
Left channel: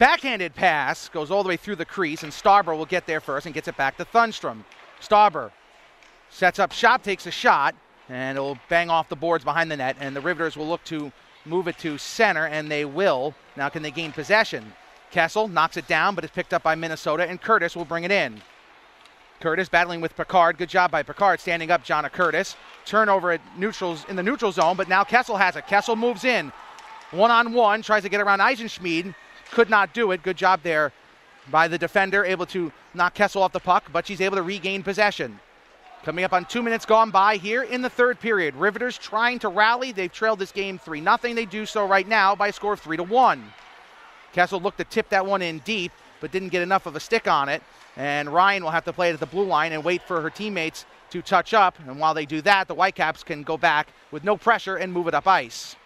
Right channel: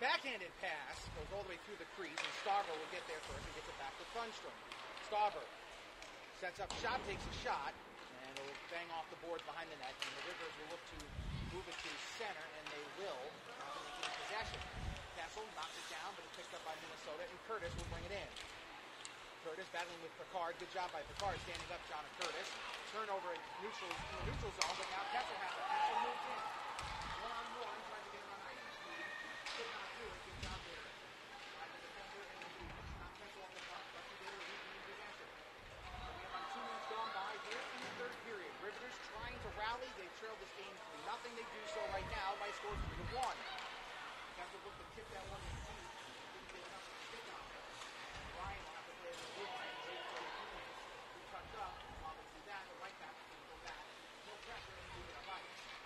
Backhanded pass goes all the way through the crease, and Starber will get there first and gets it back to Thunstrom. Starber sets up shot, takes a shot, and it'll bang off the boards behind the net, and the Riveters will look to move it to center, and they will. Now can they gain possession? Kessel knocks it down, but it's picked up by Minnesota, and Curtis will bring it in. Curtis battling with Picard. Good job by Picard standing up Jonna Curtis. Turnover at in the neutral zone, but now Kessel has it. Kessel moves in. One-on-one, tries to get around Eisenschmied. Could not do it. Good job there by the defender, able to knock Kessel off the puck, but she's able to regain possession. Coming up on 2 minutes gone by here in the third period. Riveters trying to rally. They've trailed this game 3-0. They do so right now by a score of 3-1. Kessel looked to tip that one in deep, but didn't get enough of a stick on it. And Ryan will have to play it at the blue line and wait for her teammates to touch up. And while they do that, the Whitecaps can go back with no pressure and move it up ice.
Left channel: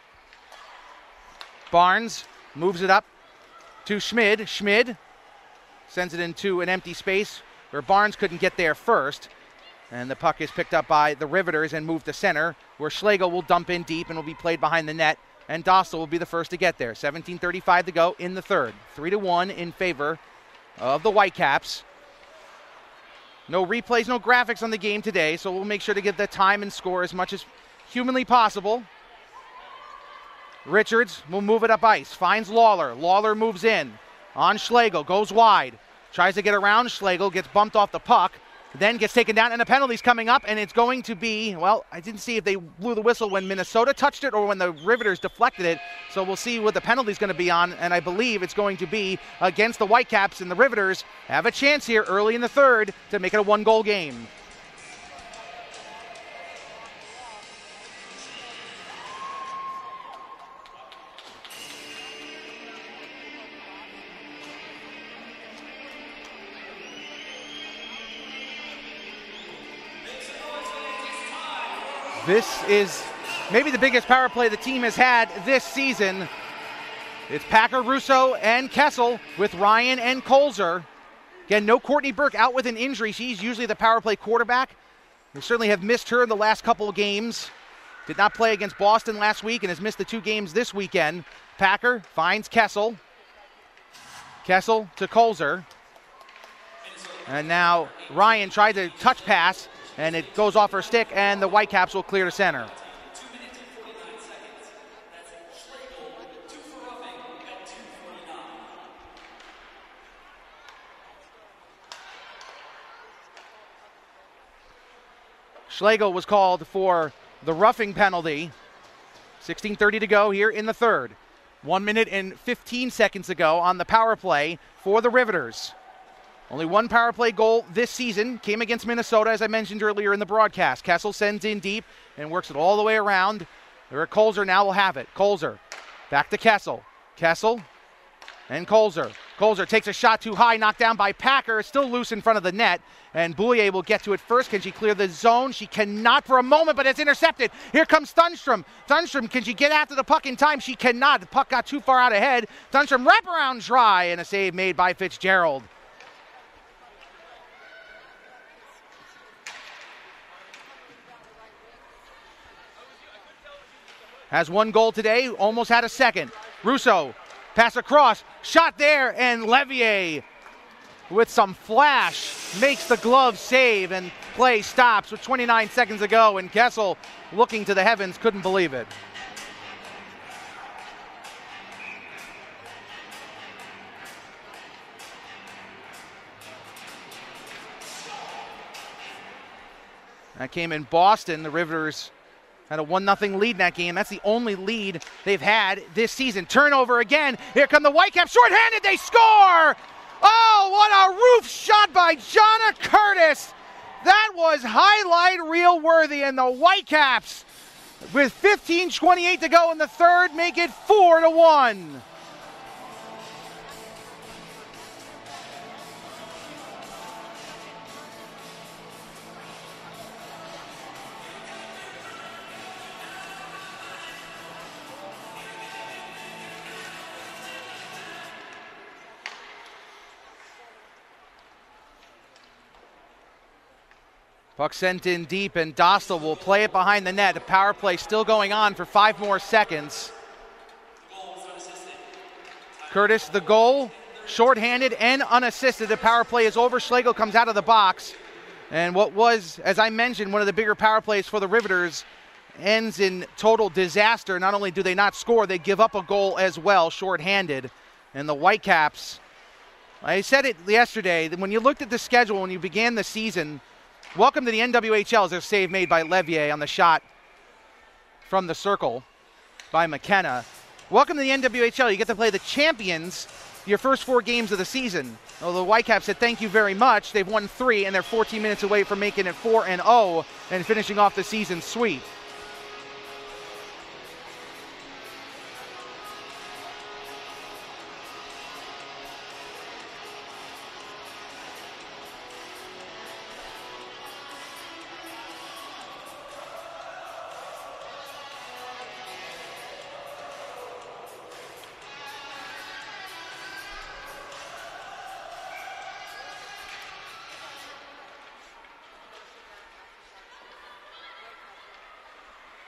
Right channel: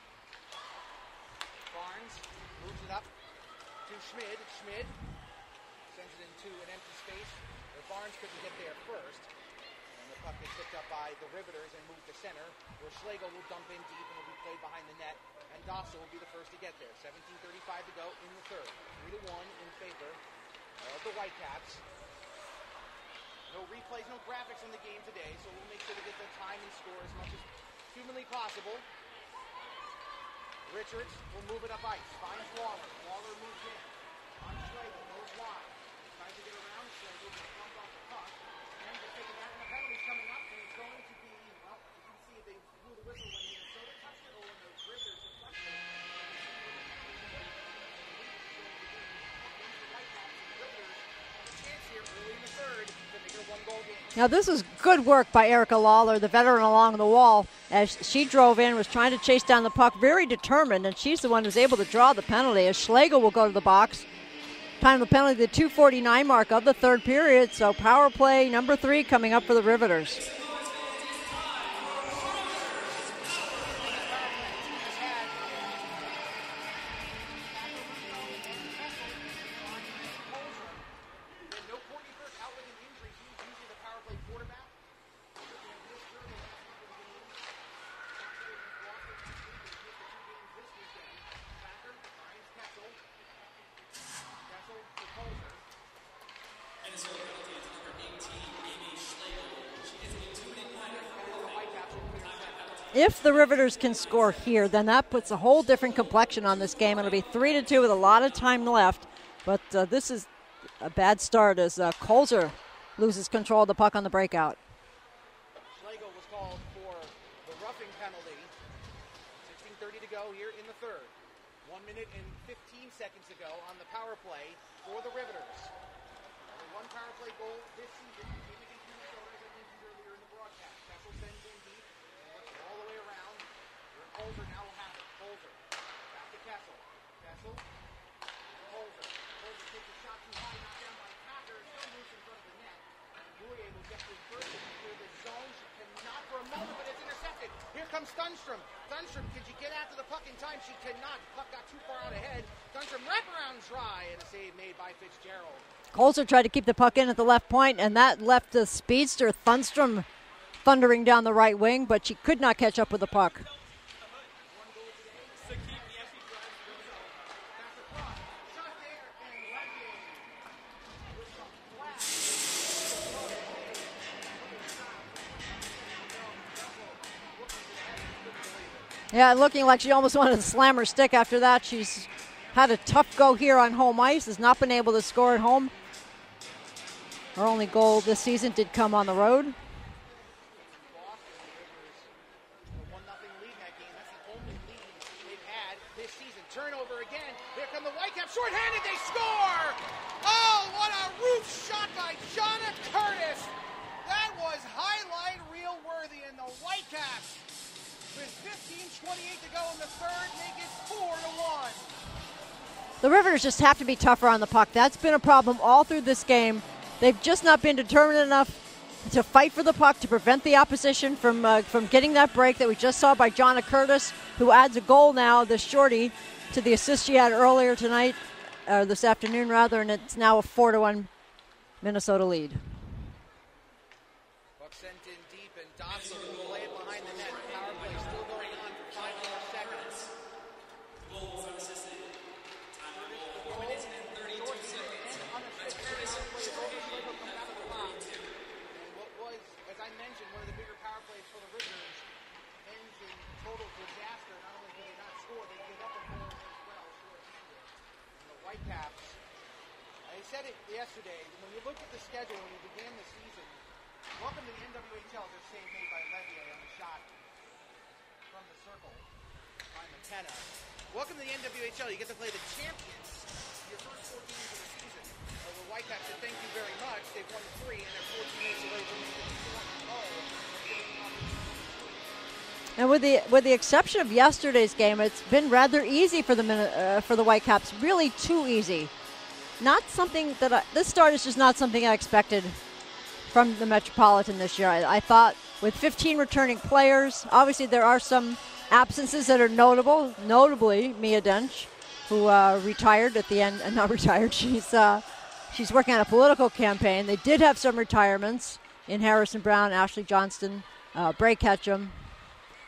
Barnes moves it up to Schmid. Schmid sends it into an empty space where Barnes couldn't get there first. And the puck is picked up by the Riveters and moved to center, where Schlegel will dump in deep and will be played behind the net. And Dostal will be the first to get there. 17:35 to go in the third. 3-1 in favor of the Whitecaps. No replays, no graphics on the game today, so we'll make sure to get the time and score as much as humanly possible. Richards will move it up ice, finds Lawler. Lawler moves in on Schlegel, goes wide, tries to get around Schlegel, gets bumped off the puck, then gets taken down, and a penalty's coming up, and it's going to be, well, I didn't see if they blew the whistle when Minnesota touched it or when the Riveters deflected it, so we'll see what the penalty's going to be on, and I believe it's going to be against the Whitecaps, and the Riveters have a chance here early in the third to make it a one-goal game. Now this is good work by Erica Lawler, the veteran along the wall, as she drove in, was trying to chase down the puck, very determined, and she's the one who's able to draw the penalty, as Schlegel will go to the box. Time of the penalty, the 2:49 mark of the third period. So power play number 3 coming up for the Riveters. This is maybe the biggest power play the team has had this season. It's Packer, Russo, and Kessel with Ryan and Colzer. Again, no Courtney Burke out with an injury. She's usually the power play quarterback. We certainly have missed her the last couple of games. Did not play against Boston last week and has missed the 2 games this weekend. Packer finds Kessel. Kessel to Colzer. And now Ryan tried to touch pass, and it goes off her stick, and the Whitecaps will clear to center. If the Riveters can score here, then that puts a whole different complexion on this game. It'll be 3-2 with a lot of time left, but this is a bad start as Colzer loses control of the puck on the breakout. Schlegel was called for the roughing penalty. 16:30 to go here in the third. 1 minute and 15 seconds ago on the power play for the Riveters. Only one power play goal this season came against Minnesota, as I mentioned earlier in the broadcast. Kessel sends in deep and works it all the way around. Eric Colzer now will have it. Colzer back to Kessel. Kessel and Colzer. Colzer takes a shot too high, knocked down by Packer, still loose in front of the net. And Boulier will get to it first. Can she clear the zone? She cannot for a moment, but it's intercepted. Here comes Thunstrom. Thunstrom, can she get after the puck in time? She cannot. The puck got too far out ahead. Thunstrom wraparound try, and a save made by Fitzgerald. Colzer tried to keep the puck in at the left point, and that left the speedster Thunstrom thundering down the right wing, but she could not catch up with the puck. Has 1 goal today, almost had a second. Russo, pass across, shot there, and Levier with some flash makes the glove save, and play stops with 29 seconds to go, and Kessel, looking to the heavens, couldn't believe it. Yeah, looking like she almost wanted to slam her stick after that. She's had a tough go here on home ice, has not been able to score at home. Her only goal this season did come on the road. That came in Boston. The Riveters had a 1-0 lead in that game. That's the only lead they've had this season. Turnover again. Here come the Whitecaps. Shorthanded, they score! Oh, what a roof shot by Jonna Curtis. That was highlight reel worthy, and the Whitecaps, with 15:28 to go in the third, make it 4-1. The Riveters just have to be tougher on the puck. That's been a problem all through this game. They've just not been determined enough to fight for the puck, to prevent the opposition from getting that break that we just saw by Jonna Curtis, who adds a goal now, this shorty, to the assist she had earlier tonight. This afternoon rather, and it's now a 4-1 Minnesota lead. Puck sent in deep, and Dostal will play it behind the net. The power play still going on for 5 more seconds. Curtis, the goal, shorthanded and unassisted. The power play is over. Schlegel comes out of the box. And what was, as I mentioned, one of the bigger power plays for the Riveters ends in total disaster. Not only do they not score, they give up a goal as well, shorthanded. And the Whitecaps, I said it yesterday, that when you looked at the schedule when you began the season, welcome to the NWHL is a save made by Levier on the shot from the circle by McKenna. Welcome to the NWHL. You get to play the champions your first 4 games of the season. Well, the Whitecaps said thank you very much. They've won 3, and they're 14 minutes away from making it 4-0 and finishing off the season sweep. And with the exception of yesterday's game, it's been rather easy for the Whitecaps. Really too easy. Not something that this start is just not something I expected from the Metropolitan this year. I thought with 15 returning players, obviously there are some absences that are notable. Notably, Mia Dench, who retired at the end. Not retired. She's working on a political campaign. They did have some retirements in Harrison Brown, Ashley Johnston, Bray Ketchum.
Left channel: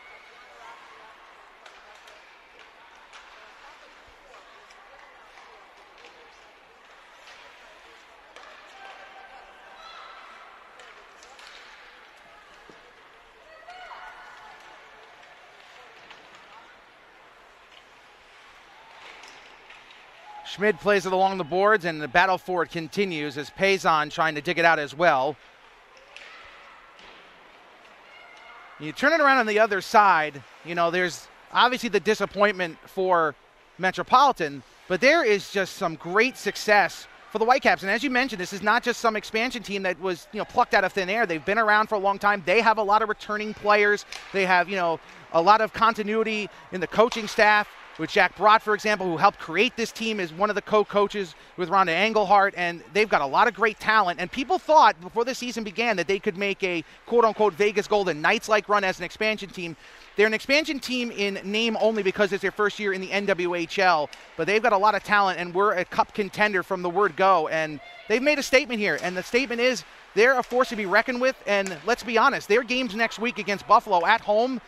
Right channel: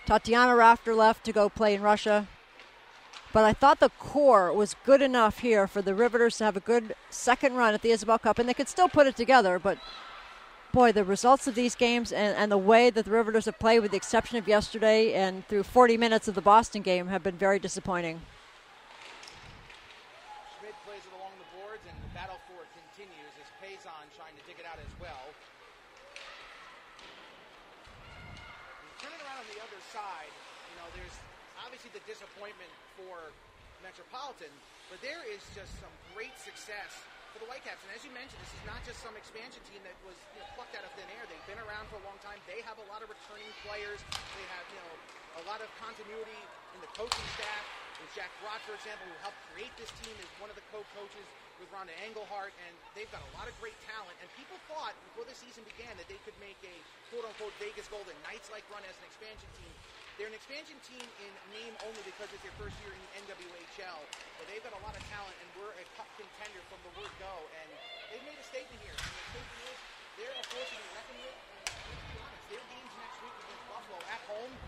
Tatiana Rafter left to go play in Russia. But I thought the core was good enough here for the Riveters to have a good second run at the Isabel Cup, and they could still put it together, but boy, the results of these games and the way that the Riveters have played, with the exception of yesterday and through 40 minutes of the Boston game, have been very disappointing. Schmid plays it along the boards, and the battle for it continues as Payson trying to dig it out as well. You turn it around on the other side, you know, there's obviously the disappointment for Metropolitan, but there is just some great success for the Whitecaps. And as you mentioned, this is not just some expansion team that was, you know, plucked out of thin air. They've been around for a long time. They have a lot of returning players. They have, you know, a lot of continuity in the coaching staff, with Jack Brott, for example, who helped create this team, is one of the co-coaches with Rhonda Engelhart, and they've got a lot of great talent. And people thought before the season began that they could make a quote-unquote Vegas Golden Knights-like run as an expansion team. They're an expansion team in name only because it's their first year in the NWHL, but they've got a lot of talent, and we're a cup contender from the word go. And they've made a statement here, and the statement is they're a force to be reckoned with. And let's be honest, their games next week against Buffalo at home,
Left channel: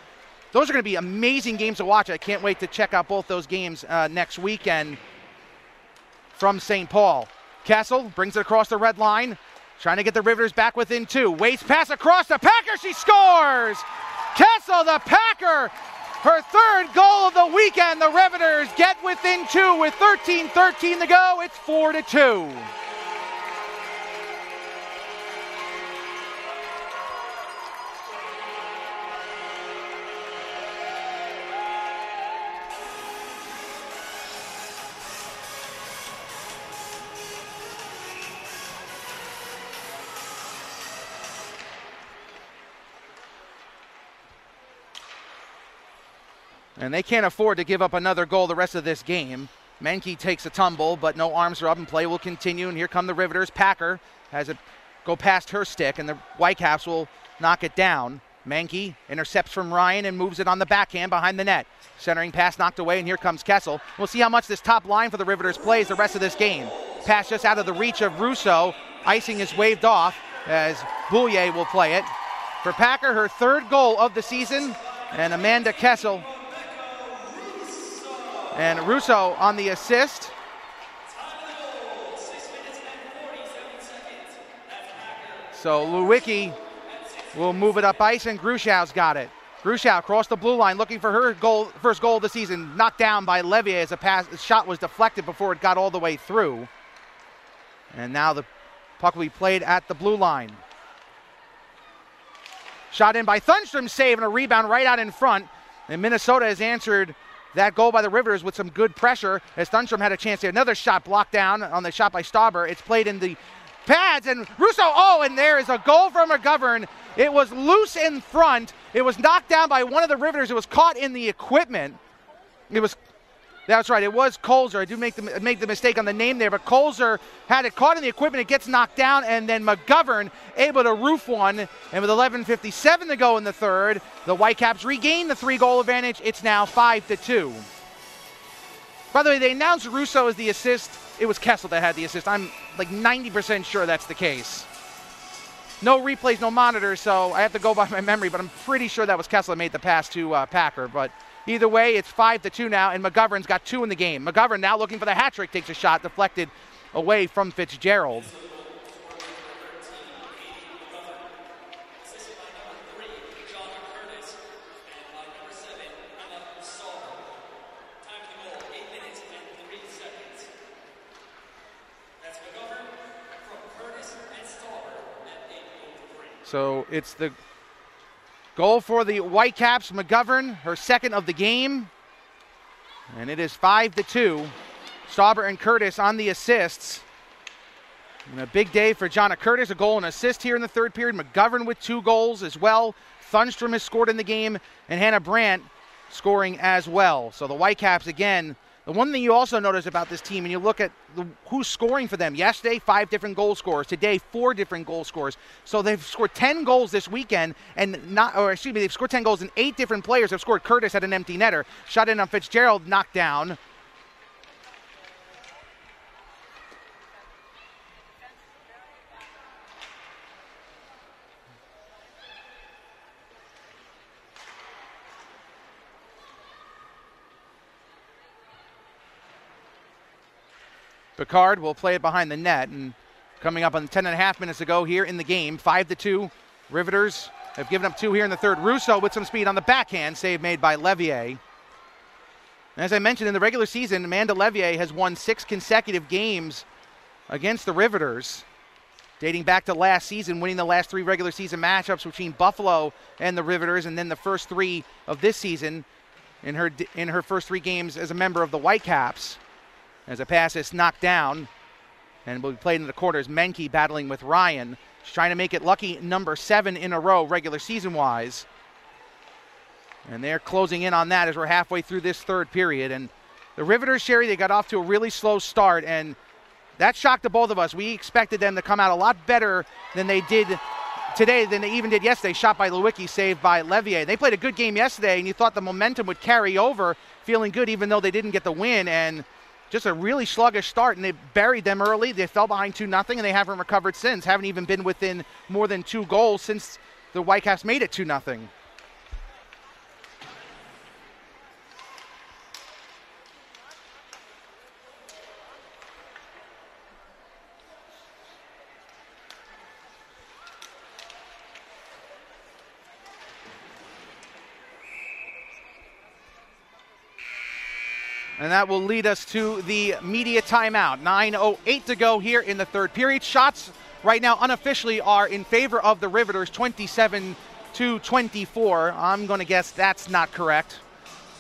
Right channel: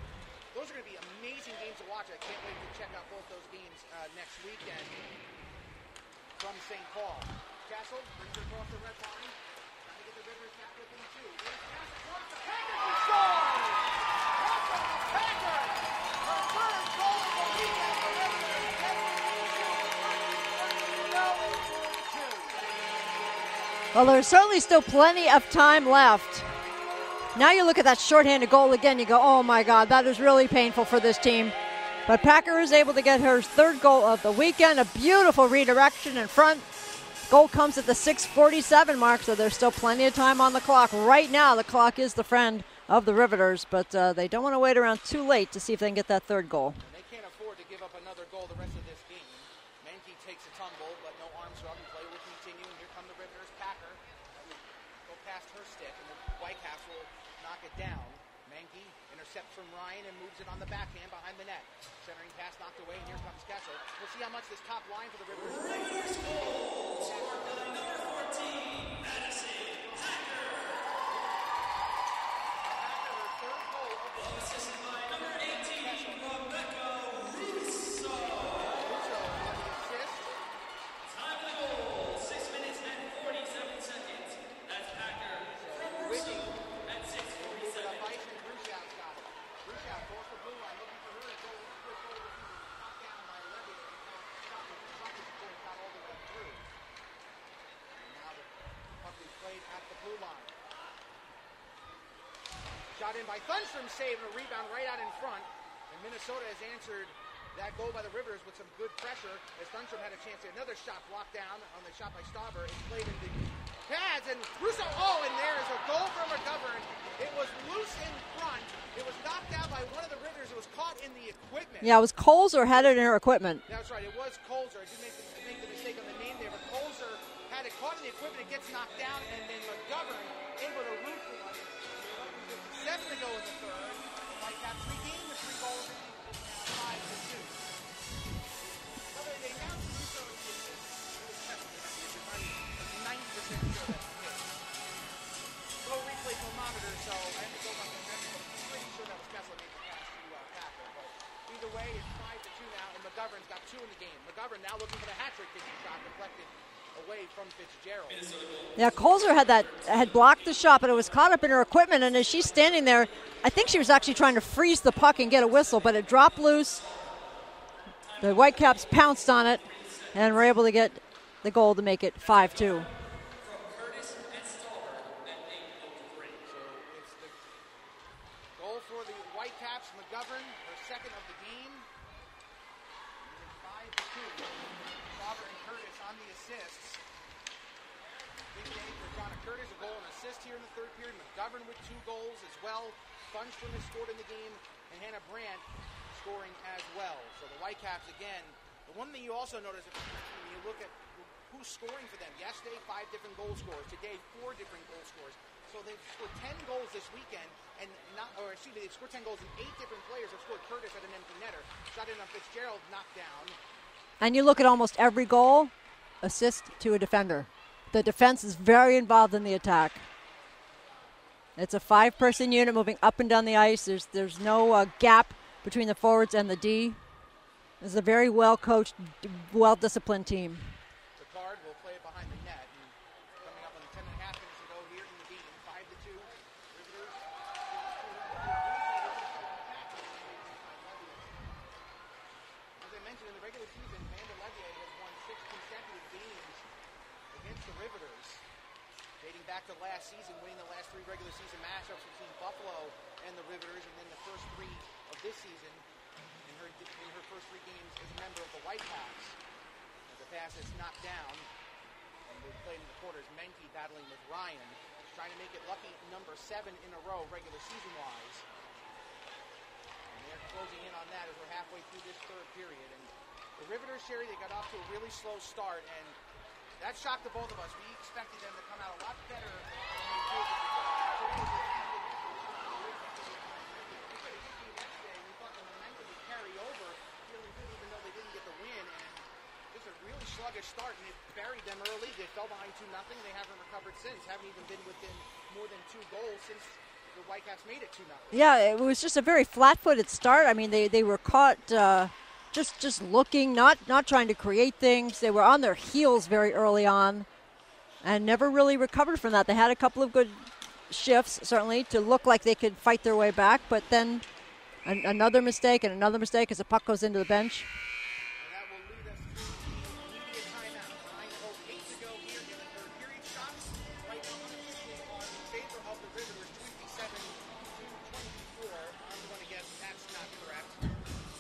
those are going to be amazing games to watch. I can't wait to check out both those games next weekend from St. Paul. Kessel brings it across the red line, trying to get the Riveters back within 2. Waits pass across the Packer. She scores! Kessel, the Packer, her 3rd goal of the weekend. The Riveters get within 2 with 13:13 to go. It's 4-2. Well, there's certainly still plenty of time left. Now you look at that shorthanded goal again, you go, oh my God, that is really painful for this team. But Packer is able to get her 3rd goal of the weekend, a beautiful redirection in front. Goal comes at the 6:47 mark, so there's still plenty of time on the clock. Right now, the clock is the friend of the Riveters, but they don't want to wait around too late to see if they can get that 3rd goal. And they can't afford to give up another goal the rest of this game. Menke takes a tumble, but no arms are up, and play will continue. And here come the Riveters. Packer has it go past her stick, and the Whitecaps will knock it down. Menke intercepts from Ryan and moves it on the backhand behind the net. Centering pass knocked away, and here comes Kessel. We'll see how much this top line for the Riveters plays the rest of this game. Pass just out of the reach of Russo. Icing is waved off as Boulier will play it. For Packer, her 3rd goal of the season, and Amanda Kessel. And Russo on the assist. So Lewicki will move it up ice, and Grushow's got it. Grushow across the blue line looking for her first goal of the season. Knocked down by Levier as a shot was deflected before it got all the way through. And now the puck will be played at the blue line. Shot in by Thunstrom, save, and a rebound right out in front. And Minnesota has answered that goal by the Riveters with some good pressure as Thunstrom had a chance there. Another shot blocked down on the shot by Stauber. It's played in the pads, and Russo, and there is a goal from McGovern. It was loose in front. It was knocked down by one of the Riveters. It was caught in the equipment. Yeah, it was Colzer had it in her equipment. That's right. It was Colzer. I do make the mistake on the name there, but Colzer had it caught in the equipment. It gets knocked down, and then McGovern able to roof one. And with 11:57 to go in the 3rd, the Whitecaps regain the 3-goal advantage. It's now 5-2. By the way, they announced Russo as the assist. It was Kessel that had the assist. I'm like 90% sure that's the case. No replays, no monitors, so I have to go by my memory, but I'm pretty sure that was Kessel that made the pass to Packer. But either way, it's 5-2 now, and McGovern's got 2 in the game. McGovern now looking for the hat trick, takes a shot deflected away from Fitzgerald. Yeah, Colzer had blocked the shot, but it was caught up in her equipment, and as she's standing there, I think she was actually trying to freeze the puck and get a whistle, but it dropped loose. The Whitecaps pounced on it, and were able to get the goal to make it 5-2. So it's the goal for the Whitecaps. McGovern, her 2nd of the game. And it is 5-2. Stauber and Curtis on the assists. And a big day for Jonna Curtis, a goal and assist here in the 3rd period. McGovern with 2 goals as well. Thunstrom has scored in the game, and Hannah Brandt scoring as well. So the Whitecaps, again, the one thing you also notice about this team, and you look at who's scoring for them. Yesterday, 5 different goal scorers. Today, 4 different goal scorers. So they've scored 10 goals this weekend, and they've scored 10 goals, and 8 different players have scored. Curtis had an empty netter. Shot in on Fitzgerald, knocked down. And you look at almost every goal, assist to a defender. The defense is very involved in the attack. It's a 5-person unit moving up and down the ice. There's no gap between the forwards and the D. It's a very well-coached, well-disciplined team. Picard will play it behind the net, and Coming up on 10.5 minutes to go here in the game. 5-2. Riveters have given up 2 here in the third. Russo with some speed on the backhand. Save made by Levier. As I mentioned, in the regular season, Amanda Levier has won 6 consecutive games against the Riveters, dating back to last season, winning the last 3 regular season matchups between Buffalo and the Riveters, and then the first 3 of this season in her first 3 games as a member of the Whitecaps. As a pass is knocked down and will be played in the quarters. Menke battling with Ryan. She's trying to make it lucky number 7 in a row regular season-wise. And they're closing in on that as we're halfway through this third period. And the Riveters, Sherry, they got off to a really slow start, and that shocked the both of us. We expected them to come out a lot better than they did today, than they even did yesterday. Shot by Lewicki, saved by Levier. They played a good game yesterday, and you thought the momentum would carry over, feeling good even though they didn't get the win. And just a really sluggish start, and they buried them early. They fell behind 2-0, and they haven't recovered since. Haven't even been within more than 2 goals since the Whitecaps made it 2-0. Yeah, it was just a very flat-footed start. I mean, they were caught just looking, not trying to create things. They were on their heels very early on and never really recovered from that. They had a couple of good shifts, certainly, to look like they could fight their way back, but then another mistake and another mistake as the puck goes into the bench. And that will lead us to the media timeout. 9:08 to go here in the third period. Shots right now unofficially are in favor of the Riveters, 27-24. I'm going to guess that's not correct.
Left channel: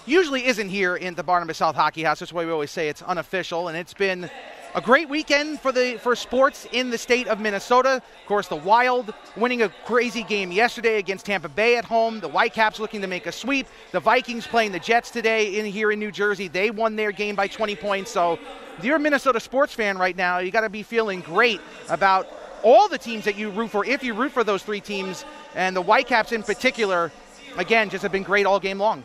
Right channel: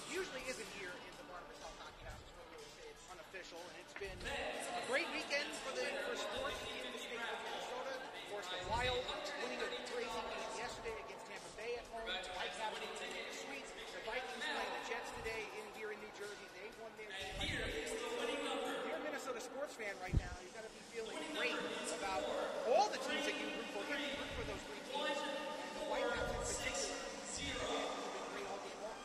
Usually isn't here in the Barnabas South Hockey House. That's why we always say it's unofficial. And it's been a great weekend for sports in the state of Minnesota. Of course, the Wild winning a crazy game yesterday against Tampa Bay at home. The Whitecaps looking to make a sweep. The Vikings playing the Jets today here in New Jersey. They won their game by 20 points. So if you're a Minnesota sports fan right now, you got to be feeling great about all the teams that you root for, if you root for those 3 teams. And the Whitecaps in particular, again, just have been great all game long.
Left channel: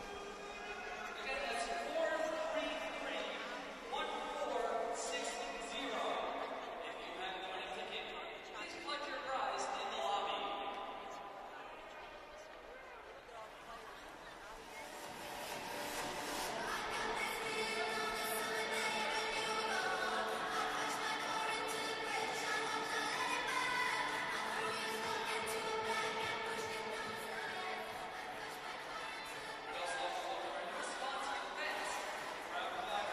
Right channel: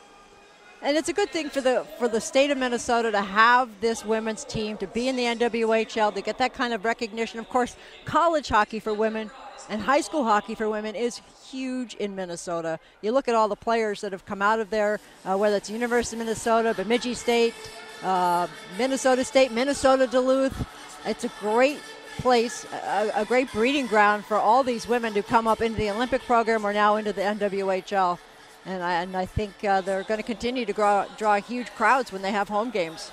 And it's a good thing for the state of Minnesota to have this women's team, to be in the NWHL, to get that kind of recognition. Of course, college hockey for women and high school hockey for women is huge in Minnesota. You look at all the players that have come out of there, whether it's University of Minnesota, Bemidji State, Minnesota State, Minnesota Duluth. It's a great place, a great breeding ground for all these women to come up into the Olympic program or now into the NWHL. And I think they're going to continue to draw huge crowds when they have home games.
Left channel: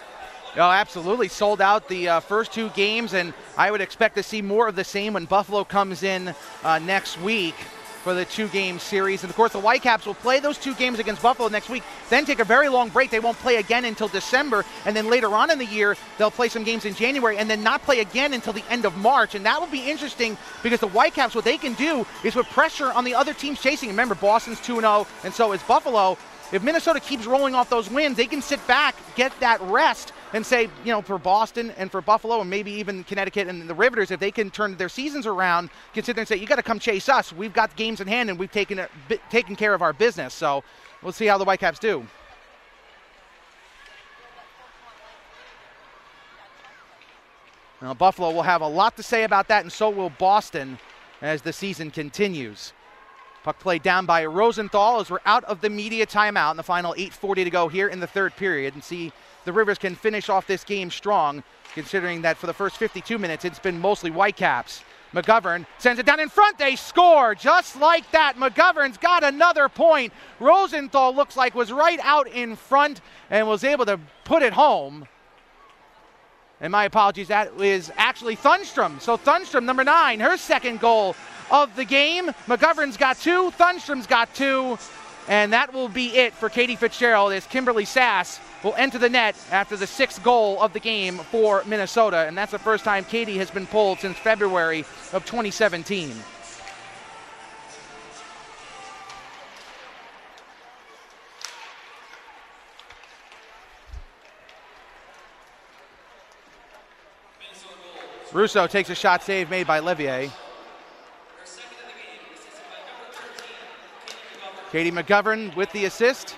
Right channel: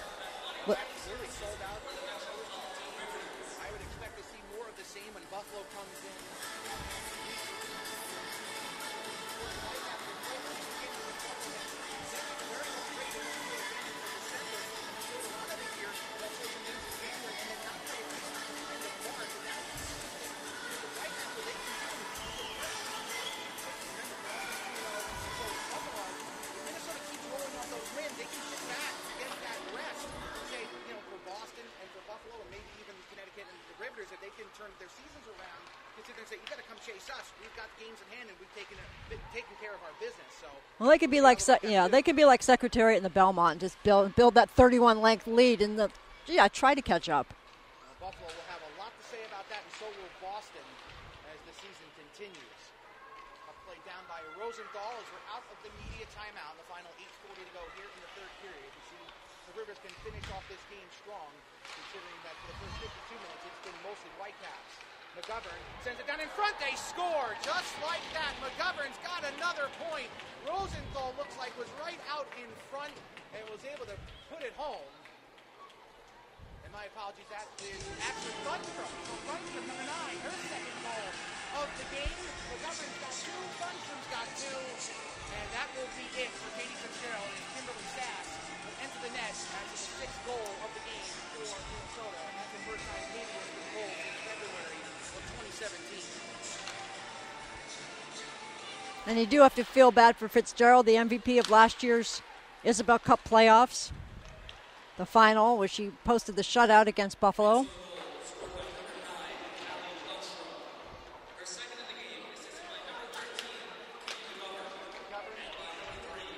Oh, absolutely. Sold out the first 2 games, and I would expect to see more of the same when Buffalo comes in next week for the 2-game series. And, of course, the Whitecaps will play those 2 games against Buffalo next week, then take a very long break. They won't play again until December, and then later on in the year, they'll play some games in January and then not play again until the end of March. And that will be interesting because the Whitecaps, what they can do is put pressure on the other teams chasing. Remember, Boston's 2-0, and so is Buffalo. If Minnesota keeps rolling off those wins, they can sit back, get that rest, and say, you know, for Boston and for Buffalo and maybe even Connecticut and the Riveters, if they can turn their seasons around, can sit there and say, you got to come chase us. We've got games in hand and we've taken care of our business. So we'll see how the Whitecaps do. They could be like Secretariat in the Belmont, just build that 31-length lead and try to catch up. Now, Buffalo will have a lot to say about that, and so will Boston as the season continues. Puck play down by Rosenthal as we're out of the media timeout in the final 8:40 to go here in the third period, and see the Rivers can finish off this game strong, considering that for the first 52 minutes it's been mostly Whitecaps. McGovern sends it down in front. They score just like that. McGovern's got another point. Rosenthal looks like was right out in front and was able to put it home. And my apologies, that is actually Thunstrom. So Thunstrom, number 9, her second goal of the game. McGovern's got 2, Thunstrom's got 2, and that will be it for Katie Fitzgerald as Kimberly Sass will enter the net after the 6th goal of the game for Minnesota, and that's the first time Katie has been pulled since February of 2017. And you do have to feel bad for Fitzgerald, the MVP of last year's Isabel Cup playoffs, the final, where she posted the shutout against Buffalo. Russo takes a shot save made by Levier. Katie McGovern with the assist.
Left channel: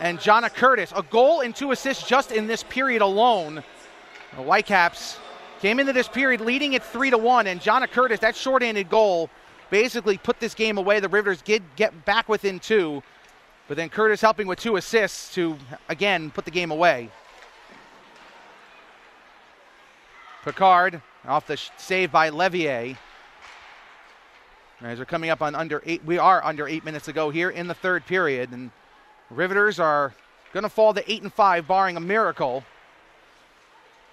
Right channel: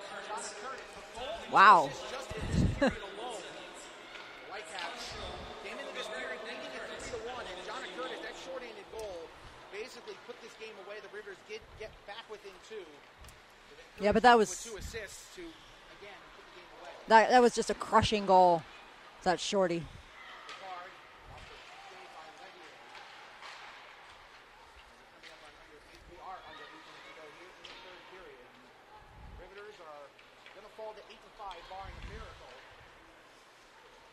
And Jonna Curtis, a goal and 2 assists just in this period alone. The Whitecaps came into this period leading it 3-1, and Jonna Curtis, that shorthanded goal, basically put this game away. The Rivers did get back within 2, but then Curtis helping with 2 assists to, again, put the game away. That was just a crushing goal, that shorty. Picard off the save by Levier. As we're coming up on we are under 8 minutes to go here in the third period, and Riveters are going to fall to 8-5, barring a miracle.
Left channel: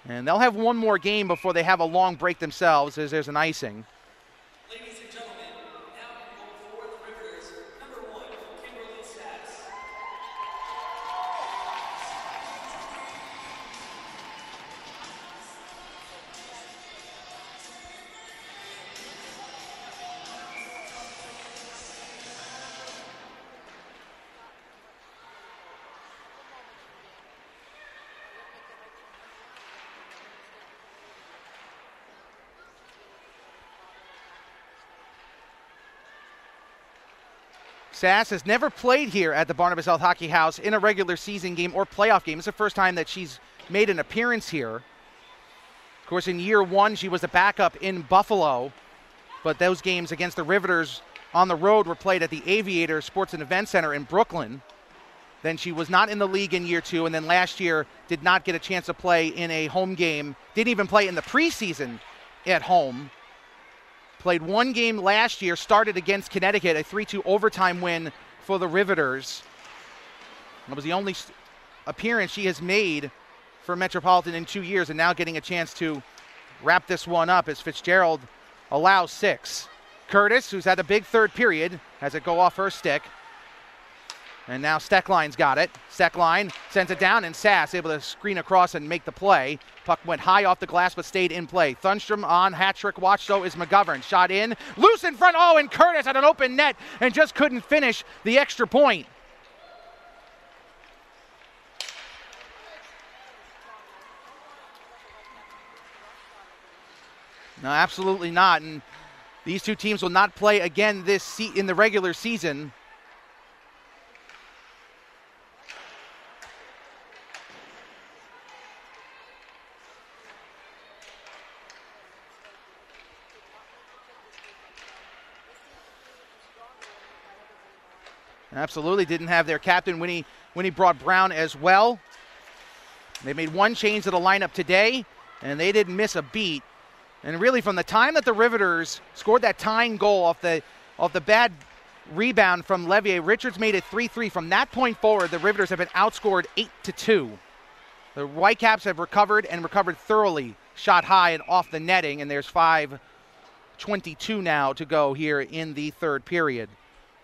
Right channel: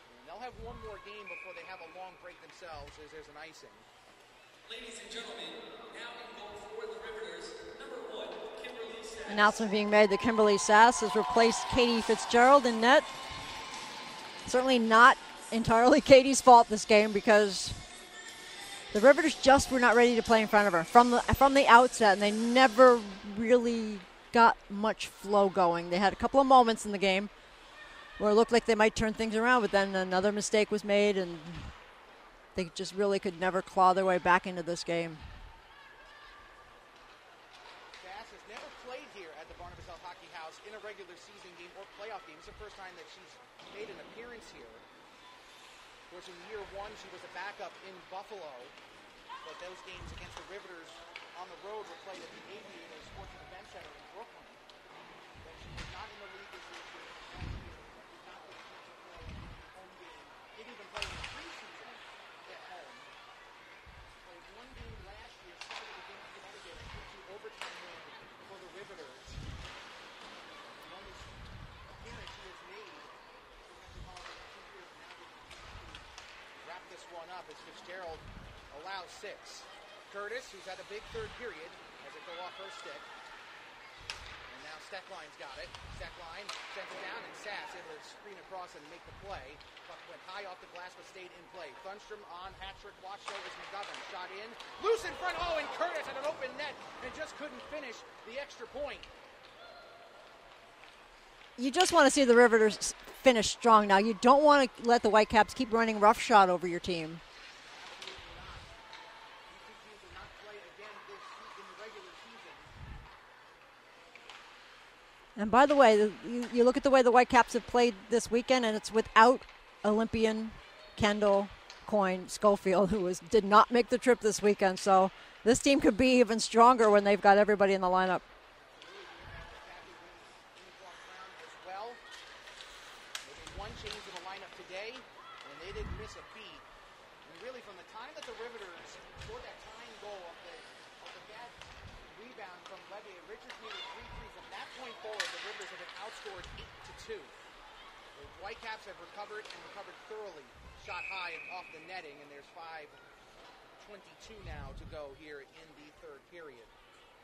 And they'll have one more game before they have a long break themselves, as there's an icing. Ladies and gentlemen, now in goal for the Riveters, number 1, Kimberly Sass. Announcement being made that Kimberly Sass has replaced Katie Fitzgerald in net. Certainly not entirely Katie's fault this game, because the Riveters just were not ready to play in front of her from the outset, and they never really got much flow going. They had a couple of moments in the game where it looked like they might turn things around, but then another mistake was made, and they just really could never claw their way back into this game. Sass has never played here at the Barnabas Health Hockey House in a regular season game or playoff game. It's the first time that she's made an appearance here. Of course, in year one, she was a backup in Buffalo, but those games against the Riveters on the road were played at the Aviator Sports and Event Center in Brooklyn. Then she was not in the league in year two, and then last year did not get a chance to play in a home game. Didn't even play in the preseason at home. Played one game last year, started against Connecticut, a 3-2 overtime win for the Riveters. It was the only appearance she has made for Metropolitan in 2 years, and now getting a chance to wrap this one up as Fitzgerald allows 6. Curtis, who's had a big third period, has it go off her stick. And now Steckline's got it. Steckline sends it down, and Sass able to screen across and make the play. Puck went high off the glass but stayed in play. Thunstrom on hat-trick watch, so is McGovern. Shot in, loose in front, and Curtis had an open net and just couldn't finish the extra point. You just want to see the Riveters finish strong now. You don't want to let the Whitecaps keep running roughshod over your team. No, absolutely not. And these two teams will not play again in the regular season. And by the way, you look at the way the Whitecaps have played this weekend, and it's without Olympian Kendall Coyne Schofield, who did not make the trip this weekend. So this team could be even stronger when they've got everybody in the lineup. Absolutely. Didn't have their captain when he brought Brown as well. They made one change to the lineup today, and they didn't miss a beat. And really, from the time that the Riveters scored that tying goal off the bad rebound from Levier, Richards made it 3-3. From that point forward, the Riveters have been outscored 8-2. The Whitecaps have recovered thoroughly, shot high and off the netting, and there's 5:22 now to go here in the third period.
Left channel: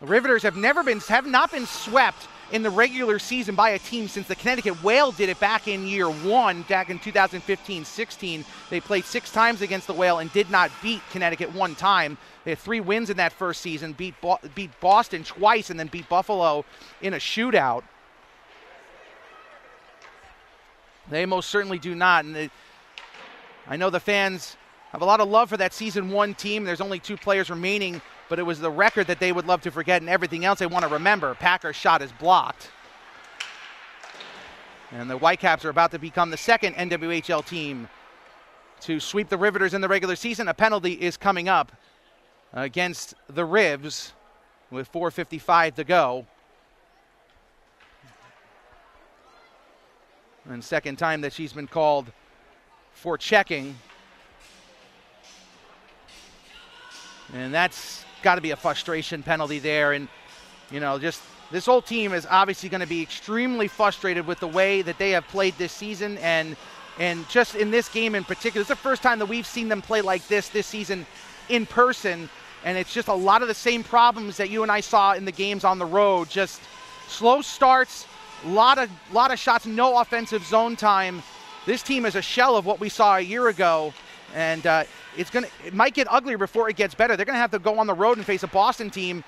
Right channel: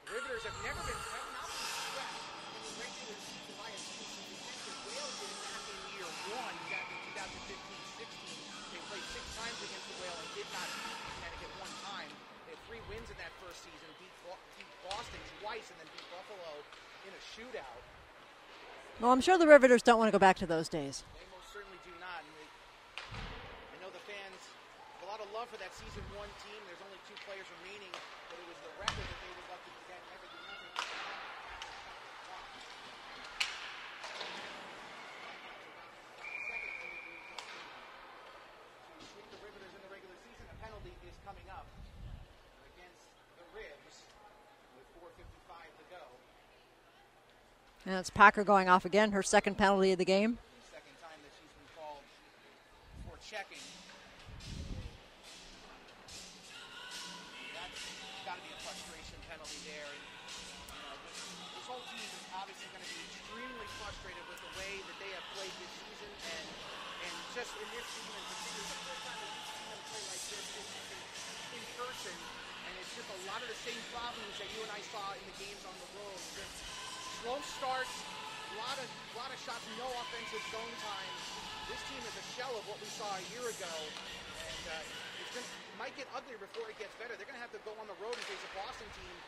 The Riveters have not been swept in the regular season by a team since the Connecticut Whale did it back in year one, back in 2015-16. They played 6 times against the Whale and did not beat Connecticut one time. They had 3 wins in that first season, beat Boston twice, and then beat Buffalo in a shootout. Well, I'm sure the Riveters don't want to go back to those days. They most certainly do not. And I know the fans have a lot of love for that season 1 team. There's only 2 players remaining, but it was the record that they would love to forget, and everything else they want to remember. Packer's shot is blocked. And the Whitecaps are about to become the second NWHL team to sweep the Riveters in the regular season. A penalty is coming up against the Rivs with 4:55 to go. And it's Packer going off again, her second penalty of the game. And second time that she's been called for checking. And that's got to be a frustration penalty there. And, just this whole team is obviously going to be extremely frustrated with the way that they have played this season. And just in this game in particular, it's the first time that we've seen them play like this season in person. And it's just a lot of the same problems that you and I saw in the games on the road. Just slow starts, a lot of shots, no offensive zone time. This team is a shell of what we saw a year ago. And it might get uglier before it gets better. They're going to have to go on the road and face a Boston team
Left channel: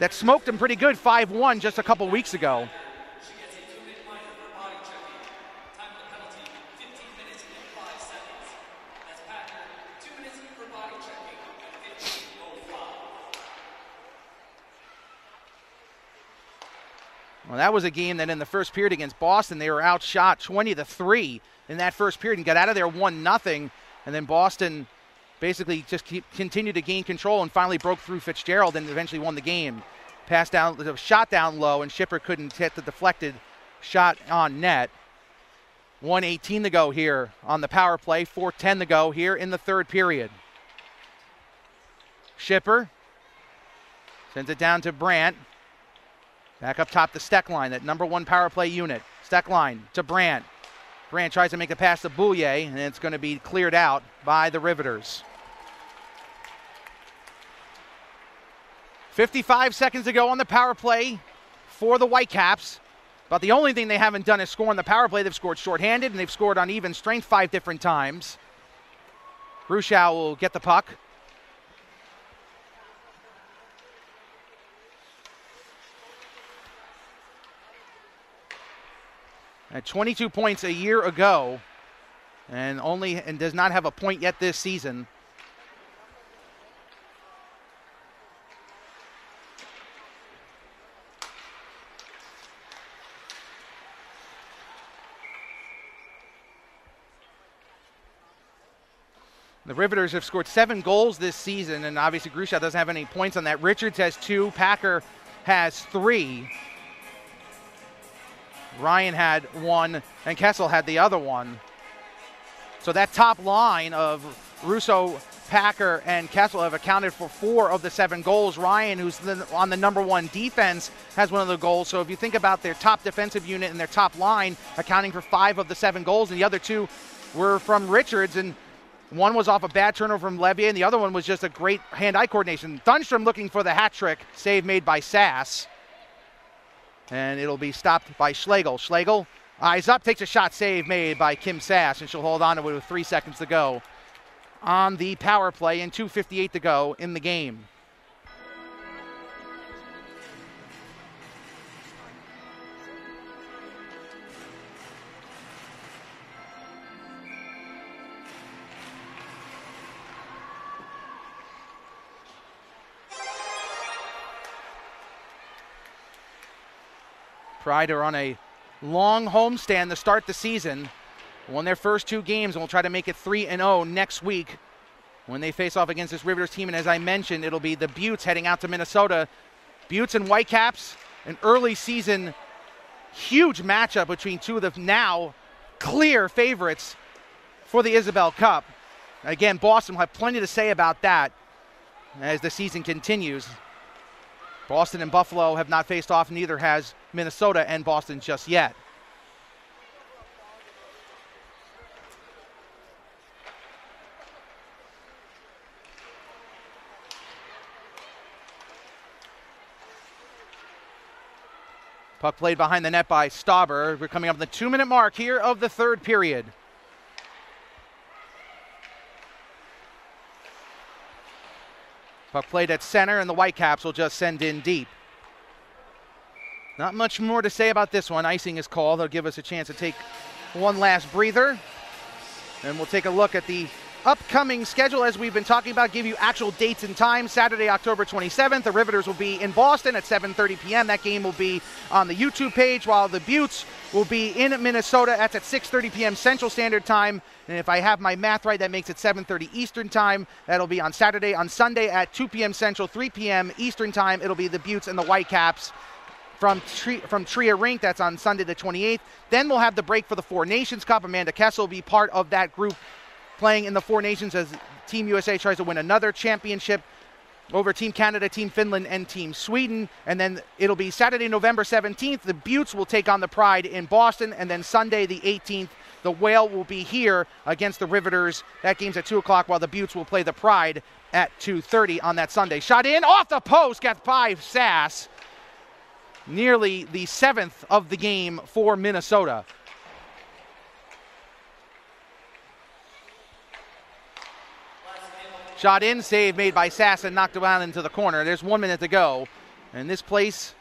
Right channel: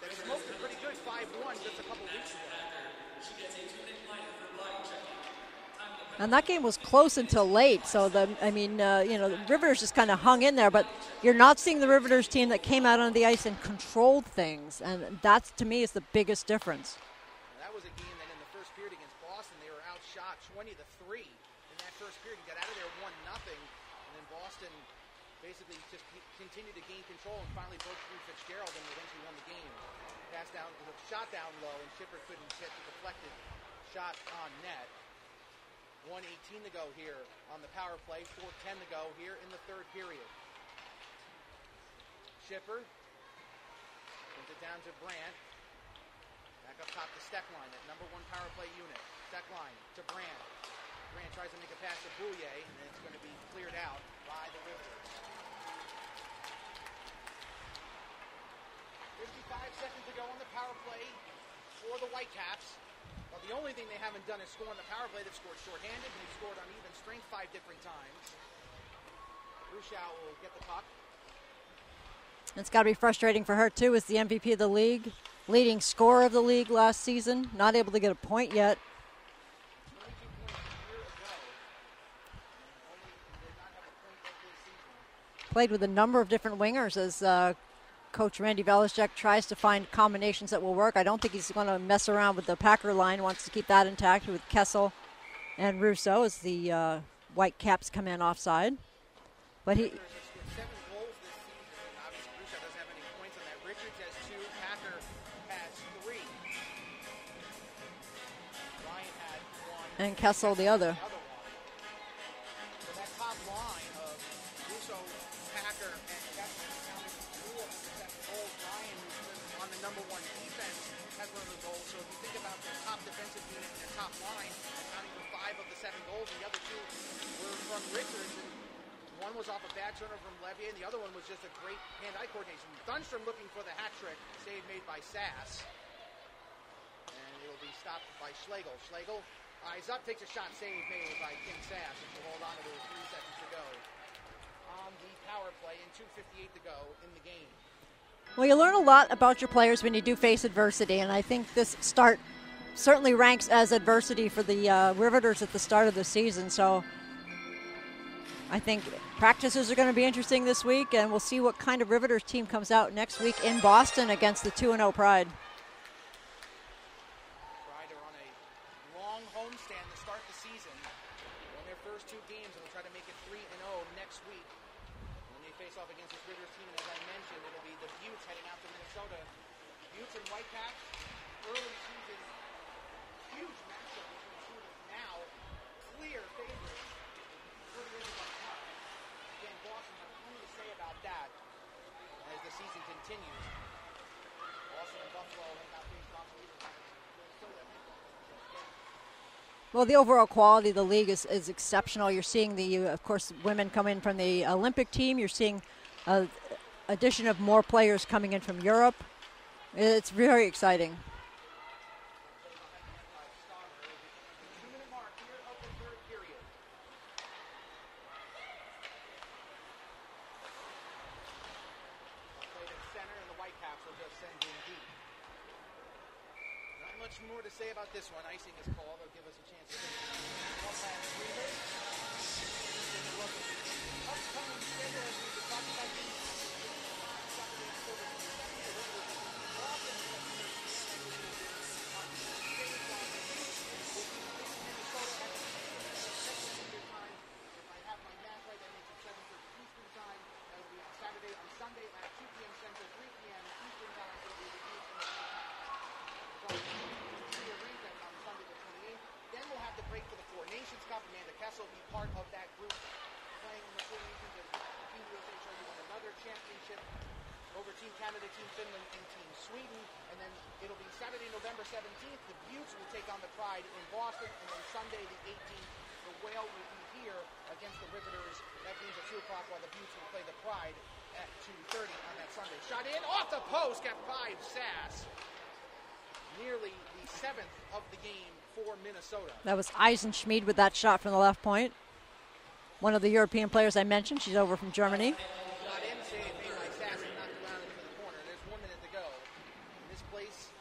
that smoked them pretty good 5-1 just a couple weeks ago. And that game was close until late, so the Riveters just kind of hung in there, but you're not seeing the Riveters team that came out on the ice and controlled things, and that, to me, is the biggest difference. Well, that was a game that in the first period against Boston, they were outshot 20-3 in that first period and got out of there 1-0, and then Boston basically just continued to gain control and finally broke through Fitzgerald and eventually won the game. Passed down, shot down low, and Schipper couldn't hit the deflected shot on net. 1:18 to go here on the power play. 4:10 to go here in the third period. Schipper sends it down to Brandt. Back up top to Steckline, that number 1 power play unit. Steckline to Brandt. Brandt tries to make a pass to Boulier, and it's going to be cleared out by the Riveters. 55 seconds to go on the power play for the Whitecaps. But the only thing they haven't done is score on the power play. They've scored shorthanded, and they've scored on even strength 5 different times. Grushau will get the puck. It's got to be frustrating for her, too, as the MVP of the league, leading scorer of the league last season, not able to get a point yet. At 22 points a year ago, and does not have a point yet this season. Played with a number of different wingers as Coach Randy Velaszczak tries to find combinations that will work. I don't think he's going to mess around with the Packer line, wants to keep that intact with Kessel and Russo as the Whitecaps come in offside. The Riveters have scored 7 goals this season, and obviously Grushau doesn't have any points on that. Richards has 2, Packer has 3. Ryan had 1, and Kessel had the other one. So that top line of Russo, Packer, and Kessel have accounted for 4 of the 7 goals. Ryan, who's on the number 1 defense, has 1 of the goals. So if you think about their top defensive unit and their top line accounting for 5 of the 7 goals, and the other 2 were from Richards, and 1 was off a bad turnover from Levier, and the other one was just a great hand-eye coordination. Thunstrom looking for the hat trick, save made by Sass. And it'll be stopped by Schlegel. Schlegel, eyes up, takes a shot, save made by Kim Sass, and she'll hold on to it with 3 seconds to go on the power play and 2:58 to go in the game. Well, you learn a lot about your players when you do face adversity, and I think this start certainly ranks as adversity for the Riveters at the start of the season. So I think practices are going to be interesting this week, and we'll see what kind of Riveters team comes out next week in Boston against the 2-0 Pride. Pride are on a long homestand to start the season. Won their first 2 games, and will try to make it 3-0 next week when they face off against this Riveters team. And as I mentioned, it'll be the Buttes heading out to Minnesota. Buttes and Whitecaps, an early season huge matchup between 2 of the now clear favorites for the Isabel Cup. Again, Boston will have plenty to say about that as the season continues. Boston and Buffalo have not faced off, neither has Minnesota and Boston just yet. Well, the overall quality of the league is exceptional. You're seeing of course, women come in from the Olympic team. You're seeing addition of more players coming in from Europe. It's very exciting. Puck played behind the net by Stauber. We're coming up on the 2-minute mark here of the third period. Puck played at center, and the Whitecaps will just send in deep. Not much more to say about this one. Icing is called. They'll give us a chance to take one last breather. And we'll take a look at the upcoming schedule as we've been talking about, give you actual dates and times. Saturday, October 27th, the Riveters will be in Boston at 7:30 p.m. That game will be on the YouTube page, while the Buttes will be in Minnesota. That's at 6:30 p.m. Central Standard Time. And if I have my math right, that makes it 7:30 Eastern Time. That'll be on Saturday. On Sunday at 2 p.m. Central, 3 p.m. Eastern Time, it'll be the Buttes and the Whitecaps from Tria Rink. That's on Sunday the 28th. Then we'll have the break for the Four Nations Cup. Amanda Kessel will be part of that group playing in the Four Nations as Team USA tries to win another championship over Team Canada, Team Finland, and Team Sweden. And then it'll be Saturday, November 17th. The Buttes will take on the Pride in Boston. And then Sunday the 18th, the Whale will be here against the Riveters. That game's at 2 o'clock, while the Buttes will play the Pride at 2:30 on that Sunday. Shot in, off the post, got by Sass. Nearly the 7th of the game for Minnesota. That was Eisenschmied with that shot from the left point. One of the European players I mentioned. She's over from Germany. Shot in, save made by Sass, and knocked it out into the corner. There's 1 minute to go, and this place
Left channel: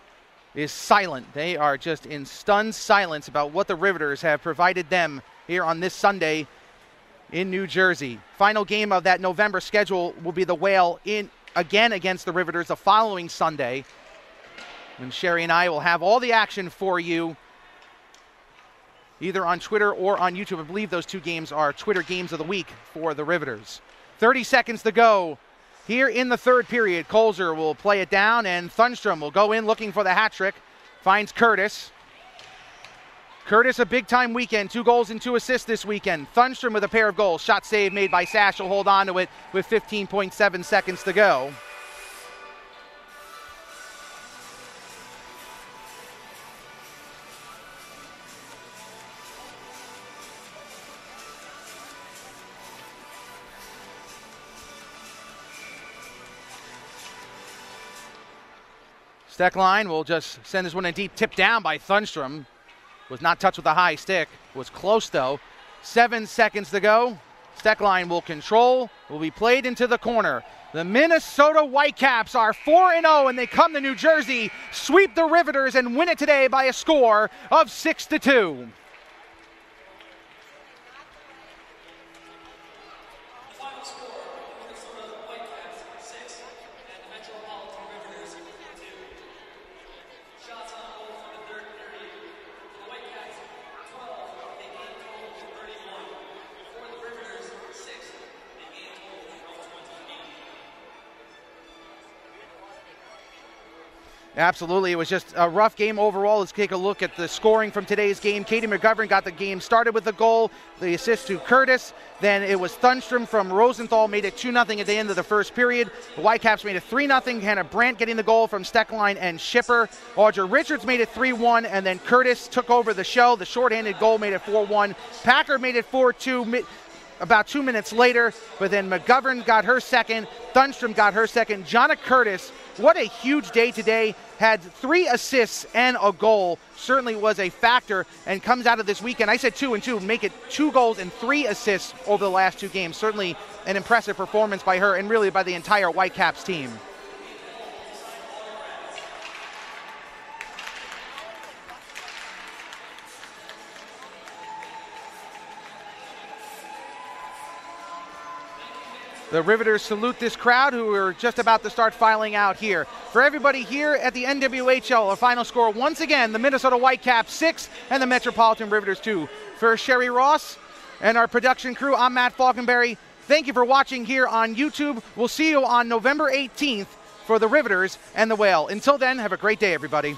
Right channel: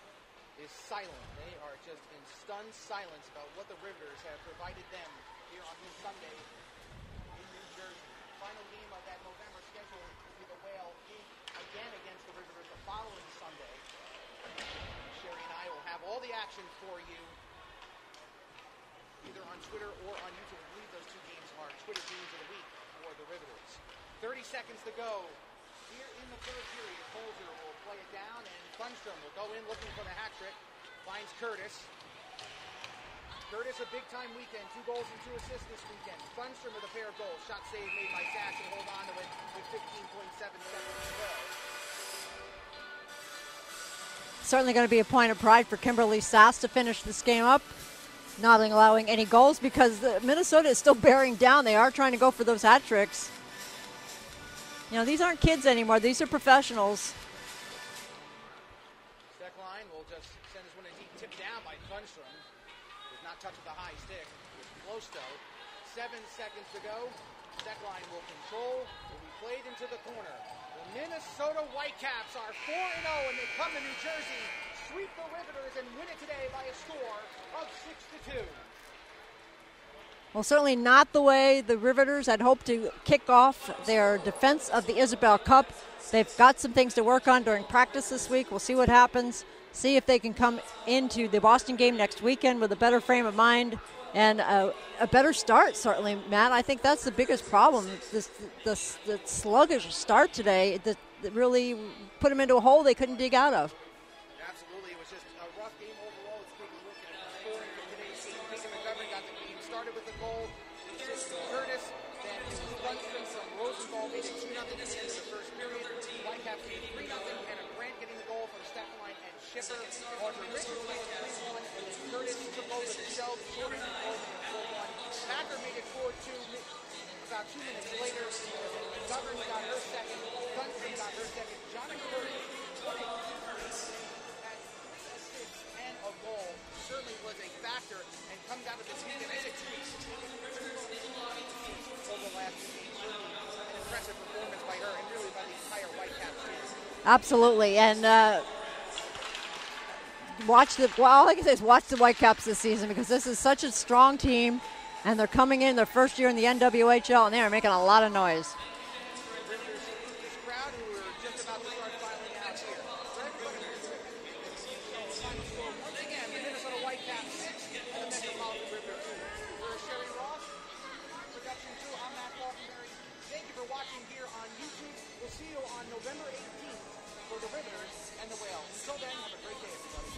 is silent. They are just in stunned silence about what the Riveters have provided them here on this Sunday in New Jersey. Final game of that November schedule will be the Whale in again against the Riveters the following Sunday. And Sherry and I will have all the action for you either on Twitter or on YouTube. I believe those 2 games are Twitter games of the week for the Riveters. 30 seconds to go here in the third period. Kolzer will play it down, and Thunstrom will go in looking for the hat trick. Finds Curtis. Curtis, a big-time weekend. 2 goals and 2 assists this weekend. Thunstrom with a pair of goals. Shot save made by Sash. Will hold on to it with 15.7 seconds to go. Certainly going to be a point of pride for Kimberly Sass to finish this game up, not allowing any goals because Minnesota is still bearing down. They are trying to go for those hat tricks. You know, these aren't kids anymore. These are professionals. Steckline will just send this one in deep. Tipped down by Thunstrom. Was not touched with a high stick. Was close though. 7 seconds to go. Steckline will control. Will be played into the corner. The Minnesota Whitecaps are 4-0 and they come to New Jersey, sweep the Riveters and win it today by a score of 6-2. Well, certainly not the way the Riveters had hoped to kick off their defense of the Isabel Cup. They've got some things to work on during practice this week. We'll see what happens. See if they can come into the Boston game next weekend with a better frame of mind and a better start, certainly, Matt. I think that's the biggest problem. The sluggish start today that really put them into a hole they couldn't dig out of. Absolutely. It was just a rough game overall. Let's take a look at the scoring from today's game. Katie McGovern got the game started with a goal. The assist to Curtis. Then it was Thunstrom from Rosenthal made it 2-0 at the end of the first period. The Whitecaps made it 3-0. Hannah Brandt getting the goal from Steckline and Schipper. Audra Richards made it 3-1, and then Curtis took over the show. The shorthanded goal made it 4-1. Packer made it 4-2 about 2 minutes later, but then McGovern got her second. Thunstrom got her second. Jonna Curtis, what a huge day today. Had 3 assists and a goal. Certainly was a factor and comes out of this weekend. I said 2 and 2, make it 2 goals and 3 assists over the last 2 games. Certainly an impressive performance by her and really by the entire Whitecaps team. Absolutely, and all I can say is watch the Whitecaps this season because this is such a strong team and they're coming in their first year in the NWHL and they are making a lot of noise. The Riveters salute this crowd who are just about to start filing out here. For everybody here at the NWHL, a final score once again, the Minnesota Whitecaps 6 and the Metropolitan Riveters 2. For Sherry Ross and our production crew, I'm Matt Falkenberry. Thank you for watching here on YouTube. We'll see you on November 18th for the Riveters and the Whale. Until then, have a great day, everybody.